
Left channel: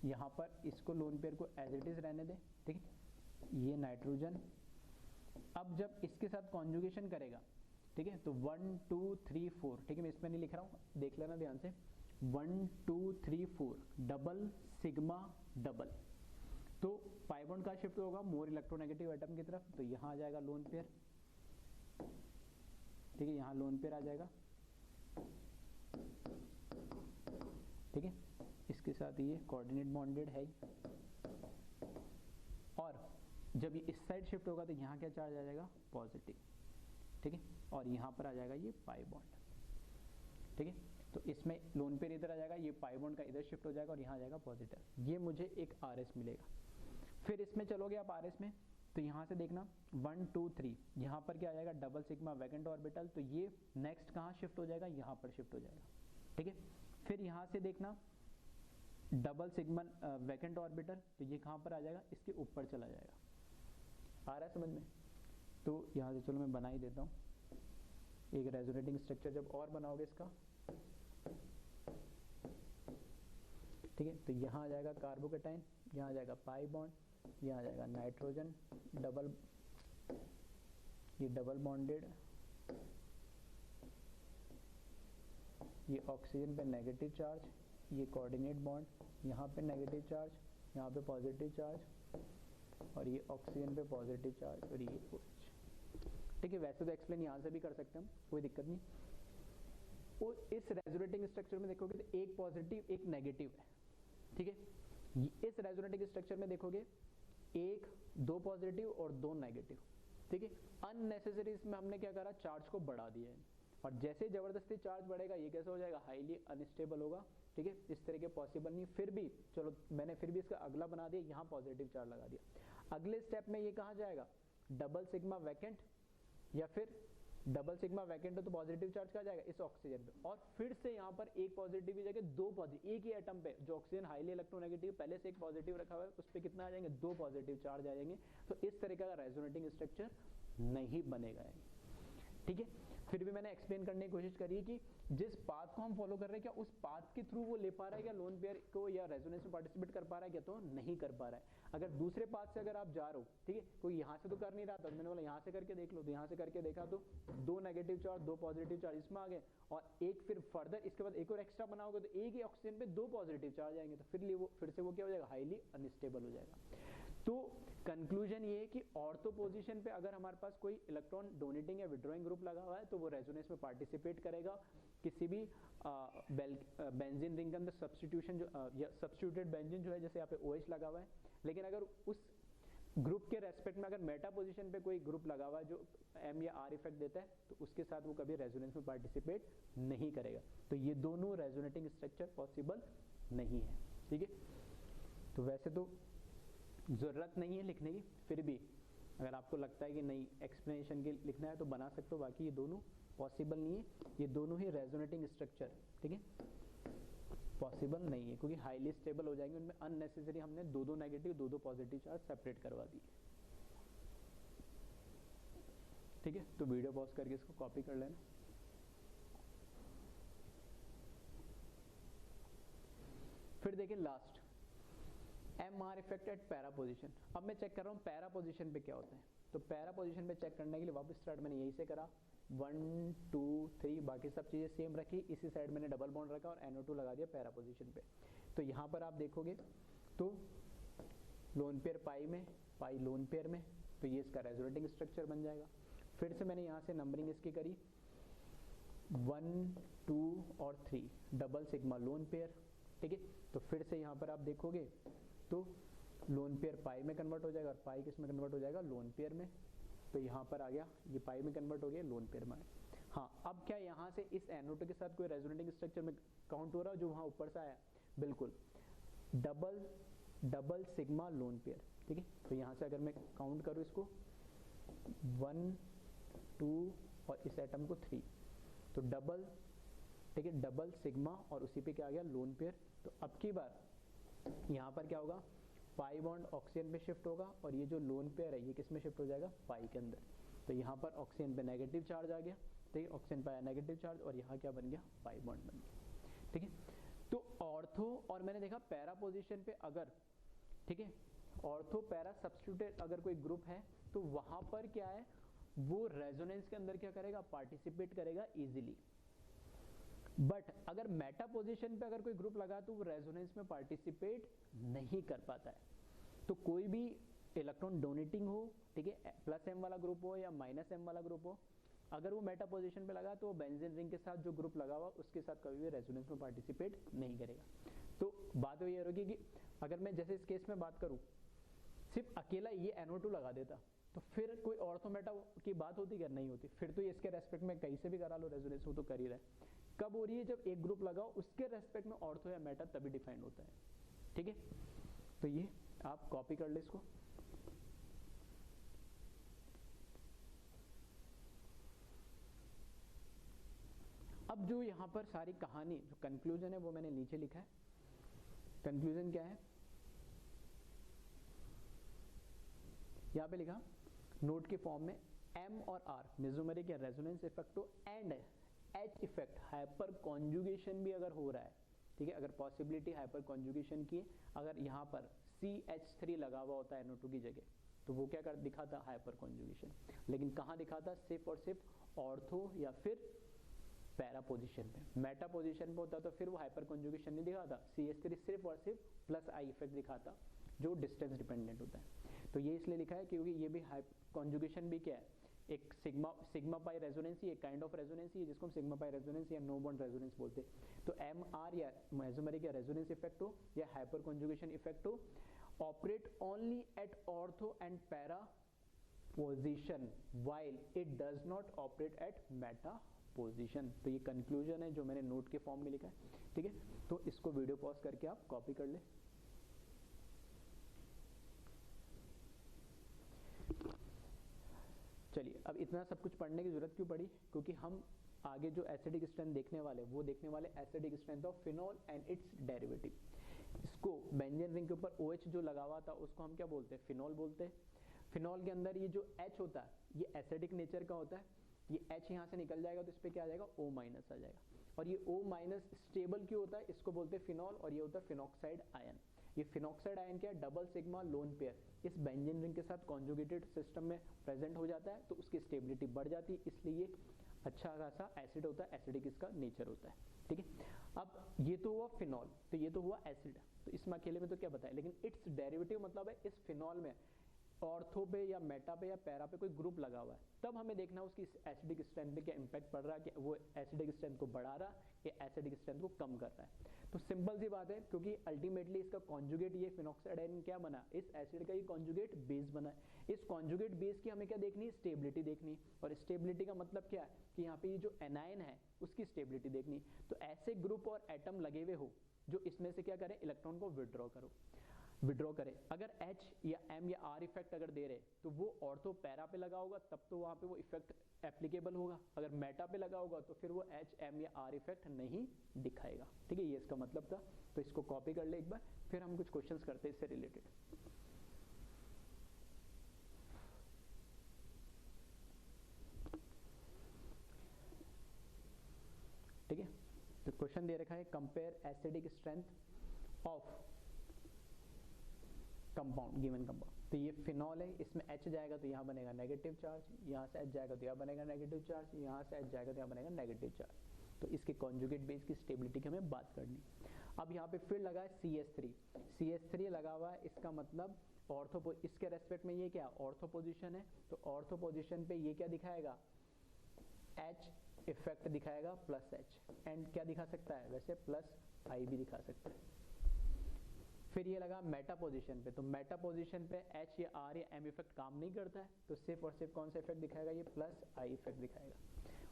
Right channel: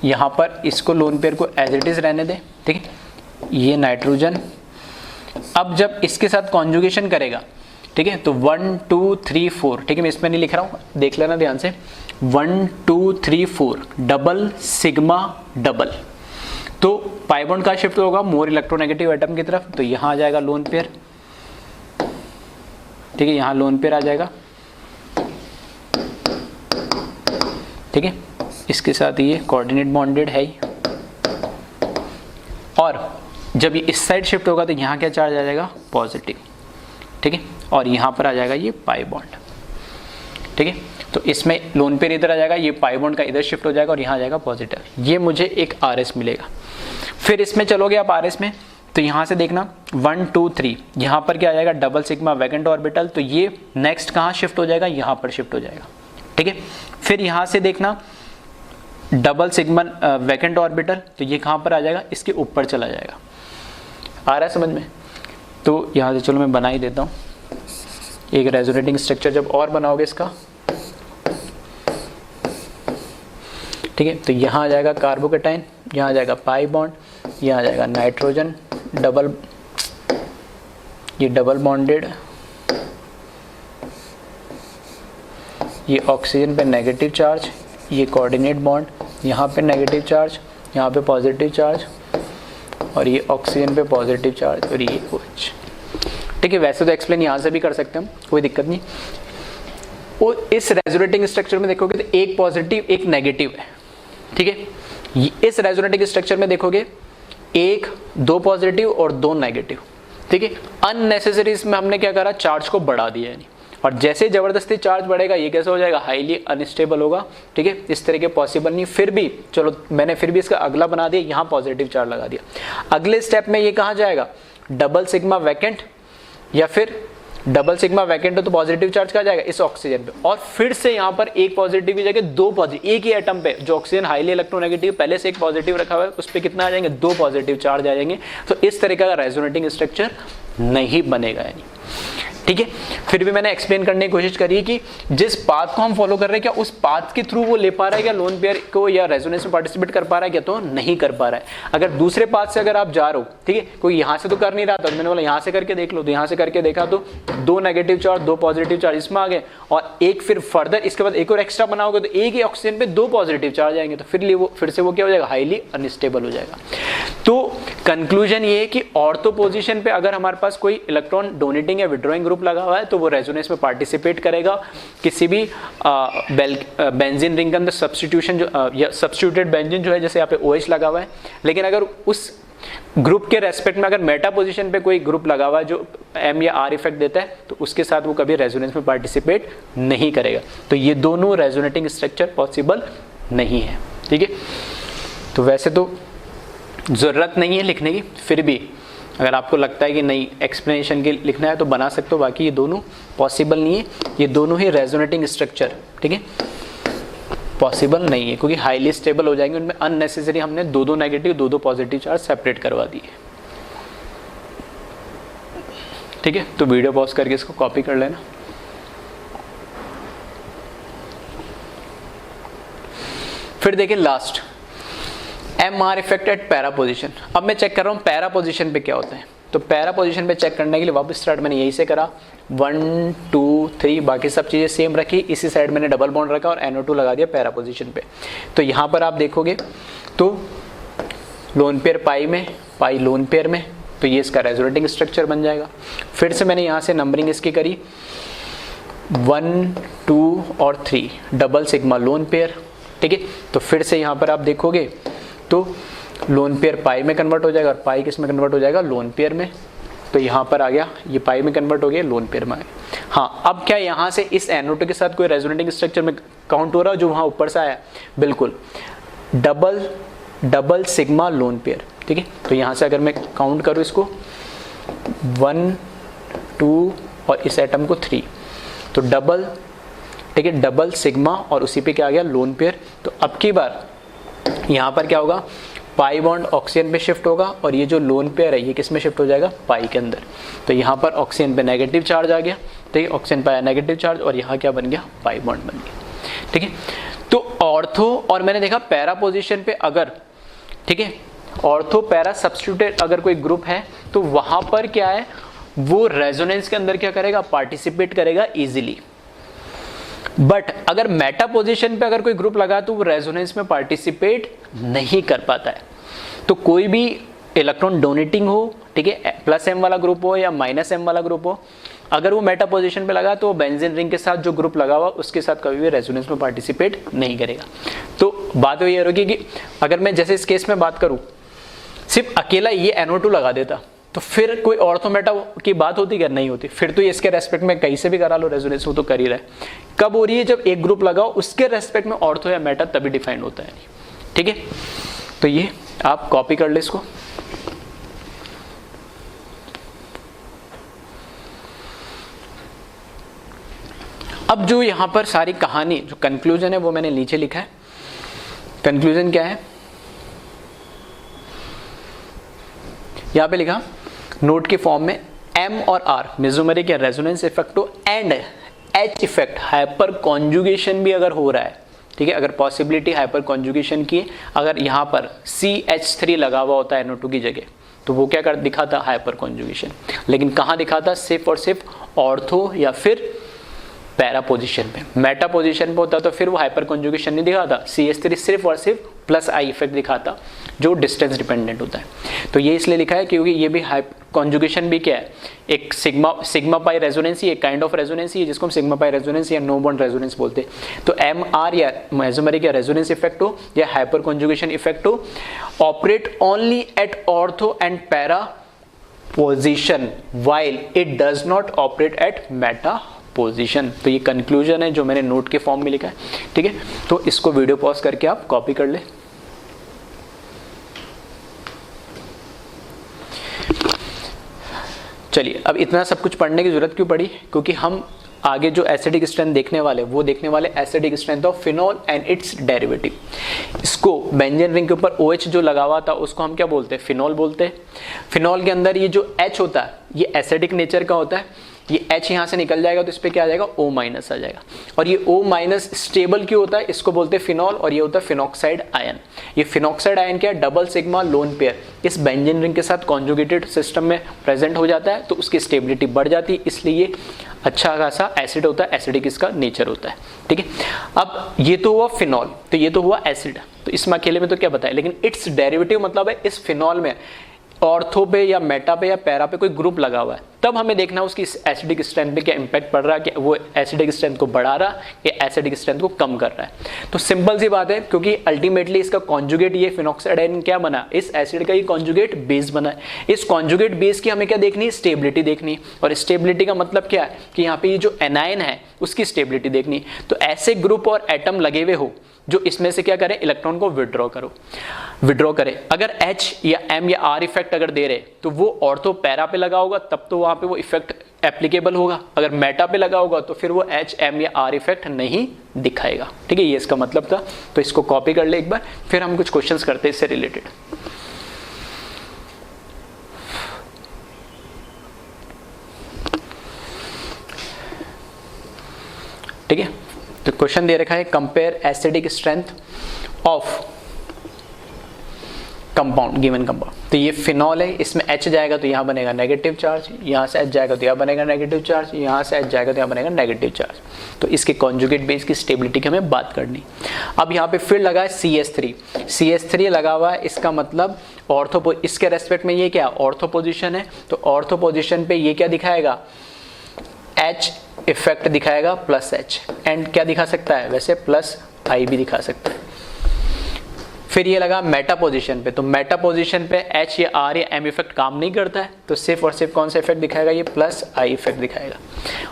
यहाँ पर इसको लोन पेयर को एज इट इज रहने दें, ठीक है, ये नाइट्रोजन। अब जब इसके साथ कॉन्जुगेशन करेगा, ठीक है, तो 1 2 3 4, ठीक है, मैं इसमें नहीं लिख रहा हूँ, देख लेना ध्यान से, 1 2 3 4 डबल सिग्मा डबल। तो पाई बॉन्ड का शिफ्ट होगा मोर इलेक्ट्रोनेगेटिव एटम की तरफ, तो यहाँ आ जाएगा लोन पेयर, ठीक है, यहाँ लोन पेयर आ जाएगा, ठीक है, इसके साथ ये कोऑर्डिनेट बॉन्डेड है ही। और जब ये इस साइड शिफ्ट होगा तो यहाँ क्या चार्ज आ जाएगा, पॉजिटिव, ठीक है, और यहाँ पर आ जाएगा ये पाई बॉन्ड, ठीक है। तो इसमें लोन पेयर इधर आ जाएगा, ये पाई बॉन्ड का इधर शिफ्ट हो जाएगा और यहाँ आ जाएगा पॉजिटिव, ये मुझे एक RS मिलेगा। फिर इसमें चलोगे आप RS में, तो यहाँ से देखना 1 2 3, यहाँ पर क्या आ जाएगा, डबल सिग्मा वैकेंट ऑर्बिटल, तो ये नेक्स्ट कहाँ शिफ्ट हो जाएगा, यहाँ पर शिफ्ट हो जाएगा, ठीक है। फिर यहाँ से देखना डबल सिग्मा वैकेंट ऑर्बिटल, तो ये कहाँ पर आ जाएगा, इसके ऊपर चला जाएगा। आ रहा है समझ में? तो यहाँ से चलो मैं बना ही देता हूँ एक रेजोनेटिंग स्ट्रक्चर, जब और बनाओगे इसका, ठीक है। तो यहाँ आ जाएगा कार्बोकेटाइन, यहाँ आ जाएगा पाई बॉन्ड, यहाँ आ जाएगा नाइट्रोजन डबल, ये डबल बॉन्डेड, ये ऑक्सीजन पे नेगेटिव चार्ज, ये कोऑर्डिनेट बॉन्ड, यहाँ पे नेगेटिव चार्ज, यहाँ पे पॉजिटिव चार्ज, और ये ऑक्सीजन पे पॉजिटिव चार्ज, और ये OH, ठीक है। वैसे तो एक्सप्लेन यहाँ से भी कर सकते हैं, कोई दिक्कत नहीं। और इस रेजोनेटिंग स्ट्रक्चर में देखोगे तो एक पॉजिटिव एक नेगेटिव है, ठीक है। इस रेजोनेटिंग स्ट्रक्चर में देखोगे 1 2 पॉजिटिव और 2 नेगेटिव, ठीक है। अननेसेसरी इसमें हमने क्या करा, चार्ज को बढ़ा दिया है, और जैसे जबरदस्ती चार्ज बढ़ेगा ये कैसे हो जाएगा, हाईली अनस्टेबल होगा, ठीक है। इस तरह के पॉसिबल नहीं। फिर भी चलो मैंने फिर भी इसका अगला बना दिया, यहाँ पॉजिटिव चार्ज लगा दिया। अगले स्टेप में ये कहाँ जाएगा, डबल सिग्मा वैकेंट, या फिर डबल सिग्मा वैकेंट हो तो पॉजिटिव चार्ज कहाँ जाएगा, इस ऑक्सीजन पे, और फिर से यहाँ पर एक पॉजिटिव की जगह 2 पॉजिटिव, एक ही एटम पे जो ऑक्सीजन हाईली इलेक्ट्रोनेगेटिव पहले से एक पॉजिटिव रखा हुआ है, उस पर कितना आ जाएंगे, 2 पॉजिटिव चार्ज आ जाएंगे। तो इस तरीके का रेजोनेटिंग स्ट्रक्चर नहीं बनेगा, यानी, ठीक है। फिर भी मैंने एक्सप्लेन करने की कोशिश करी कि जिस पाथ को हम फॉलो कर रहे हैं, क्या उस पाथ के थ्रू वो ले पा रहा है क्या लोन पेयर को, या रेजोनेंस में पार्टिसिपेट कर पा रहा है क्या, तो नहीं कर पा रहा है। अगर दूसरे पाथ से अगर आप जा रहे हो, ठीक है, कोई यहाँ से तो कर नहीं रहा था, मैंने बोला यहाँ से करके देख लो, तो यहाँ से करके देखा तो 2 नेगेटिव चार्ज 2 पॉजिटिव चार्ज इसमें आ गए, और एक फिर फर्दर इसके बाद एक और एक्स्ट्रा बनाओगे तो एक ही ऑक्सीजन पे 2 पॉजिटिव चार्ज आएंगे, तो फिर से वो क्या हो जाएगा, हाईली अनस्टेबल हो जाएगा। तो कंक्लूजन ये है कि ऑर्थो पोजीशन पे अगर हमारे पास कोई इलेक्ट्रॉन डोनेटिंग या विड्रॉइंग ग्रुप लगा हुआ है तो वो रेजोनेंस में पार्टिसिपेट करेगा। किसी भी बेंजीन रिंग के अंदर सब्स्टिट्यूशन जो या सब्स्टिट्यूटेड बेंजीन जो है, जैसे यहाँ पे OH लगा हुआ है, लेकिन अगर उस ग्रुप के रेस्पेक्ट में अगर मेटा पोजीशन पे कोई ग्रुप लगा हुआ है जो M या R इफेक्ट देता है, तो उसके साथ वो कभी रेजोनेंस में पार्टिसिपेट नहीं करेगा। तो ये दोनों रेजोनेटिंग स्ट्रक्चर पॉसिबल नहीं है, ठीक है। तो वैसे तो ज़रूरत नहीं है लिखने की, फिर भी अगर आपको लगता है कि नहीं एक्सप्लेनेशन के लिखना है तो बना सकते हो, बाकी ये दोनों पॉसिबल नहीं है, ये दोनों ही रेजोनेटिंग स्ट्रक्चर, ठीक है, पॉसिबल नहीं है, क्योंकि हाईली स्टेबल हो जाएंगे। उनमें अननेसेसरी हमने 2 नेगेटिव 2 पॉजिटिव चार्ज सेपरेट करवा दिए, ठीक है। तो वीडियो पॉज करके इसको कॉपी कर लेना। फिर देखिए last MR effect at para position. अब मैं चेक कर रहा हूँ पैरा पोजीशन पे क्या होता है, तो पैरा पोजीशन पे चेक करने के लिए वापस स्टार्ट मैंने यही से करा, 1 2 3, बाकी सब चीज़ें सेम रखी, इसी साइड मैंने डबल बॉन्ड रखा और NO2 लगा दिया पैरा पोजीशन पे। तो यहाँ पर आप देखोगे तो लोन पेयर पाई में, पाई लोन पेयर में, तो ये इसका रेजोनेटिंग स्ट्रक्चर बन जाएगा। फिर से मैंने यहाँ से नंबरिंग इसकी करी 1 2 और 3, डबल सिग्मा लोन पेयर, ठीक है। तो फिर से यहाँ पर आप देखोगे तो लोन पेयर पाई में कन्वर्ट हो जाएगा, और पाई किस में कन्वर्ट हो जाएगा, लोन पेयर में। तो यहाँ पर आ गया, ये पाई में कन्वर्ट हो गया, लोन पेयर में आ गया। हाँ, अब क्या यहाँ से इस NO2 के साथ कोई रेजोनेटिंग स्ट्रक्चर में काउंट हो रहा है जो वहाँ ऊपर से आया, बिल्कुल डबल सिग्मा लोन पेयर, ठीक है। तो यहाँ से अगर मैं काउंट करूँ इसको 1 2 और इस एटम को 3, तो डबल, ठीक है, डबल सिग्मा और उसी पे क्या आ गया, लोन पेयर। तो अब की बार यहाँ पर क्या होगा, पाई बॉन्ड ऑक्सीजन पे शिफ्ट होगा, और ये जो लोन पेयर है ये किस में शिफ्ट हो जाएगा, पाई के अंदर। तो यहाँ पर ऑक्सीजन पे नेगेटिव चार्ज आ गया, ठीक है, ऑक्सीजन पे नेगेटिव चार्ज, और यहाँ क्या बन गया, पाई बॉन्ड बन गया, ठीक है। तो ऑर्थो और मैंने देखा पैरा पोजीशन पे अगर, ठीक है, ऑर्थो पैरा सब्स्टिट्यूटेड अगर कोई ग्रुप है तो वहां पर क्या है, वो रेजोनेंस के अंदर क्या करेगा, पार्टिसिपेट करेगा इजीली। बट अगर मेटा पोजीशन पे अगर कोई ग्रुप लगा तो वो रेजोनेंस में पार्टिसिपेट नहीं कर पाता है। तो कोई भी इलेक्ट्रॉन डोनेटिंग हो, ठीक है, प्लस एम वाला ग्रुप हो या माइनस एम वाला ग्रुप हो, अगर वो मेटा पोजीशन पे लगा तो बेंजीन रिंग के साथ जो ग्रुप लगा हुआ उसके साथ कभी भी रेजोनेंस में पार्टिसिपेट नहीं करेगा। तो बात ये होगी कि अगर मैं जैसे इस केस में बात करूं, सिर्फ अकेला ये NO2 लगा देता तो फिर कोई ऑर्थो मेटा की बात होती क्या, नहीं होती। फिर तो ये इसके रेस्पेक्ट में कहीं से भी करा लो रेजोनेंस, वो तो कर ही रहा है। कब हो रही है, जब एक ग्रुप लगाओ उसके रेस्पेक्ट में ऑर्थो या मेटा तभी डिफाइन होता है, ठीक है। तो ये आप कॉपी कर ले इसको। अब जो यहां पर सारी कहानी जो कंक्लूजन है वो मैंने नीचे लिखा है। कंक्लूजन क्या है, यहां पे लिखा नोट के फॉर्म में M और R मेसोमेरिक या रेजोनेंस इफेक्ट हो and H effect hyper conjugation भी अगर हो रहा है, ठीक है, अगर पॉसिबिलिटी हाइपर कॉन्जुगेशन की, अगर यहाँ पर CH3 लगा हुआ होता है NO2 की जगह तो वो क्या कर दिखाता, हाइपर कॉन्जुगेशन। लेकिन कहाँ दिखाता, सिर्फ और सिर्फ ऑर्थो या फिर पैरा पोजीशन पे। मेटा पोजीशन पे होता तो फिर वो हाइपर कॉन्जुगेशन नहीं दिखाता, CH3 सिर्फ और सिर्फ प्लस I इफेक्ट दिखाता जो डिस्टेंस डिपेंडेंट होता है। तो ये इसलिए लिखा है क्योंकि ये भी हाइपर कॉन्जुगेशन भी क्या है, एक सिग्मा पाई रेजोनेंसी, एक काइंड ऑफ रेजोनेंसी है जिसको हम सिग्मा पाई रेजोनेंस या नो बॉन्ड रेजोनेंस बोलते हैं। तो MR या मेसोमेरिक या रेजोनेंस इफेक्ट हो या हाइपर कॉन्जुगेशन इफेक्ट हो, operate only at ortho and para position while it does not operate at meta position. तो ये कंक्लूजन है जो मैंने नोट के फॉर्म में लिखा है, ठीक है। तो इसको वीडियो पॉज करके आप कॉपी कर ले। चलिए, अब इतना सब कुछ पढ़ने की जरूरत क्यों पड़ी, क्योंकि हम आगे जो एसिडिक स्ट्रेंथ देखने वाले वो देखने वाले acidic strength of phenol and it's derivative. इसको बेंजीन रिंग के ऊपर OH जो लगा हुआ था उसको हम क्या बोलते हैं, फिनॉल बोलते हैं। फिनॉल के अंदर ये जो H होता है ये एसिडिक नेचर का होता है, ये H यहाँ से निकल जाएगा तो इस पे क्या आ जाएगा, O माइनस आ जाएगा। और ये O माइनस स्टेबल क्यों होता है, इसको बोलते हैं फिनॉल, और ये होता है फिनॉक्साइड आयन। ये फिनॉक्साइड आयन क्या है, डबल सिग्मा लोन पेयर इस बेंजीन रिंग के साथ कॉन्जुगेटेड सिस्टम में प्रेजेंट हो जाता है तो उसकी स्टेबिलिटी बढ़ जाती है, इसलिए ये अच्छा खासा एसिड होता है, एसिडिक इसका नेचर होता है, ठीक है। अब ये तो हुआ फिनॉल, तो ये तो हुआ एसिड, तो इसमें अकेले में तो क्या बताया, लेकिन इट्स डेरिवेटिव मतलब है इस फिनॉल में ऑर्थो पे या मेटा पे या पैरा पे कोई ग्रुप लगा हुआ है, तब हमें देखना है उसकी एसिडिक स्ट्रेंथ पे क्या इंपैक्ट पड़ रहा है, कि वो एसिडिक स्ट्रेंथ को बढ़ा रहा है या एसिडिक स्ट्रेंथ को कम कर रहा है। तो सिंपल सी बात है, क्योंकि अल्टीमेटली इसका कॉन्जुगेट ये फिनॉक्साइड आयन क्या बना, इस एसिड का ही कॉन्जुगेट बेस बना है। इस कॉन्जुगेट बेस की हमें क्या देखनी है, स्टेबिलिटी देखनी। और स्टेबिलिटी का मतलब क्या है कि यहाँ पे ये जो एनायन है उसकी स्टेबिलिटी देखनी। तो ऐसे ग्रुप और एटम लगे हुए हो जो इसमें से क्या करें, इलेक्ट्रॉन को विड्रॉ करे। अगर H या M या R इफेक्ट अगर दे रहे तो वो ऑर्थो पैरा पे लगा होगा तब तो वहां पे वो इफेक्ट एप्लीकेबल होगा, अगर मेटा पे लगा होगा तो फिर वो H, M या R इफेक्ट नहीं दिखाएगा, ठीक है। ये इसका मतलब था। तो इसको कॉपी कर ले एक बार, फिर हम कुछ क्वेश्चंस करते हैं इससे रिलेटेड। ठीक है, तो क्वेश्चन दे रखा है compare acidic strength of compound given compound. तो ये फिनॉल है, इसमें H जाएगा तो यहाँ बनेगा नेगेटिव चार्ज, यहाँ से H जाएगा तो यहाँ बनेगा नेगेटिव चार्ज, यहाँ से H जाएगा तो यहाँ बनेगा नेगेटिव चार्ज। तो इसके कॉन्जुगेट बेस की स्टेबिलिटी की हमें बात करनी। अब यहाँ पे फिर लगा है CH3 लगा हुआ है, इसका मतलब ऑर्थो, इसके रेस्पेक्ट में ये क्या ऑर्थो पोजिशन है, तो ऑर्थो पोजिशन पे ये क्या दिखाएगा, H इफेक्ट दिखाएगा प्लस H, एंड क्या दिखा सकता है, वैसे प्लस I भी दिखा सकता है। फिर ये लगा मेटा पोजीशन पे, तो मेटा पोजीशन पे H या R या M इफेक्ट काम नहीं करता है, तो सिर्फ और सिर्फ कौन सा इफेक्ट दिखाएगा, ये प्लस I इफेक्ट दिखाएगा।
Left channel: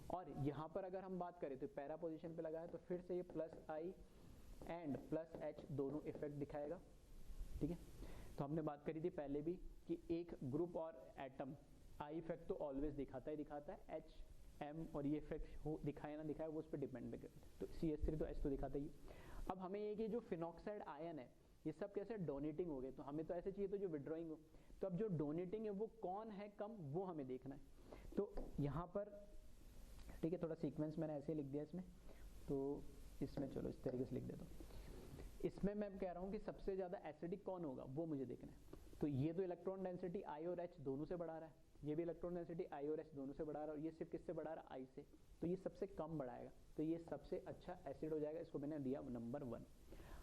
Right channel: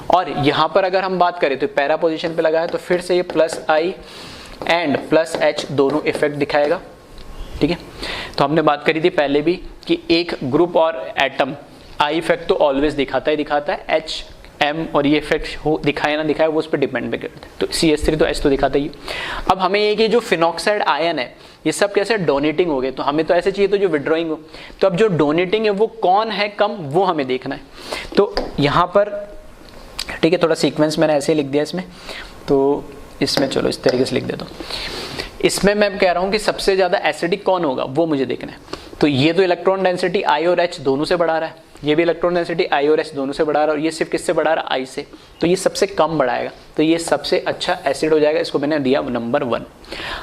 और यहाँ पर अगर हम बात करें तो पैरा पोजीशन पे लगा है तो फिर से ये plus I and plus H दोनों इफेक्ट दिखाएगा, ठीक है। तो हमने बात करी थी पहले भी कि एक ग्रुप और एटम I इफेक्ट तो ऑलवेज दिखाता है, H M और ये इफेक्ट हो दिखाए ना दिखाए वो उस पर डिपेंड भी करता है। तो CH3 तो H तो दिखाता ही। अब हमें ये कि जो फिनॉक्साइड आयन है ये सब कैसे डोनेटिंग हो गए, तो हमें तो ऐसे चाहिए तो जो विड्रॉइंग हो। तो अब जो डोनेटिंग है वो कौन है कम, वो हमें देखना है। तो यहाँ पर ठीक है, थोड़ा सीक्वेंस मैंने ऐसे ही लिख दिया इसमें। तो इसमें चलो इस तरीके से लिख देता हूँ। इसमें मैं कह रहा हूँ कि सबसे ज़्यादा एसिडिक कौन होगा वो मुझे देखना है। तो ये तो इलेक्ट्रॉन डेंसिटी I और H दोनों से बढ़ा रहा है, ये भी इलेक्ट्रॉन डेंसिटी I और H दोनों से बढ़ा रहा है, और ये सिर्फ किससे बढ़ा रहा है? I से। तो ये सबसे कम बढ़ाएगा, तो ये सबसे अच्छा एसिड हो जाएगा, इसको मैंने दिया नंबर 1।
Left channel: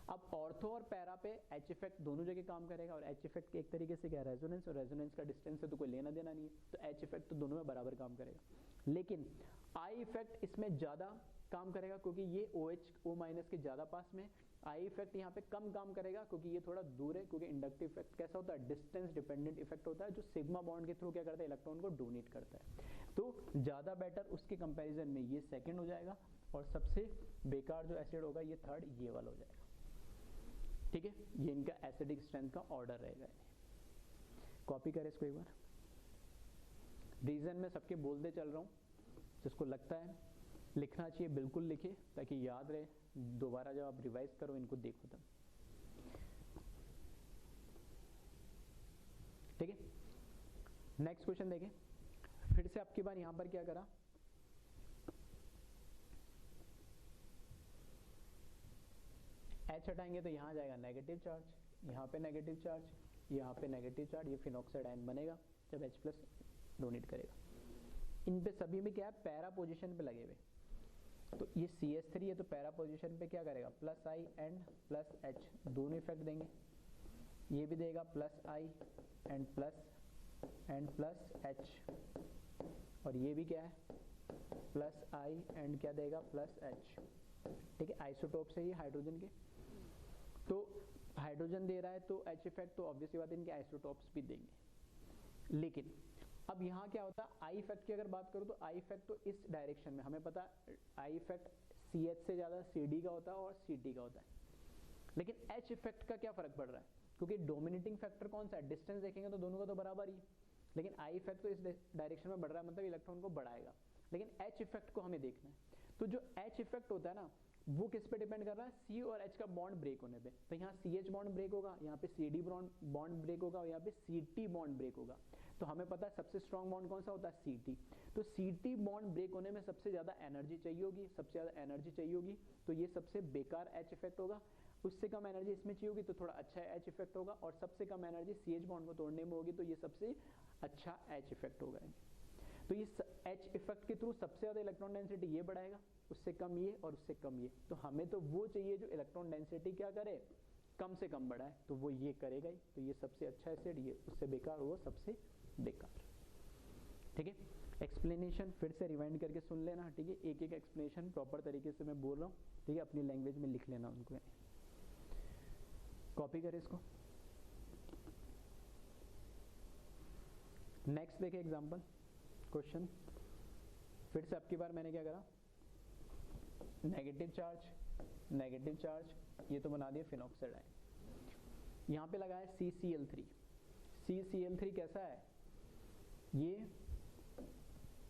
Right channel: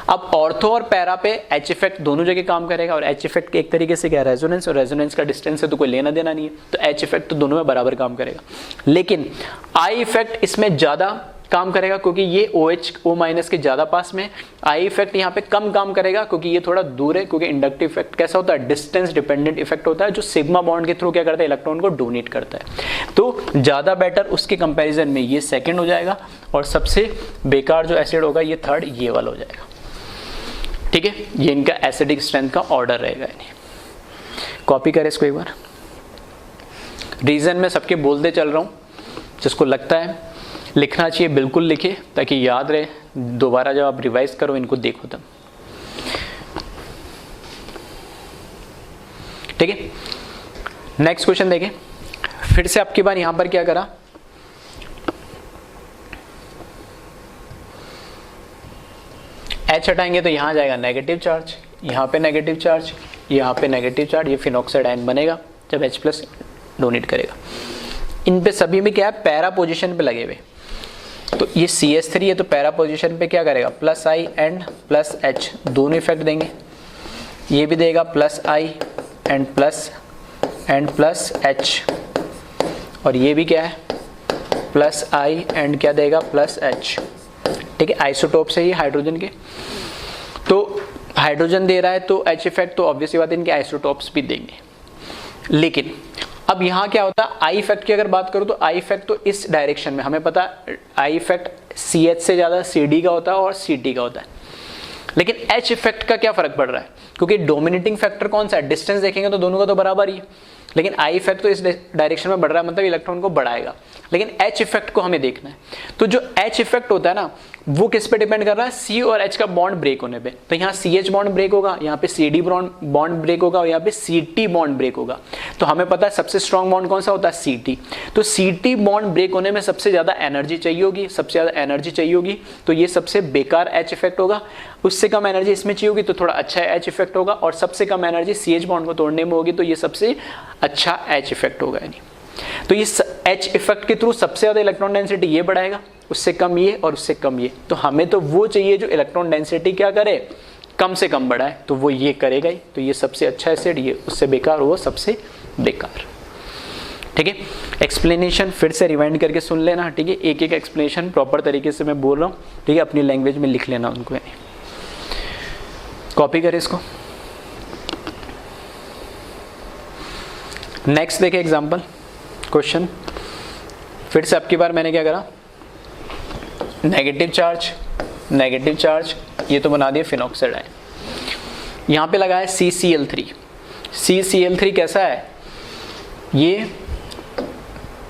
अब ऑर्थो और पैरा पे H इफेक्ट दोनों जगह काम करेगा, और H इफेक्ट एक तरीके से क्या, रेजोनेंस, और रेजोनेंस का डिस्टेंस है तो कोई लेना देना नहीं है, तो H इफेक्ट तो दोनों में बराबर काम करेगा। लेकिन I इफेक्ट इसमें ज़्यादा काम करेगा क्योंकि ये OH O माइनस के ज़्यादा पास में। I इफेक्ट यहाँ पे कम काम करेगा क्योंकि ये थोड़ा दूर है, क्योंकि इंडक्टिव इफेक्ट कैसा होता है? डिस्टेंस डिपेंडेंट इफेक्ट होता है, जो सिग्मा बॉन्ड के थ्रू क्या करता है? इलेक्ट्रॉन को डोनेट करता है। तो ज़्यादा बेटर उसके कंपैरिजन में ये सेकंड हो जाएगा, और सबसे बेकार जो एसिड होगा ये थर्ड, ये वाला हो जाएगा। ठीक है, ये इनका एसिडिक स्ट्रेंथ का ऑर्डर रहेगा। कॉपी करें इसको एक बार, रीजन में सबके बोलते चल रहा हूँ, जिसको लगता है लिखना चाहिए बिल्कुल लिखे, ताकि याद रहे, दोबारा जब आप रिवाइज करो इनको देखो तब। ठीक है, नेक्स्ट क्वेश्चन देखें। फिर से आपकी बार यहां पर क्या करा, H हटाएंगे तो यहां जाएगा नेगेटिव चार्ज, यहां पे नेगेटिव चार्ज, यहां पे नेगेटिव चार्ज, ये फिनॉक्साइड आयन बनेगा जब H प्लस डोनेट करेगा। इन पे सभी में क्या है? पैरा पोजीशन पे लगे हुए, तो ये CH3 है तो पैरा पोजीशन पे क्या करेगा? Plus I and plus H दोनों इफेक्ट देंगे, ये भी देगा plus I and plus H, और ये भी क्या है? प्लस I एंड क्या देगा? Plus H। ठीक है, आइसोटोप से ही हाइड्रोजन के, तो हाइड्रोजन दे रहा है तो H इफेक्ट, तो ऑब्वियसली बात है इनके आइसोटोप्स भी देंगे। लेकिन अब यहाँ क्या होता है? आई इफेक्ट की अगर बात करूँ तो आई इफेक्ट तो इस डायरेक्शन में, हमें पता है आई इफेक्ट CH से ज़्यादा CD का होता है और CT का होता है। लेकिन H इफेक्ट का क्या फर्क पड़ रहा है? क्योंकि डोमिनेटिंग फैक्टर कौन सा है? डिस्टेंस देखेंगे तो दोनों का तो बराबर ही है, लेकिन आई इफेक्ट तो इस डायरेक्शन में बढ़ रहा है, मतलब इलेक्ट्रॉन को बढ़ाएगा। लेकिन H इफेक्ट को हमें देखना है, तो जो H इफेक्ट होता है ना, वो किस पे डिपेंड कर रहा है? C और H का बॉन्ड ब्रेक होने पे। तो यहाँ CH बॉन्ड ब्रेक होगा, यहाँ पे CD बॉन्ड ब्रेक होगा, और यहाँ पे CT बॉन्ड ब्रेक होगा। तो हमें पता है सबसे स्ट्रॉन्ग बॉन्ड कौन सा होता है? CT। तो CT बॉन्ड ब्रेक होने में सबसे ज़्यादा एनर्जी चाहिए होगी, सबसे ज़्यादा एनर्जी चाहिए होगी, तो ये सबसे बेकार H इफेक्ट होगा। उससे कम एनर्जी इसमें चाहिए होगी तो थोड़ा अच्छा H इफेक्ट होगा, और सबसे कम एनर्जी CH बॉन्ड को तोड़ने में होगी, तो ये सबसे अच्छा H इफेक्ट होगा। यानी तो ये H इफेक्ट के थ्रू सबसे ज़्यादा इलेक्ट्रॉन डेंसिटी ये बढ़ाएगा, उससे कम ये, और उससे कम ये। तो हमें तो वो चाहिए जो इलेक्ट्रॉन डेंसिटी क्या करे? कम से कम बढ़ाए, तो वो ये करेगा ही। तो ये सबसे अच्छा एसिड, ये उससे बेकार, वो सबसे बेकार। ठीक है, एक्सप्लेनेशन फिर से रिवाइंड करके सुन लेना। ठीक है, एक एक एक्सप्लेनेशन प्रॉपर तरीके से मैं बोल रहा हूँ, ठीक है, अपनी लैंग्वेज में लिख लेना उनको। कॉपी करें इसको। नेक्स्ट देखें एग्जाम्पल क्वेश्चन। फिर से आपकी बार मैंने क्या करा, नेगेटिव चार्ज, ये तो बना दिया फिनॉक्साइड आयन। यहाँ पे लगा है CCl3। CCl3 कैसा है? ये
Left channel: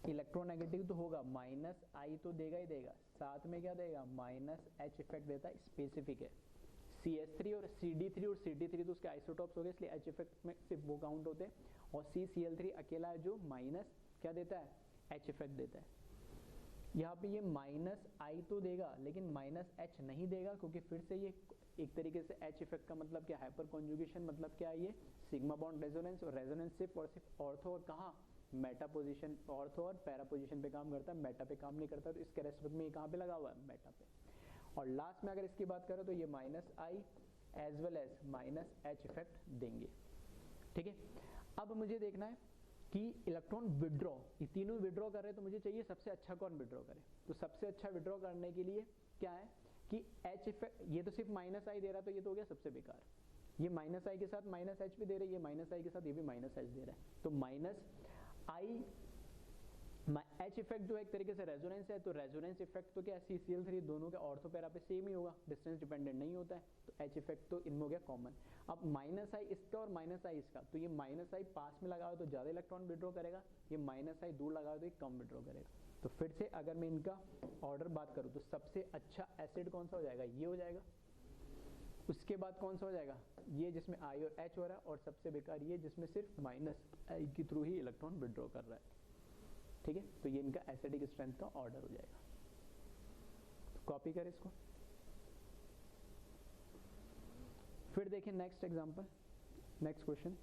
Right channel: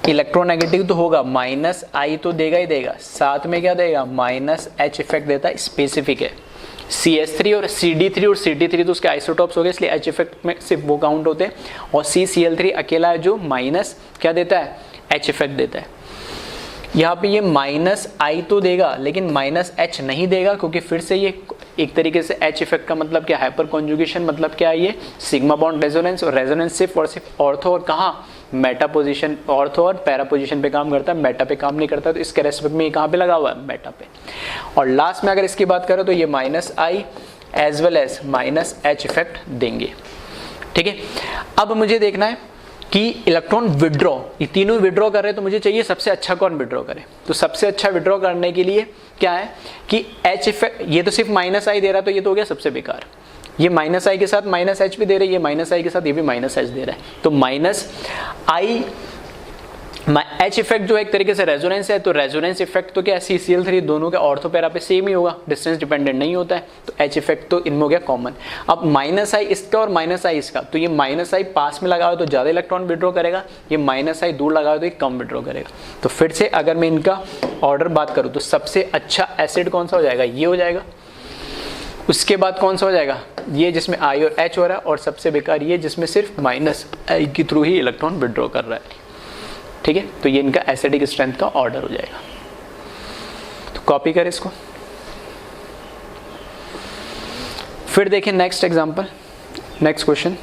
इलेक्ट्रोनेगेटिव तो होगा, माइनस I तो देगा ही देगा, साथ में क्या देगा? माइनस H इफेक्ट देता है, स्पेसिफिक है। CH3 और CD3 और CT3 तो उसके आइसोटॉप्स हो गए, इसलिए H इफेक्ट में सिर्फ वो काउंट होते हैं, और CCl3 अकेला है जो माइनस क्या देता है? H इफेक्ट देता है। यहाँ पे ये माइनस I तो देगा लेकिन माइनस H नहीं देगा, क्योंकि फिर से ये एक तरीके से H इफेक्ट का मतलब क्या? हाइपर कॉन्जुगेशन, मतलब क्या है? ये सिग्मा बॉन्ड रेजोनेंस, और रेजोनेंस सिर्फ और सिर्फ ऑर्थो और कहाँ? मेटा पोजीशन, ऑर्थो और पैरा पोजीशन पे काम करता है, मेटा पे काम नहीं करता। तो इसके रेस्पेक्ट में ये कहाँ पे लगा हुआ है? मेटा पे। और लास्ट में अगर इसकी बात करें तो ये minus I as well as minus H effect देंगे। ठीक है, अब मुझे देखना है कि इलेक्ट्रॉन विड्रॉ, ये तीनों विड्रॉ कर रहे हैं, तो मुझे चाहिए सबसे अच्छा कौन विड्रॉ करे। तो सबसे अच्छा विड्रॉ करने के लिए क्या है कि H इफेक्ट, ये तो सिर्फ माइनस I दे रहा है, तो ये तो हो गया सबसे बेकार। ये माइनस I के साथ माइनस H भी दे रहा है, ये माइनस I के साथ ये भी माइनस H दे रहा है, तो माइनस I H इफेक्ट जो एक तरीके से रेजोनेंस है, तो रेजोनेंस इफेक्ट तो क्या है? CCl3 दोनों के ऑर्थो पैरा पे सेम ही होगा, डिस्टेंस डिपेंडेंट नहीं होता है, तो H इफेक्ट तो इनमें हो गया कॉमन। अब माइनस I इसका और माइनस I इसका, तो ये माइनस I पास में लगा हो तो ज़्यादा इलेक्ट्रॉन विड्रॉ करेगा, ये माइनस I दूर लगा हो तो ये कम विड्रॉ करेगा। तो फिर से अगर मैं इनका ऑर्डर बात करूँ तो सबसे अच्छा एसिड कौन सा हो जाएगा? ये हो जाएगा। उसके बाद कौन सा हो जाएगा? ये जिसमें I और H हो रहा है, और सबसे बेकार ये जिसमें सिर्फ माइनस I के थ्रू ही इलेक्ट्रॉन विड्रॉ कर रहा है। ठीक है, तो ये इनका एसिडिक स्ट्रेंथ का ऑर्डर हो जाएगा। तो कॉपी करें इसको। फिर देखिए नेक्स्ट एग्जांपल, नेक्स्ट क्वेश्चन।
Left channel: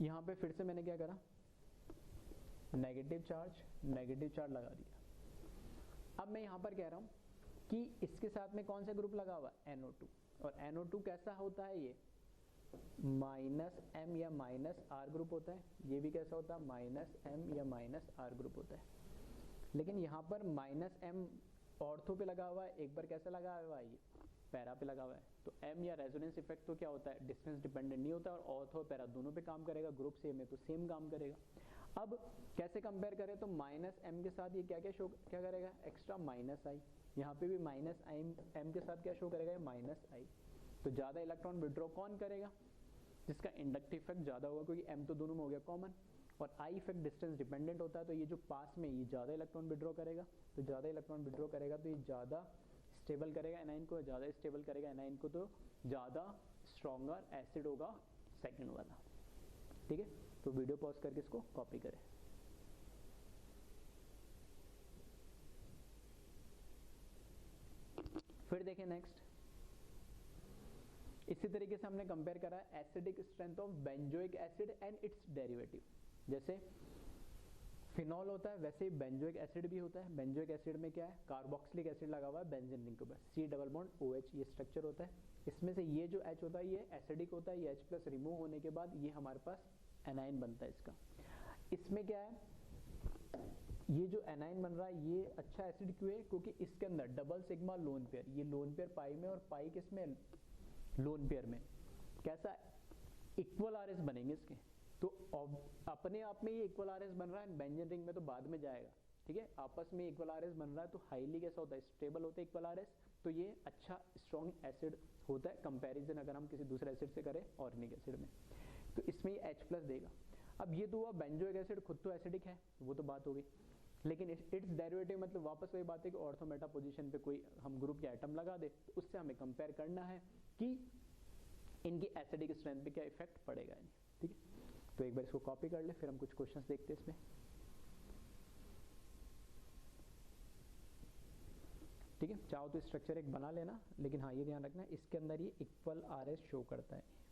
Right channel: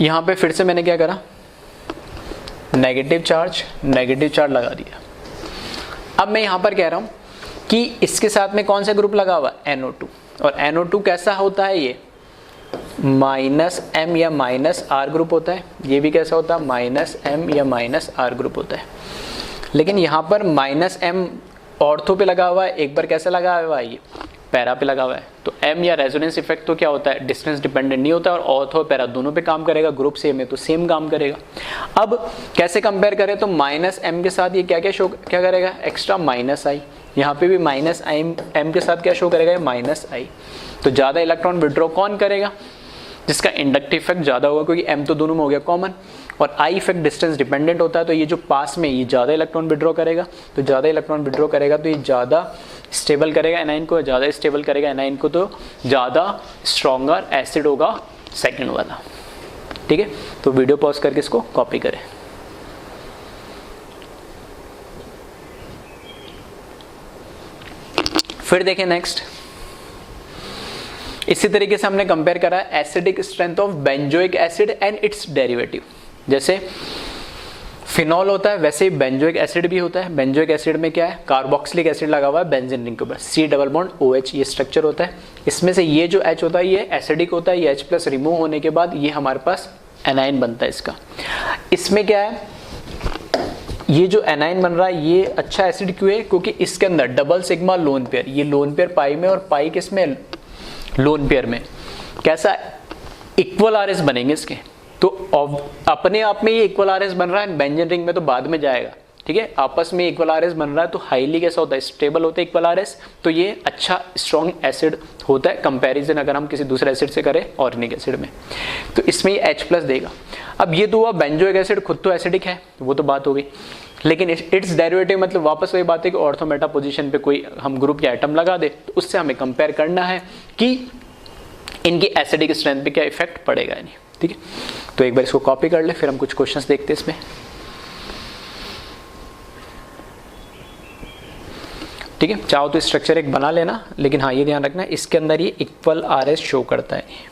यहां पे फिर से मैंने क्या करा, नेगेटिव चार्ज लगा दिया। अब मैं यहां पर कह रहा हूं कि इसके साथ में कौन सा ग्रुप लगा हुआ, NO2, और NO2 कैसा होता है, ये -M या -R ग्रुप होता है। ये भी कैसा होता है, -M या -R ग्रुप होता है। लेकिन यहाँ पर -M ऑर्थो पे लगा हुआ है, एक बार कैसा लगा हुआ है, ये पैरा पे लगा हुआ है। तो M या रेजोनेंस इफेक्ट तो क्या होता है, डिस्टेंस डिपेंडेंट नहीं होता, और ऑर्थो पैरा दोनों पे काम करेगा, ग्रुप सेम है तो सेम काम करेगा। अब कैसे कंपेयर करें, तो -M के साथ ये क्या क्या करेगा, एक्स्ट्रा -I। यहाँ पे भी -M के साथ क्या शो करेगा, -I। तो ज़्यादा इलेक्ट्रॉन विड्रॉ कौन करेगा, जिसका इंडक्टिव इफेक्ट ज़्यादा होगा, क्योंकि M तो दोनों में हो गया कॉमन, और I इफेक्ट डिस्टेंस डिपेंडेंट होता है। तो ये जो पास में ये ज़्यादा इलेक्ट्रॉन विड्रॉ करेगा, तो ज़्यादा इलेक्ट्रॉन विड्रॉ करेगा तो ये ज़्यादा स्टेबल करेगा एनाइन को, ज़्यादा स्टेबल करेगा एनाइन को तो ज़्यादा स्ट्रॉन्गर एसिड होगा सेकंड वाला। ठीक है, तो वीडियो पॉज करके इसको कॉपी करें। फिर देखें नेक्स्ट, इसी तरीके से हमने कंपेयर करा acidic strength of benzoic acid and it's derivative. जैसे फिनॉल होता है वैसे ही बेंजोइक एसिड भी होता है। बेंजोइक एसिड में क्या है, कार्बोक्सिलिक एसिड लगा हुआ है बेंजीन रिंग के ऊपर, C डबल बॉन्ड OH ये स्ट्रक्चर होता है। इसमें से ये जो H होता है ये एसिडिक होता है, ये H+ रिमूव होने के बाद ये हमारे पास एनाइन बनता है इसका। इसमें क्या है, ये जो एनाइन बन रहा है ये अच्छा एसिड क्यों है, क्योंकि इसके अंदर डबल सिग्मा लोन पेयर, ये लोन पेयर पाई में और पाई किस में, लोन पेयर में। कैसा इक्वल RS बनेंगे इसके, तो अपने आप में ये इक्वल RS बन रहा है, बेंजीन रिंग में तो बाद में जाएगा। ठीक है, आपस में इक्वल RS बन रहा है तो हाईली कैसा होता है, स्टेबल होता है इक्वल RS, तो ये अच्छा स्ट्रॉन्ग एसिड होता है कंपैरिजन अगर हम किसी दूसरे एसिड से करें ऑर्गेनिक एसिड में। तो इसमें ये H+ देगा। अब ये तो बेंजोइक एसिड खुद तो एसिडिक है, वो तो बात हो गई, लेकिन इट्स डेरिवेटिव मतलब वापस वही बात है कि ऑर्थो मेटा पोजीशन पे कोई हम ग्रुप या एटम लगा दे तो उससे हमें कंपेयर करना है कि इनकी एसिडिक स्ट्रेंथ पे क्या इफेक्ट पड़ेगा नहीं। ठीक है, तो एक बार इसको कॉपी कर ले, फिर हम कुछ क्वेश्चंस देखते हैं इसमें। ठीक है, चाहो तो स्ट्रक्चर एक बना लेना, लेकिन हाँ ये ध्यान रखना इसके अंदर ये इक्वल RS शो करता है।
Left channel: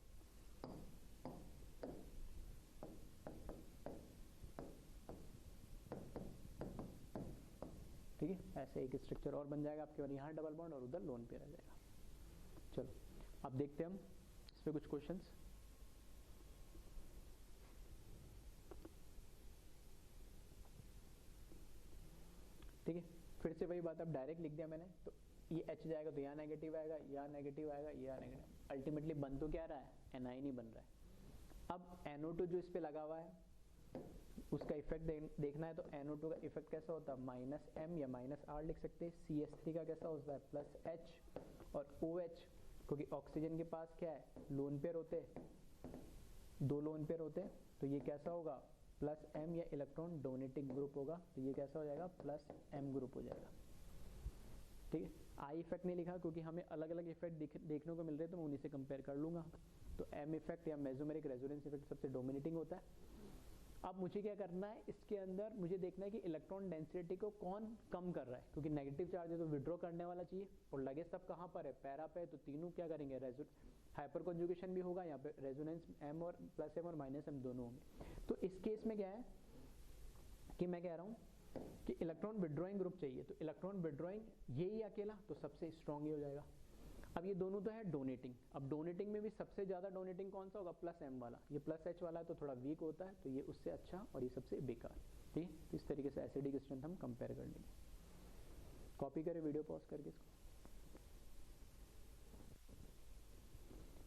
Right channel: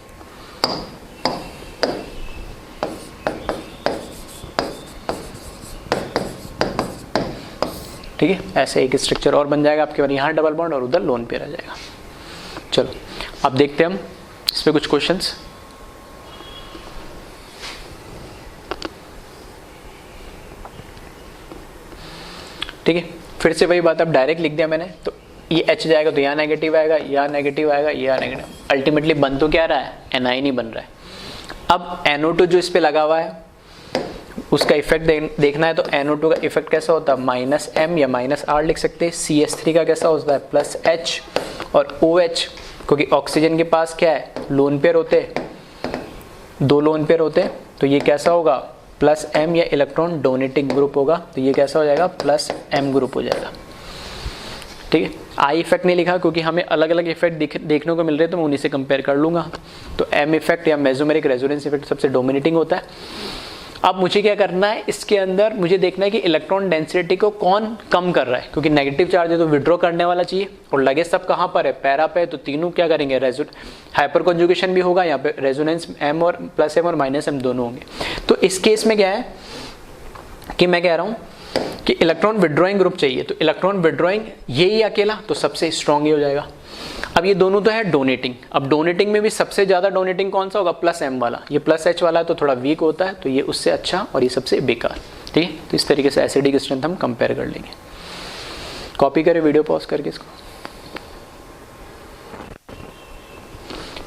ठीक है, ऐसे एक स्ट्रक्चर और बन जाएगा आपके पास, यहाँ डबल बॉन्ड और उधर लोन पेयर आ जाएगा। चलो अब देखते हैं हम इस पे कुछ क्वेश्चंस। ठीक है, फिर से वही बात, अब डायरेक्ट लिख दिया मैंने, तो ये H जाएगा तो यहाँ नेगेटिव आएगा, यहाँ नेगेटिव आएगा, यहाँ नेगेटिव, अल्टीमेटली बन तो क्या रहा है, एनाइन ही बन रहा है। अब NO2 जो इस पे लगा हुआ है उसका इफेक्ट देखना है, तो NO2 का इफेक्ट कैसा होता है, -M या -R लिख सकते हैं। CH3 का कैसा होता है, +H, और OH क्योंकि ऑक्सीजन के पास क्या है, लोन पेयर होते, 2 लोन पेयर होते, तो ये कैसा होगा, +M या इलेक्ट्रॉन डोनेटिंग ग्रुप होगा, तो ये कैसा हो जाएगा, +M ग्रुप हो जाएगा। ठीक है, I इफेक्ट नहीं लिखा क्योंकि हमें अलग अलग इफेक्ट देखने को मिल रहे हैं, तो मैं उन्हीं से कंपेयर कर लूंगा। तो M इफेक्ट या मेसोमेरिक रेजोनेंस इफेक्ट सबसे डोमिनेटिंग होता है। अब मुझे क्या करना है, इसके अंदर मुझे देखना है कि इलेक्ट्रॉन डेंसिटी को कौन कम कर रहा है, क्योंकि नेगेटिव चार्ज है तो विड्रॉ करने वाला चाहिए, और लगे सब कहाँ पर है, पैरा पे, तो तीनों क्या करेंगे, हाइपर कॉन्जुगेशन भी होगा, यहाँ पे रेजोनेंस M और +M और -M दोनों होंगे। तो इस केस में क्या है कि मैं कह रहा हूँ कि इलेक्ट्रॉन विड्रॉइंग ग्रुप चाहिए, तो इलेक्ट्रॉन विड्रॉइंग यही अकेला तो सबसे स्ट्रॉन्ग ही हो जाएगा। अब ये दोनों तो है डोनेटिंग, अब डोनेटिंग में भी सबसे ज्यादा डोनेटिंग कौन सा होगा, +M वाला, ये +H वाला है तो थोड़ा वीक होता है, तो ये उससे अच्छा और ये सबसे बेकार। ठीक है, तो इस तरीके से एसिडिक स्ट्रेंथ हम कंपेयर कर लेंगे। कॉपी करें वीडियो पॉज करके इसको।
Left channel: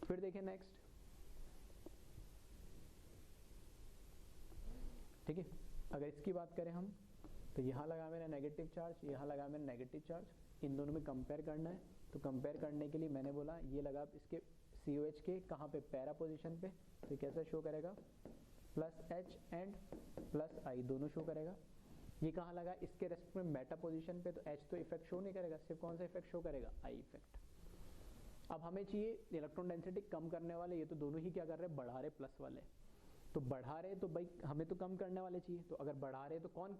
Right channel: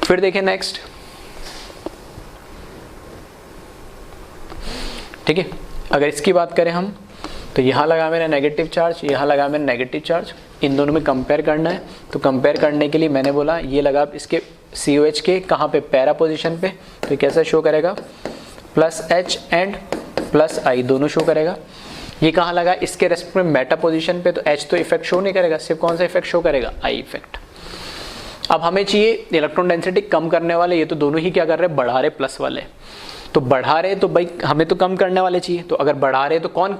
फिर देखें नेक्स्ट। ठीक है, अगर इसकी बात करें हम, तो यहाँ लगा मैंने नेगेटिव चार्ज, यहाँ लगा मैंने नेगेटिव चार्ज, इन दोनों में कंपेयर करना है। तो कंपेयर करने के लिए मैंने बोला ये लगा इसके COH के कहाँ पे, पैरा पोजीशन पे, तो कैसा शो करेगा, +H एंड +I दोनों शो करेगा। ये कहाँ लगा, इसके रेस्पेक्ट में मेटा पोजीशन पे, तो H तो इफेक्ट शो नहीं करेगा, सिर्फ कौन सा इफेक्ट शो करेगा, I इफेक्ट। अब हमें चाहिए इलेक्ट्रॉन डेंसिटी कम करने वाले, ये तो दोनों ही क्या कर रहे हैं, बढ़ा रहे प्लस वाले, तो बढ़ा रहे तो भाई हमें तो कम करने वाले चाहिए, तो अगर बढ़ा रहे तो कौन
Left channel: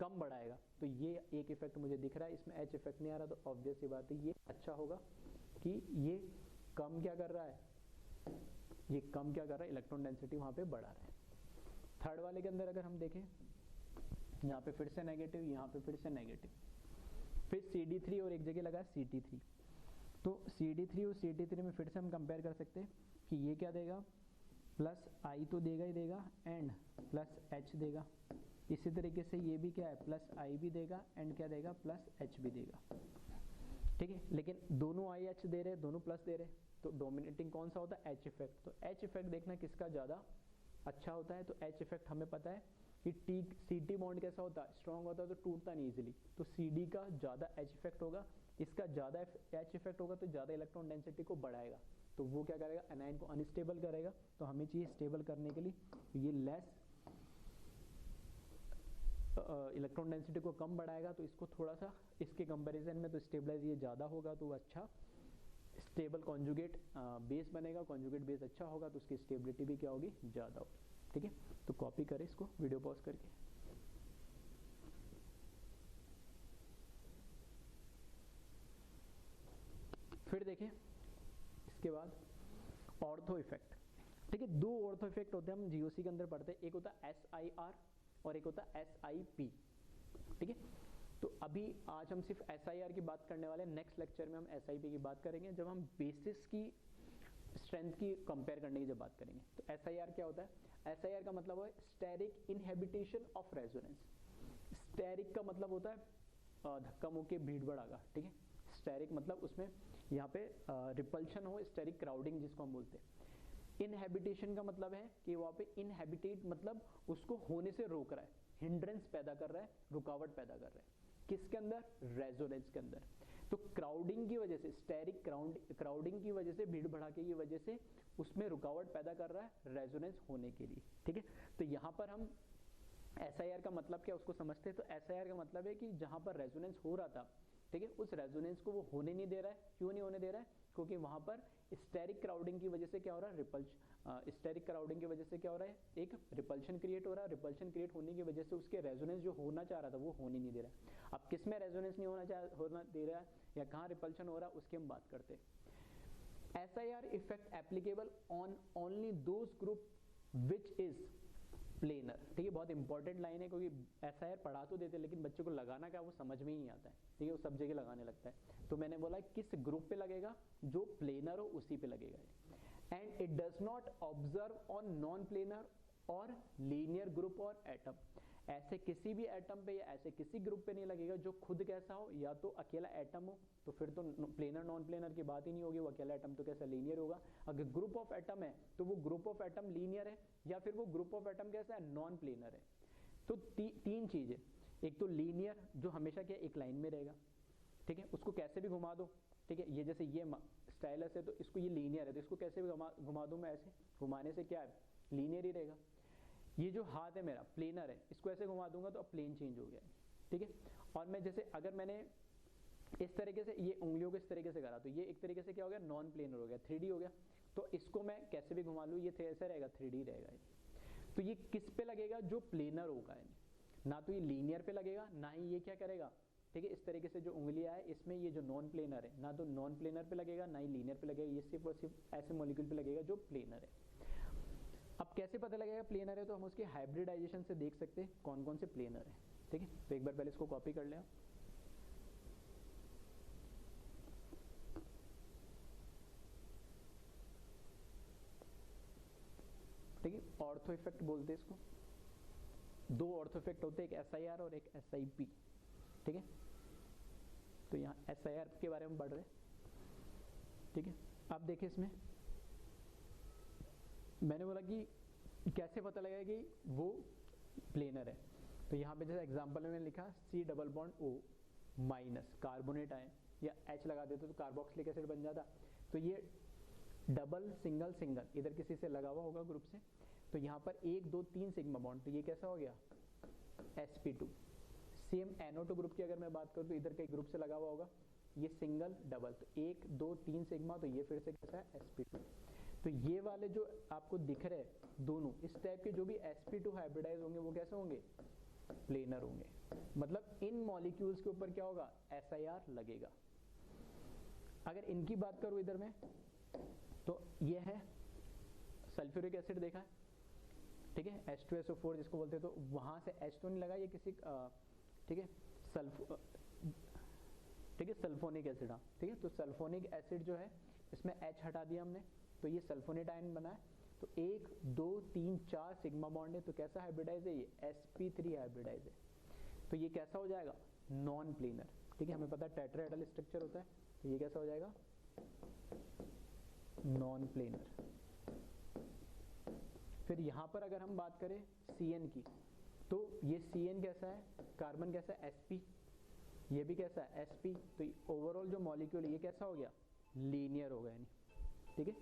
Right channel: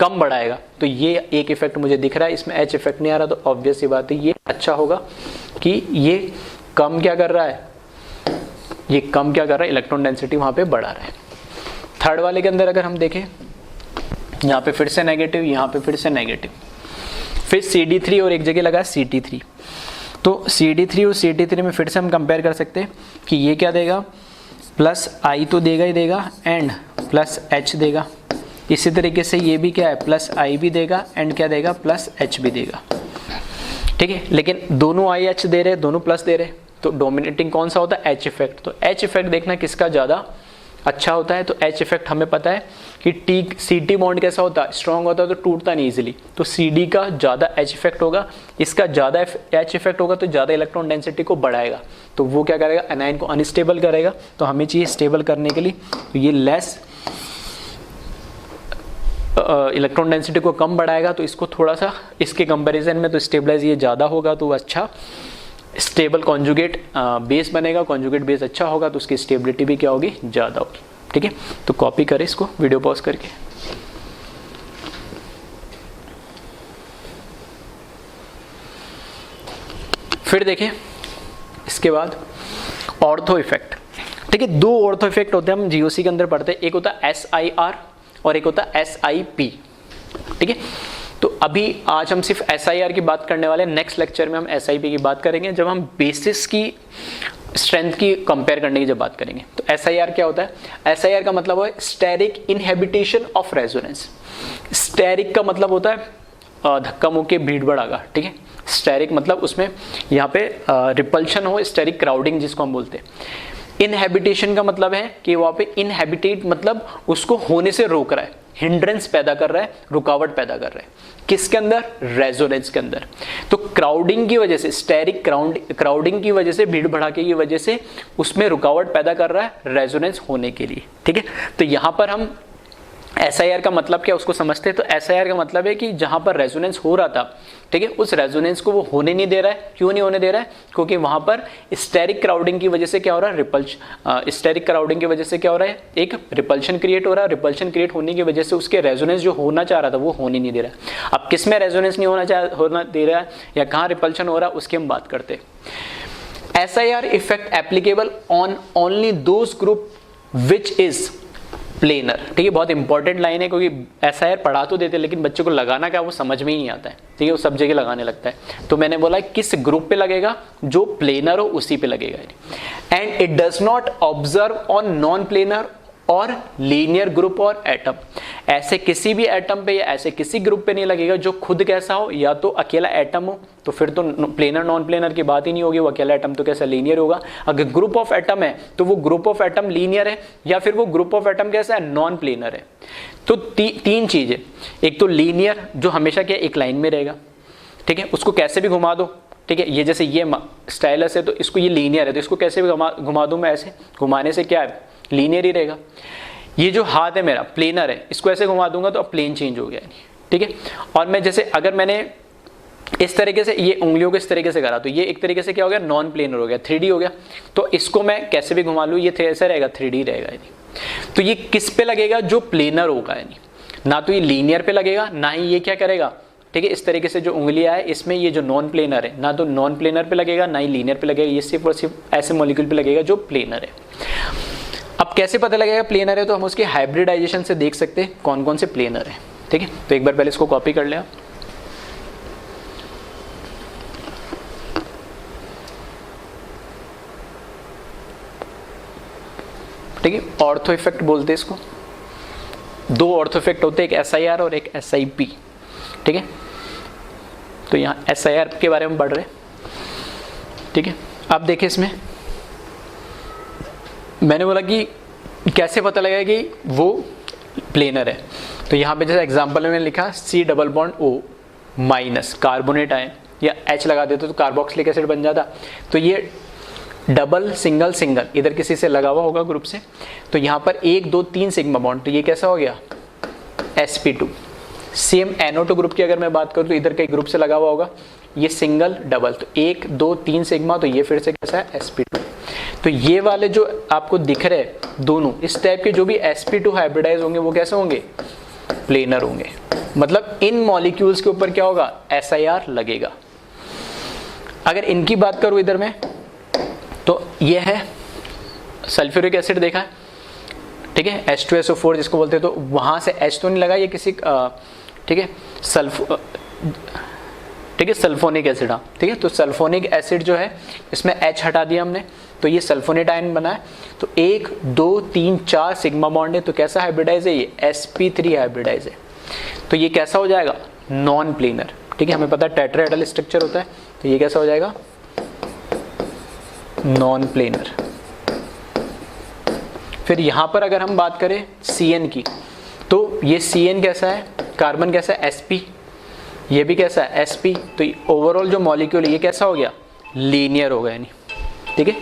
कम बढ़ाएगा। तो ये एक इफेक्ट मुझे दिख रहा है, इसमें H इफेक्ट नहीं आ रहा, तो ऑब्वियस सी बात है ये अच्छा होगा कि ये कम क्या कर रहा है, ये कम क्या कर रहा है, इलेक्ट्रॉन डेंसिटी वहां पे बढ़ा रहा है। थर्ड वाले के अंदर अगर हम देखें, यहाँ पे फिर से नेगेटिव, यहाँ पे फिर से नेगेटिव, फिर CD3 और एक जगह लगा CT3। तो CD3 और CT3 में फिर से हम कंपेयर कर सकते हैं कि ये क्या देगा, प्लस I तो देगा ही देगा एंड प्लस H देगा। इसी तरीके से ये भी क्या है, प्लस I भी देगा एंड क्या देगा, प्लस H भी देगा। ठीक है, लेकिन दोनों I H दे रहे, दोनों प्लस दे रहे, तो डोमिनेटिंग कौन सा होता है, H इफेक्ट। तो H इफेक्ट देखना किसका ज़्यादा अच्छा होता है। तो H इफेक्ट हमें पता है कि CT बॉन्ड कैसा होता है, स्ट्रॉन्ग होता है तो टूटता नहीं इजीली, तो CD का ज़्यादा H इफेक्ट होगा, इसका ज़्यादा H इफेक्ट होगा तो ज़्यादा इलेक्ट्रॉन डेंसिटी को बढ़ाएगा, तो वो क्या करेगा, एनायन को अनस्टेबल करेगा। तो हमें चाहिए स्टेबल करने के लिए, तो ये लेस इलेक्ट्रॉन डेंसिटी को कम बढ़ाएगा, तो इसको थोड़ा सा इसके कंपैरिजन में तो स्टेबलाइज ये ज़्यादा होगा, तो अच्छा स्टेबल कॉन्जुगेट बेस बनेगा। कॉन्जुगेट बेस अच्छा होगा तो उसकी स्टेबिलिटी भी क्या होगी, ज़्यादा होगी। ठीक है, तो कॉपी करें इसको वीडियो पॉज करके। फिर देखें इसके बाद ऑर्थो इफेक्ट। ठीक है, दो ऑर्थो इफेक्ट होते हैं, हम जीओसी के अंदर पढ़ते हैं, एक होता है SIR और एक होता है SIP। ठीक है, तो अभी आज हम सिर्फ SIR की बात करने वाले हैं, नेक्स्ट लेक्चर में हम SIP की बात करेंगे जब हम बेसिस की स्ट्रेंथ की कंपेयर करने की जब बात करेंगे। तो SIR क्या होता है, SIR का मतलब है स्टेरिक इनहेबिटेशन ऑफ रेजोनेंस। स्टेरिक का मतलब होता है धक्का मुक्की भीड़ भड़ाका। ठीक है, स्टेरिक मतलब उसमें यहाँ पे रिपल्शन हो, स्टेरिक क्राउडिंग जिसको हम बोलते हैं। इनहेबिटेशन का मतलब है कि वहाँ पे इनहेबिटेट मतलब उसको होने से रोक रहा है, हिंड्रेंस पैदा कर रहा है, रुकावट पैदा कर रहा है, किसके अंदर, रेजोनेंस के अंदर। तो क्राउडिंग की वजह से, स्टेरिक क्राउडिंग की वजह से, भीड़ भड़ाके की वजह से उसमें रुकावट पैदा कर रहा है रेजोनेंस होने के लिए। ठीक है, तो यहाँ पर हम SIR का मतलब क्या उसको समझते हैं। तो SIR का मतलब है कि जहां पर रेजोनेंस हो रहा था, ठीक है, उस रेजोनेंस को वो होने नहीं दे रहा है। क्यों नहीं होने दे रहा है, क्योंकि वहां पर स्टेरिक क्राउडिंग की वजह से क्या हो रहा है, स्टेरिक क्राउडिंग की वजह से क्या हो रहा है, एक रिपल्शन क्रिएट हो रहा है। रिपल्शन क्रिएट होने की वजह से उसके रेजोनेंस जो होना चाह रहा था वो होने नहीं दे रहा है। अब किस में रेजोनेंस नहीं होना दे रहा है या कहाँ रिपल्शन हो रहा है उसकी हम बात करते हैं। SIR effect applicable on only those group which is planar. ठीक है, बहुत इंपॉर्टेंट लाइन है, क्योंकि SIR पढ़ा तो देते लेकिन बच्चे को लगाना क्या वो समझ में ही नहीं आता है। ठीक है, वो सब जगह लगाने लगता है। तो मैंने बोला किस ग्रुप पे लगेगा, जो प्लेनर हो उसी पे लगेगा। And it does not observe on non planar और लीनियर ग्रुप और एटम। ऐसे किसी भी एटम पे या ऐसे किसी ग्रुप पे नहीं लगेगा जो खुद कैसा हो, या तो अकेला एटम हो, तो फिर तो प्लेनर नॉन प्लेनर की बात ही नहीं होगी, वो अकेला एटम तो कैसा लीनियर होगा। अगर ग्रुप ऑफ एटम है तो वो ग्रुप ऑफ एटम लीनियर है, या फिर वो ग्रुप ऑफ एटम कैसा है, नॉन प्लेनर है। तो तीन चीजें, एक तो लीनियर जो हमेशा क्या एक लाइन में रहेगा। ठीक है, उसको कैसे भी घुमा दो। ठीक है, ये जैसे ये स्टाइलस है तो इसको ये लीनियर है, तो इसको कैसे भी घुमा दूं मैं, ऐसे घुमाने से क्या है, लीनियर ही रहेगा। ये जो हाथ है मेरा प्लेनर है, इसको ऐसे घुमा दूंगा तो अब प्लेन चेंज हो गया। ठीक है, और मैं जैसे अगर मैंने इस तरीके से ये उंगलियों को इस तरीके से करा तो ये एक तरीके से क्या हो गया, नॉन प्लेनर हो गया, 3D हो गया। तो इसको मैं कैसे भी घुमा लूँ ये ऐसे रहेगा, 3D रहेगा। तो ये किस पे लगेगा, जो प्लेनर होगा, यानी ना तो ये लीनियर पे लगेगा ना ही ये क्या करेगा। ठीक है, इस तरीके से जो उंगलियां है इसमें ये जो नॉन प्लेनर है, ना तो नॉन प्लेनर पे लगेगा ना ही लीनियर पे लगेगा, ये सिर्फ और सिर्फ ऐसे मॉलिक्यूल पे लगेगा जो प्लेनर है। अब कैसे पता लगेगा प्लेनर है, तो हम उसके हाइब्रिडाइजेशन से देख सकते हैं कौन कौन से प्लेनर है। ठीक है, तो एक बार पहले इसको कॉपी कर लें। ठीक है, ऑर्थो इफेक्ट बोलते हैं इसको। दो ऑर्थो इफेक्ट होते हैं, एक SIR और एक SIP। ठीक है, तो यहाँ SIR के बारे में पढ़ रहे हैं। ठीक है, अब देखिए इसमें मैंने बोला कि कैसे पता लगेगा कि वो प्लेनर है। तो यहाँ पे जैसे एग्जांपल में लिखा C+O- कार्बोनेट आए, या H लगा देते तो कार्बोक्सिलिक एसिड बन जाता। तो ये डबल सिंगल सिंगल इधर किसी से लगा हुआ होगा ग्रुप से, तो यहाँ पर 1 2 3 सिग्मा बॉन्ड, तो ये कैसा हो गया, sp2। सेम NO2 ग्रुप की अगर मैं बात करूँ तो इधर कई ग्रुप से लगा हुआ होगा, ये सिंगल डबल, तो 1 2 3 सिग्मा, तो ये फिर से कैसा है, sp2। तो ये वाले जो आपको दिख रहे हैं दोनों इस टाइप के जो भी sp2 हाइब्रिडाइज होंगे वो कैसे होंगे, प्लेनर होंगे। मतलब इन मॉलिक्यूल्स के ऊपर क्या होगा, SIR लगेगा। अगर इनकी बात करूं इधर में, तो ये है सल्फ्यूरिक एसिड देखा है, ठीक है, H2SO4 जिसको बोलते हैं, तो वहां से H तो नहीं लगा, ये किसी ठीक है सल्फोनिक एसिड, हाँ ठीक है। तो सल्फोनिक एसिड जो है इसमें H हटा दिया हमने, तो ये सल्फोनेट आयन बना है। तो 1 2 3 4 सिग्मा बॉन्ड है, तो कैसा हाइब्रिडाइज है ये, sp3 हाइब्रिडाइज है। तो ये कैसा हो जाएगा, नॉन प्लेनर, ठीक है। हमें पता है टेट्राहेड्रल स्ट्रक्चर होता है, तो ये कैसा हो जाएगा, नॉन प्लेनर। फिर यहां पर अगर हम बात करें CN की, तो ये CN कैसा है, कार्बन कैसा है, sp, ये भी कैसा है, sp। तो ओवरऑल जो मॉलिक्यूल है ये कैसा हो गया, लीनियर हो गया, यानी ठीक है,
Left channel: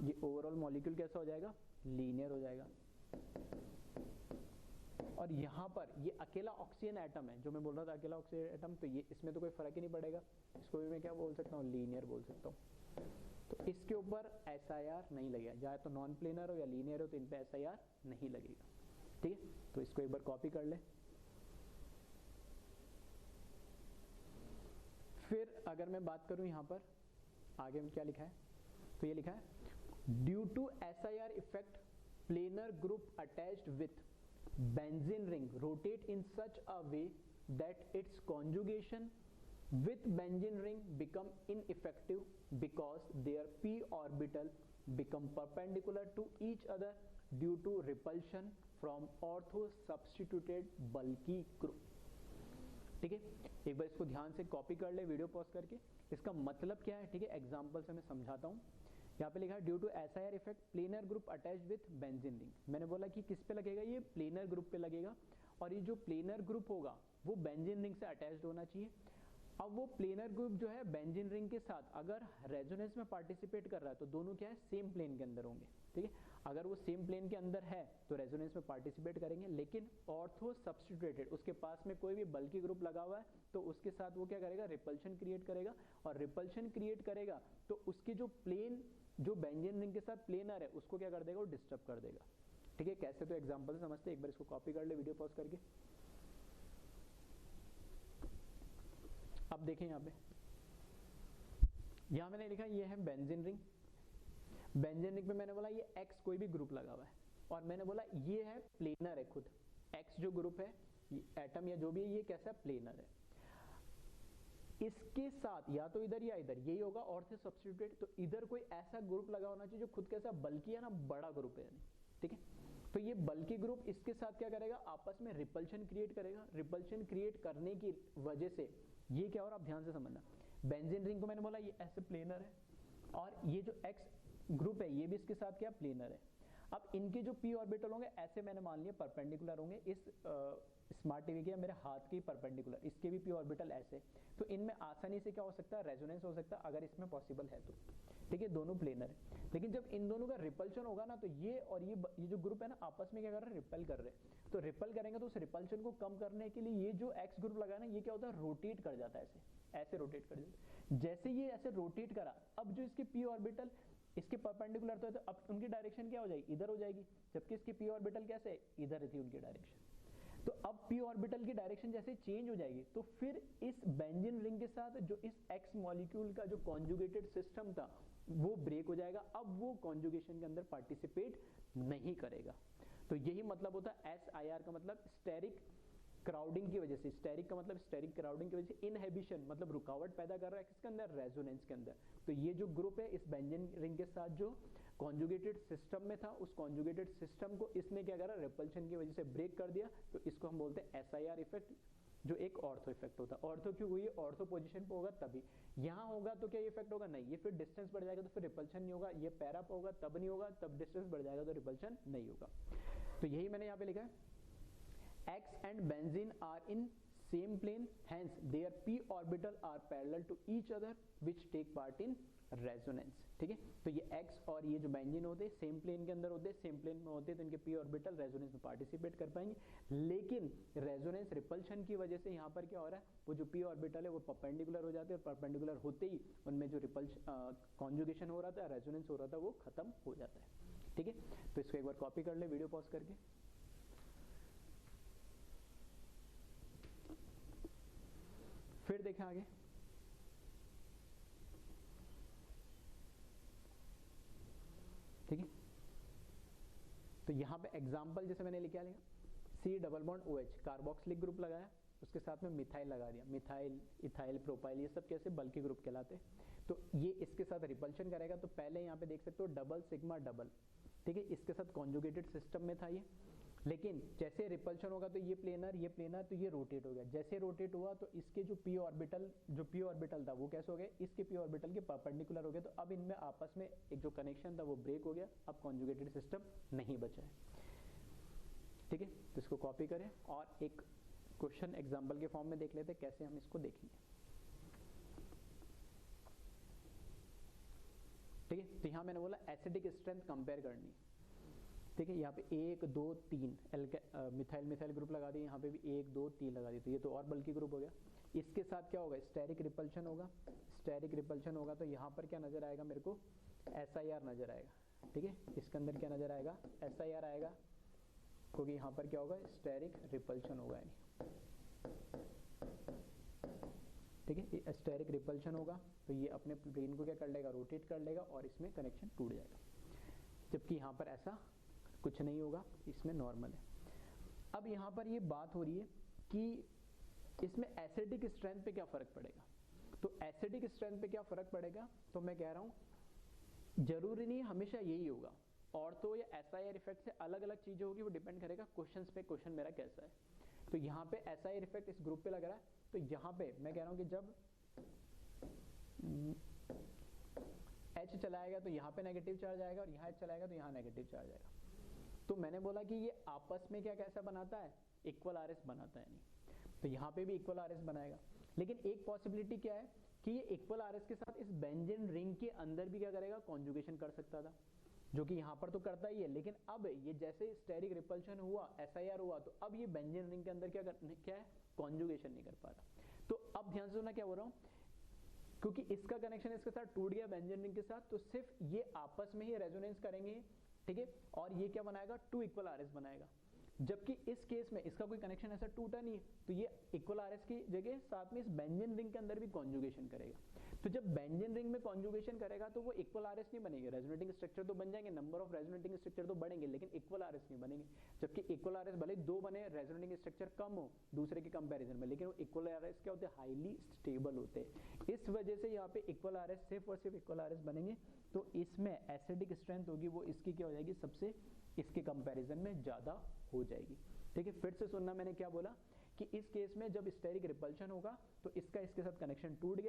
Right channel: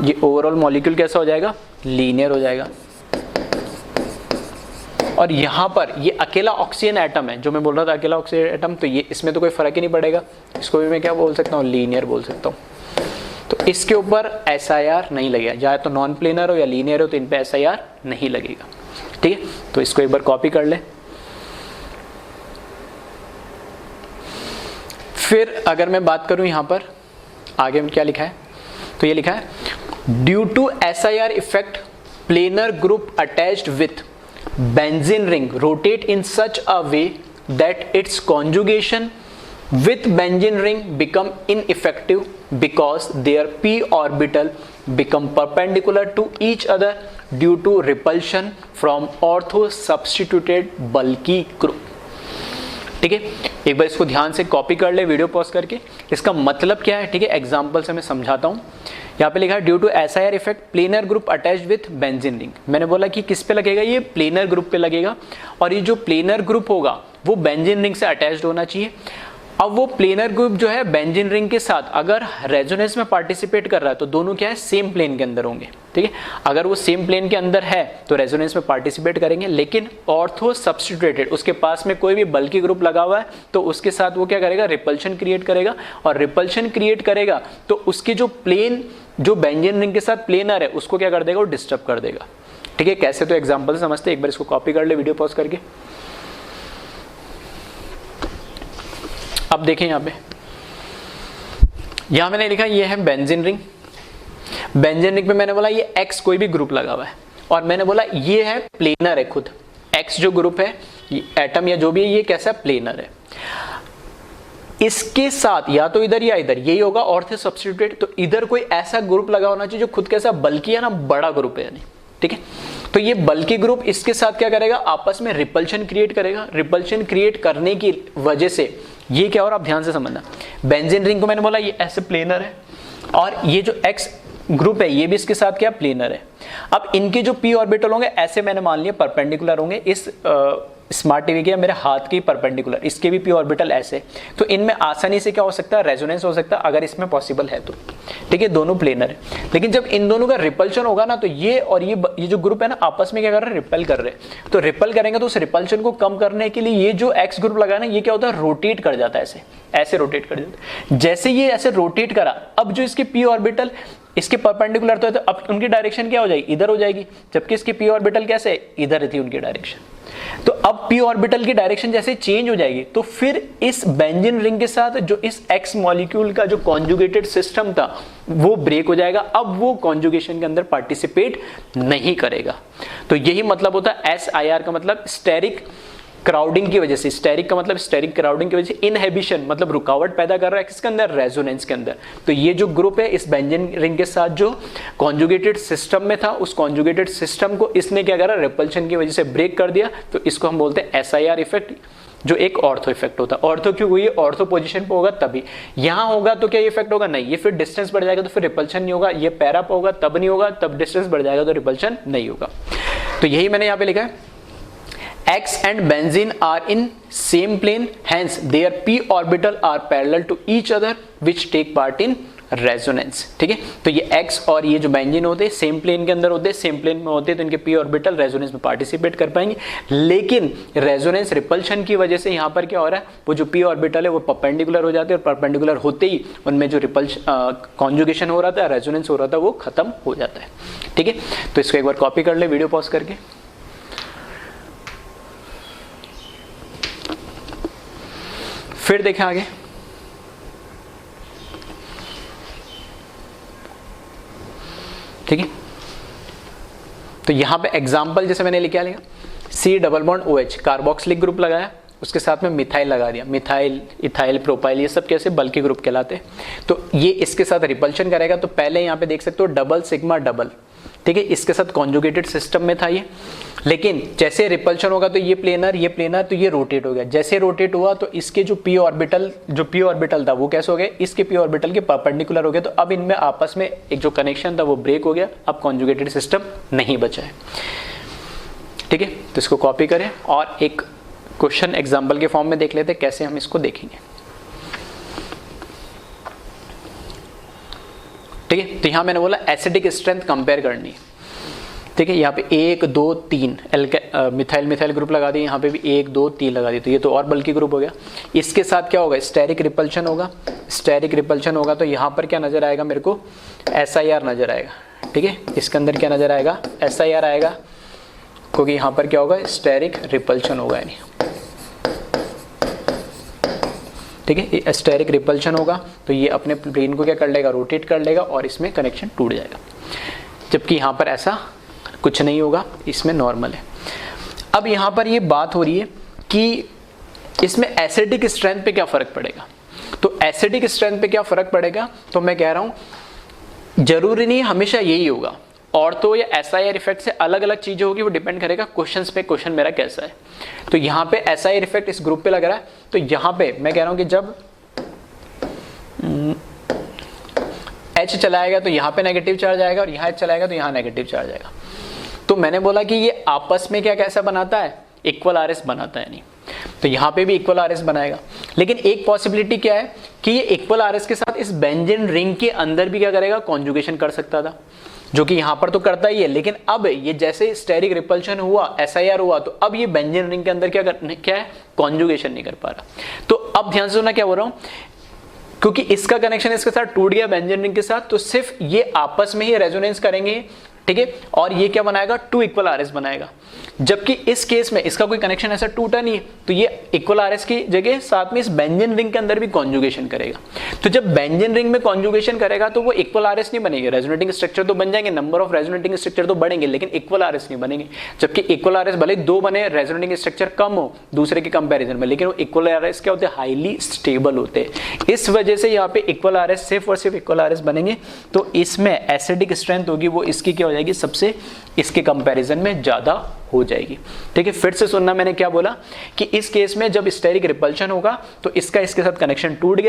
ये ओवरऑल मॉलिक्यूल कैसा हो जाएगा, लीनियर हो जाएगा। और यहां पर ये अकेला ऑक्सीजन एटम है, जो मैं बोल रहा था अकेला ऑक्सीजन एटम, तो ये इसमें तो कोई फर्क ही नहीं पड़ेगा, इसको भी मैं क्या बोल सकता हूँ, लीनियर बोल सकता हूँ। तो इसके ऊपर SIR नहीं लगेगा, चाहे तो नॉन प्लेनर हो या लीनियर हो, तो इन पे SIR नहीं लगेगा, ठीक है। तो इसको एक बार कॉपी कर ले। फिर अगर मैं बात करूं यहां पर आगे में क्या लिखा है, तो ये लिखा है due to SIR effect planar group attached with benzene ring rotate in such a way that its conjugation with benzene ring become ineffective because their p orbital become perpendicular to each other due to repulsion from ortho substituted bulky group। ठीक है, एक बार इसको ध्यान से copy कर ले video pause करके। इसका मतलब क्या है, ठीक है, एग्जांपल से मैं समझाता हूं। यहाँ पे लिखा है due to SIR effect planar group attached with benzene ring. मैंने बोला कि किस पे लगेगा, ये प्लेनर ग्रुप पे लगेगा, और ये जो प्लेनर ग्रुप होगा वो बेंजीन रिंग से अटैच्ड होना चाहिए। अब वो प्लेनर ग्रुप जो है बेंजीन रिंग के साथ अगर रेजोनेंस में पार्टिसिपेट कर रहा है, तो दोनों क्या है, सेम प्लेन के अंदर होंगे, ठीक है। अगर वो सेम प्लेन के अंदर है तो रेजोनेंस में पार्टिसिपेट करेंगे, लेकिन ऑर्थो सब्स्टिट्यूटेड, उसके पास में कोई भी बल्कि ग्रुप लगा हुआ है, तो उसके साथ वो क्या करेगा, रिपल्शन क्रिएट करेगा। और रिपल्शन क्रिएट करेगा तो उसके जो प्लेन, जो बेंजीन रिंग के साथ प्लेनर है, उसको क्या कर देगा, वो डिस्टर्ब कर देगा, ठीक है। कैसे, तो एग्जाम्पल समझते, एक बार इसको कॉपी कर ले वीडियो पॉज करके। अब देखें यहाँ पे, यहां मैंने लिखा ये है बेंजीन रिंग। बेंजीन रिंग पे मैंने बोला ये X कोई भी ग्रुप लगा हुआ है, और मैंने बोला ये है प्लेनर है खुद। X जो ग्रुप है, एटम या जो भी है, ये कैसा प्लेनर है। इसके साथ या तो इधर या इधर, यही होगा ऑर्थो सब्स्टिट्यूटेड। तो इधर कोई ऐसा ग्रुप लगा होना चाहिए जो खुद कैसा बल्कि है ना, बड़ा ग्रुप है यानी, ठीक है। तो ये बल्कि ग्रुप इसके साथ क्या करेगा, आपस में रिपल्शन क्रिएट करेगा। रिपल्शन क्रिएट करने की वजह से ये क्या, और आप ध्यान से समझना, बेंजीन रिंग को मैंने बोला ये ऐसे प्लेनर है, और ये जो X ग्रुप है ये भी इसके साथ क्या, प्लेनर है। अब इनके जो p ऑर्बिटल होंगे ऐसे मैंने मान लिया परपेंडिकुलर होंगे, इस स्मार्ट टीवी के मेरे हाथ की परपेंडिकुलर, इसके भी p ऑर्बिटल ऐसे। तो इनमें आसानी से क्या हो सकता है, रेजोनेंस हो सकता है, अगर इसमें पॉसिबल है तो, ठीक है, दोनों प्लेनर है। लेकिन जब इन दोनों का रिपल्शन होगा ना, तो ये और ये जो ग्रुप है ना, आपस में क्या कर रहे हैं, रिपेल कर रहे हैं। तो रिपेल करेंगे तो उस रिपल्शन को कम करने के लिए ये जो X ग्रुप लगा ना, ये क्या होता है, रोटेट कर जाता है, ऐसे रोटेट कर जाता है। जैसे ये ऐसे रोटेट करा, अब जो इसके p ऑर्बिटल इसके परपेंडिकुलर तो अब उनकी डायरेक्शन क्या हो जाएगी, इधर हो जाएगी, जबकि इसकी p ऑर्बिटल कैसे, इधर थी उनकी डायरेक्शन। तो अब p ऑर्बिटल की डायरेक्शन जैसे चेंज हो जाएगी, तो फिर इस बेंजीन रिंग के साथ जो इस X मॉलिक्यूल का जो कॉन्जुगेटेड सिस्टम था वो ब्रेक हो जाएगा। अब वो कॉन्जुगेशन के अंदर पार्टिसिपेट नहीं करेगा। तो यही मतलब होता है SIR का मतलब स्टेरिक क्राउडिंग की वजह से। स्टेरिक का मतलब स्टेरिक क्राउडिंग की वजह से इनहिबिशन, मतलब रुकावट पैदा कर रहा है किसके अंदर, रेजोनेंस के अंदर। तो ये जो ग्रुप है इस बेंजीन रिंग के साथ जो कॉन्जुगेटेड सिस्टम में था, उस कॉन्जुगेटेड सिस्टम को इसने क्या करा, रिपल्शन की वजह से ब्रेक कर दिया। तो इसको हम बोलते हैं SIR इफेक्ट, जो एक ऑर्थो इफेक्ट होता है। ऑर्थो क्यों हुई, ऑर्थो पोजीशन पे होगा तभी। यहां होगा तो क्या इफेक्ट होगा, नहीं, ये फिर डिस्टेंस बढ़ जाएगा तो फिर रिपल्शन नहीं होगा। ये पैरा पे होगा तब नहीं होगा, तब डिस्टेंस बढ़ जाएगा तो रिपल्शन नहीं होगा। तो यही मैंने यहाँ पे लिखा है, X and benzene are in same plane, hence their p orbital are parallel to each other, which take part in resonance। ठीक है, तो ये X और ये जो बेंजीन होते हैं सेम प्लेन के अंदर होते हैं, सेम प्लेन में होते हैं, तो इनके p ऑर्बिटल रेजोनेंस में पार्टिसिपेट कर पाएंगे। लेकिन रेजोनेंस रिपल्शन की वजह से यहाँ पर क्या हो रहा है, वो जो p ऑर्बिटल है वो परपेंडिकुलर हो जाते हैं, और परपेंडिकुलर होते ही उनमें जो कॉन्जुगेशन हो रहा था, रेजोनेंस हो रहा था, वो खत्म हो जाता है। ठीक है, तो इसको एक बार कॉपी कर ले वीडियो पॉज करके। फिर देखें आगे, ठीक है। तो यहां पे एग्जांपल जैसे मैंने लिखा C double bond OH carboxylic group लगाया, उसके साथ में मिथाइल लगा दिया, मिथाइल, इथाइल, प्रोपाइल, ये सब कैसे बल्कि ग्रुप कहलाते हैं। तो ये इसके साथ रिपल्शन करेगा। तो पहले यहाँ पे देख सकते हो डबल सिग्मा डबल, ठीक है, इसके साथ कॉन्जुगेटेड सिस्टम में था ये, लेकिन जैसे रिपल्शन होगा तो ये प्लेनर तो ये रोटेट हो गया। जैसे रोटेट हुआ तो इसके जो p ऑर्बिटल था वो कैसे हो गया, इसके p ऑर्बिटल के परपेंडिकुलर हो गया। तो अब इनमें आपस में एक जो कनेक्शन था वो ब्रेक हो गया, अब कॉन्जुगेटेड सिस्टम नहीं बचा है, ठीक है। तो इसको कॉपी करें और एक क्वेश्चन एग्जाम्पल के फॉर्म में देख लेते हैं कैसे हम इसको देखेंगे, ठीक है। तो यहां मैंने बोला एसिडिक स्ट्रेंथ कंपेयर करनी, ठीक है। यहाँ पे 1 2 3 मिथाइल ग्रुप लगा दी, यहाँ पे भी 1 2 3 लगा दी, तो ये तो और बल्कि ग्रुप हो गया। इसके साथ क्या होगा, स्टेरिक रिपल्शन होगा। तो यहाँ पर क्या नजर आएगा मेरे को, SIR नजर आएगा, ठीक है। इसके अंदर क्या नजर आएगा, SIR आएगा, क्योंकि यहाँ पर क्या होगा, स्टेरिक रिपल्शन होगा, यानी ठीक है। स्टेरिक रिपल्शन होगा तो ये अपने प्लेन को क्या कर लेगा, रोटेट कर लेगा और इसमें कनेक्शन टूट जाएगा, जबकि यहाँ पर ऐसा कुछ नहीं होगा, इसमें नॉर्मल है। अब यहाँ पर ये बात हो रही है कि इसमें एसिडिक स्ट्रेंथ पे क्या फर्क पड़ेगा। तो एसिडिक स्ट्रेंथ पे क्या फर्क पड़ेगा, तो मैं कह रहा हूं जरूरी नहीं हमेशा यही होगा, और तो ये SIR इफेक्ट से अलग अलग चीजें होगी, वो डिपेंड करेगा क्वेश्चंस पे, क्वेश्चन मेरा कैसा है। तो यहाँ पे SIR इफेक्ट इस ग्रुप पे लग रहा है, तो यहाँ पे मैं कह रहा हूं कि जब H चलाएगा तो यहाँ पे नेगेटिव चार्ज आएगा, और यहाँ H चलाएगा तो यहाँ नेगेटिव चार्ज आएगा। तो मैंने बोला कि ये आपस में क्या कैसा बनाता है, इक्वल RS बनाता है, नहीं तो यहाँ पे भी इक्वल RS बनाएगा। लेकिन एक पॉसिबिलिटी क्या है कि ये इक्वल RS के साथ इस बेंजीन रिंग के अंदर भी क्या करेगा, कॉन्जुगेशन कर सकता था, जो कि यहाँ पर तो करता ही है। लेकिन अब ये जैसे स्टेरिक रिपल्शन हुआ, SIR हुआ, तो अब ये बेंजीन रिंग के अंदर क्या है, कॉन्जुगेशन नहीं कर पा रहा। तो अब ध्यान से सुनना क्या बोल रहा हूँ, क्योंकि इसका कनेक्शन इसके साथ टूट गया बेंजीन रिंग के साथ, तो सिर्फ ये आपस में ही रेजोनेंस करेंगे, ठीक है। और ये क्या बनाएगा, 2 इक्वल RS बनाएगा। जबकि इस केस में इसका कोई कनेक्शन ऐसा टूटा नहीं है, तो ये इक्वल RS की जगह साथ में इस बेंजीन रिंग के अंदर भी कॉन्जुगेशन करेगा। तो जब बेंजीन रिंग में कॉन्जुगेशन करेगा तो वो इक्वल RS नहीं बनेगी, रेजोनेटिंग स्ट्रक्चर तो बन जाएंगे, नंबर ऑफ रेजोनेटिंग स्ट्रक्चर तो बढ़ेंगे, लेकिन इक्वल RS नहीं बनेंगे। जबकि इक्वल RS भले 2 बने, रेजोनेटिंग स्ट्रक्चर कम हो दूसरे के कंपेरिजन में, लेकिन वो इक्वल RS क्या होते हैं, हाईली स्टेबल होते हैं। इस वजह से यहाँ पे इक्वल RS सिर्फ और सिर्फ इक्वल RS बनेंगे। तो इसमें एसिडिक स्ट्रेंथ होगी वो इसकी क्या हो जाएगी, सबसे इसके कंपैरिजन में ज्यादा हो जाएगी, ठीक है। फिर से सुनना, मैंने क्या बोला कि इस केस में जब स्टेरिक रिपल्शन होगा तो इसका इसके साथ कनेक्शन टूट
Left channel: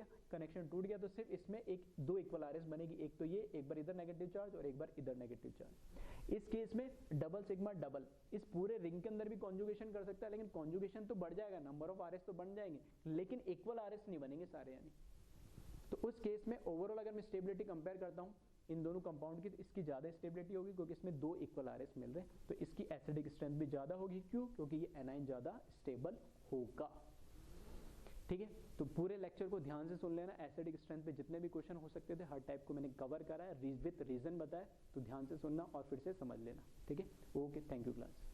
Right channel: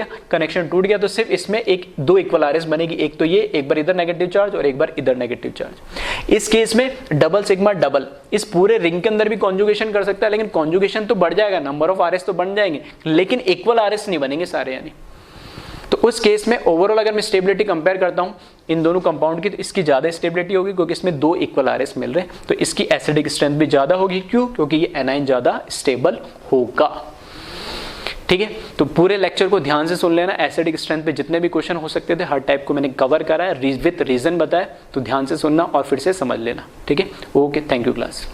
गया, तो सिर्फ इसमें 2 इक्वल RS बनेगी, एक तो ये, एक बार इधर नेगेटिव चार्ज और एक बार इधर नेगेटिव चार्ज। इस केस में डबल सिग्मा डबल इस पूरे रिंग के अंदर भी कॉन्जुगेशन कर सकता है, लेकिन कॉन्जुगेशन तो बढ़ जाएगा, नंबर ऑफ RS तो बन जाएंगे, लेकिन इक्वल RS नहीं बनेंगे सारे, यानी। तो उस केस में ओवरऑल अगर मैं स्टेबिलिटी कंपेयर करता हूं इन दोनों कंपाउंड की, तो इसकी ज्यादा स्टेबिलिटी होगी, क्योंकि इसमें 2 इक्वल RS मिल रहे हैं, तो इसकी एसिडिक स्ट्रेंथ भी ज्यादा होगी। क्यों? क्योंकि ये एनाइन ज्यादा स्टेबल होगा, ठीक है। तो पूरे लेक्चर को ध्यान से सुन लेना, एसिडिक स्ट्रेंथ पे जितने भी क्वेश्चन हो सकते थे हर टाइप को मैंने कवर करा है, विद रीजन बताया, तो ध्यान से सुनना और फिर से समझ लेना, ठीक है। Okay, thank you class.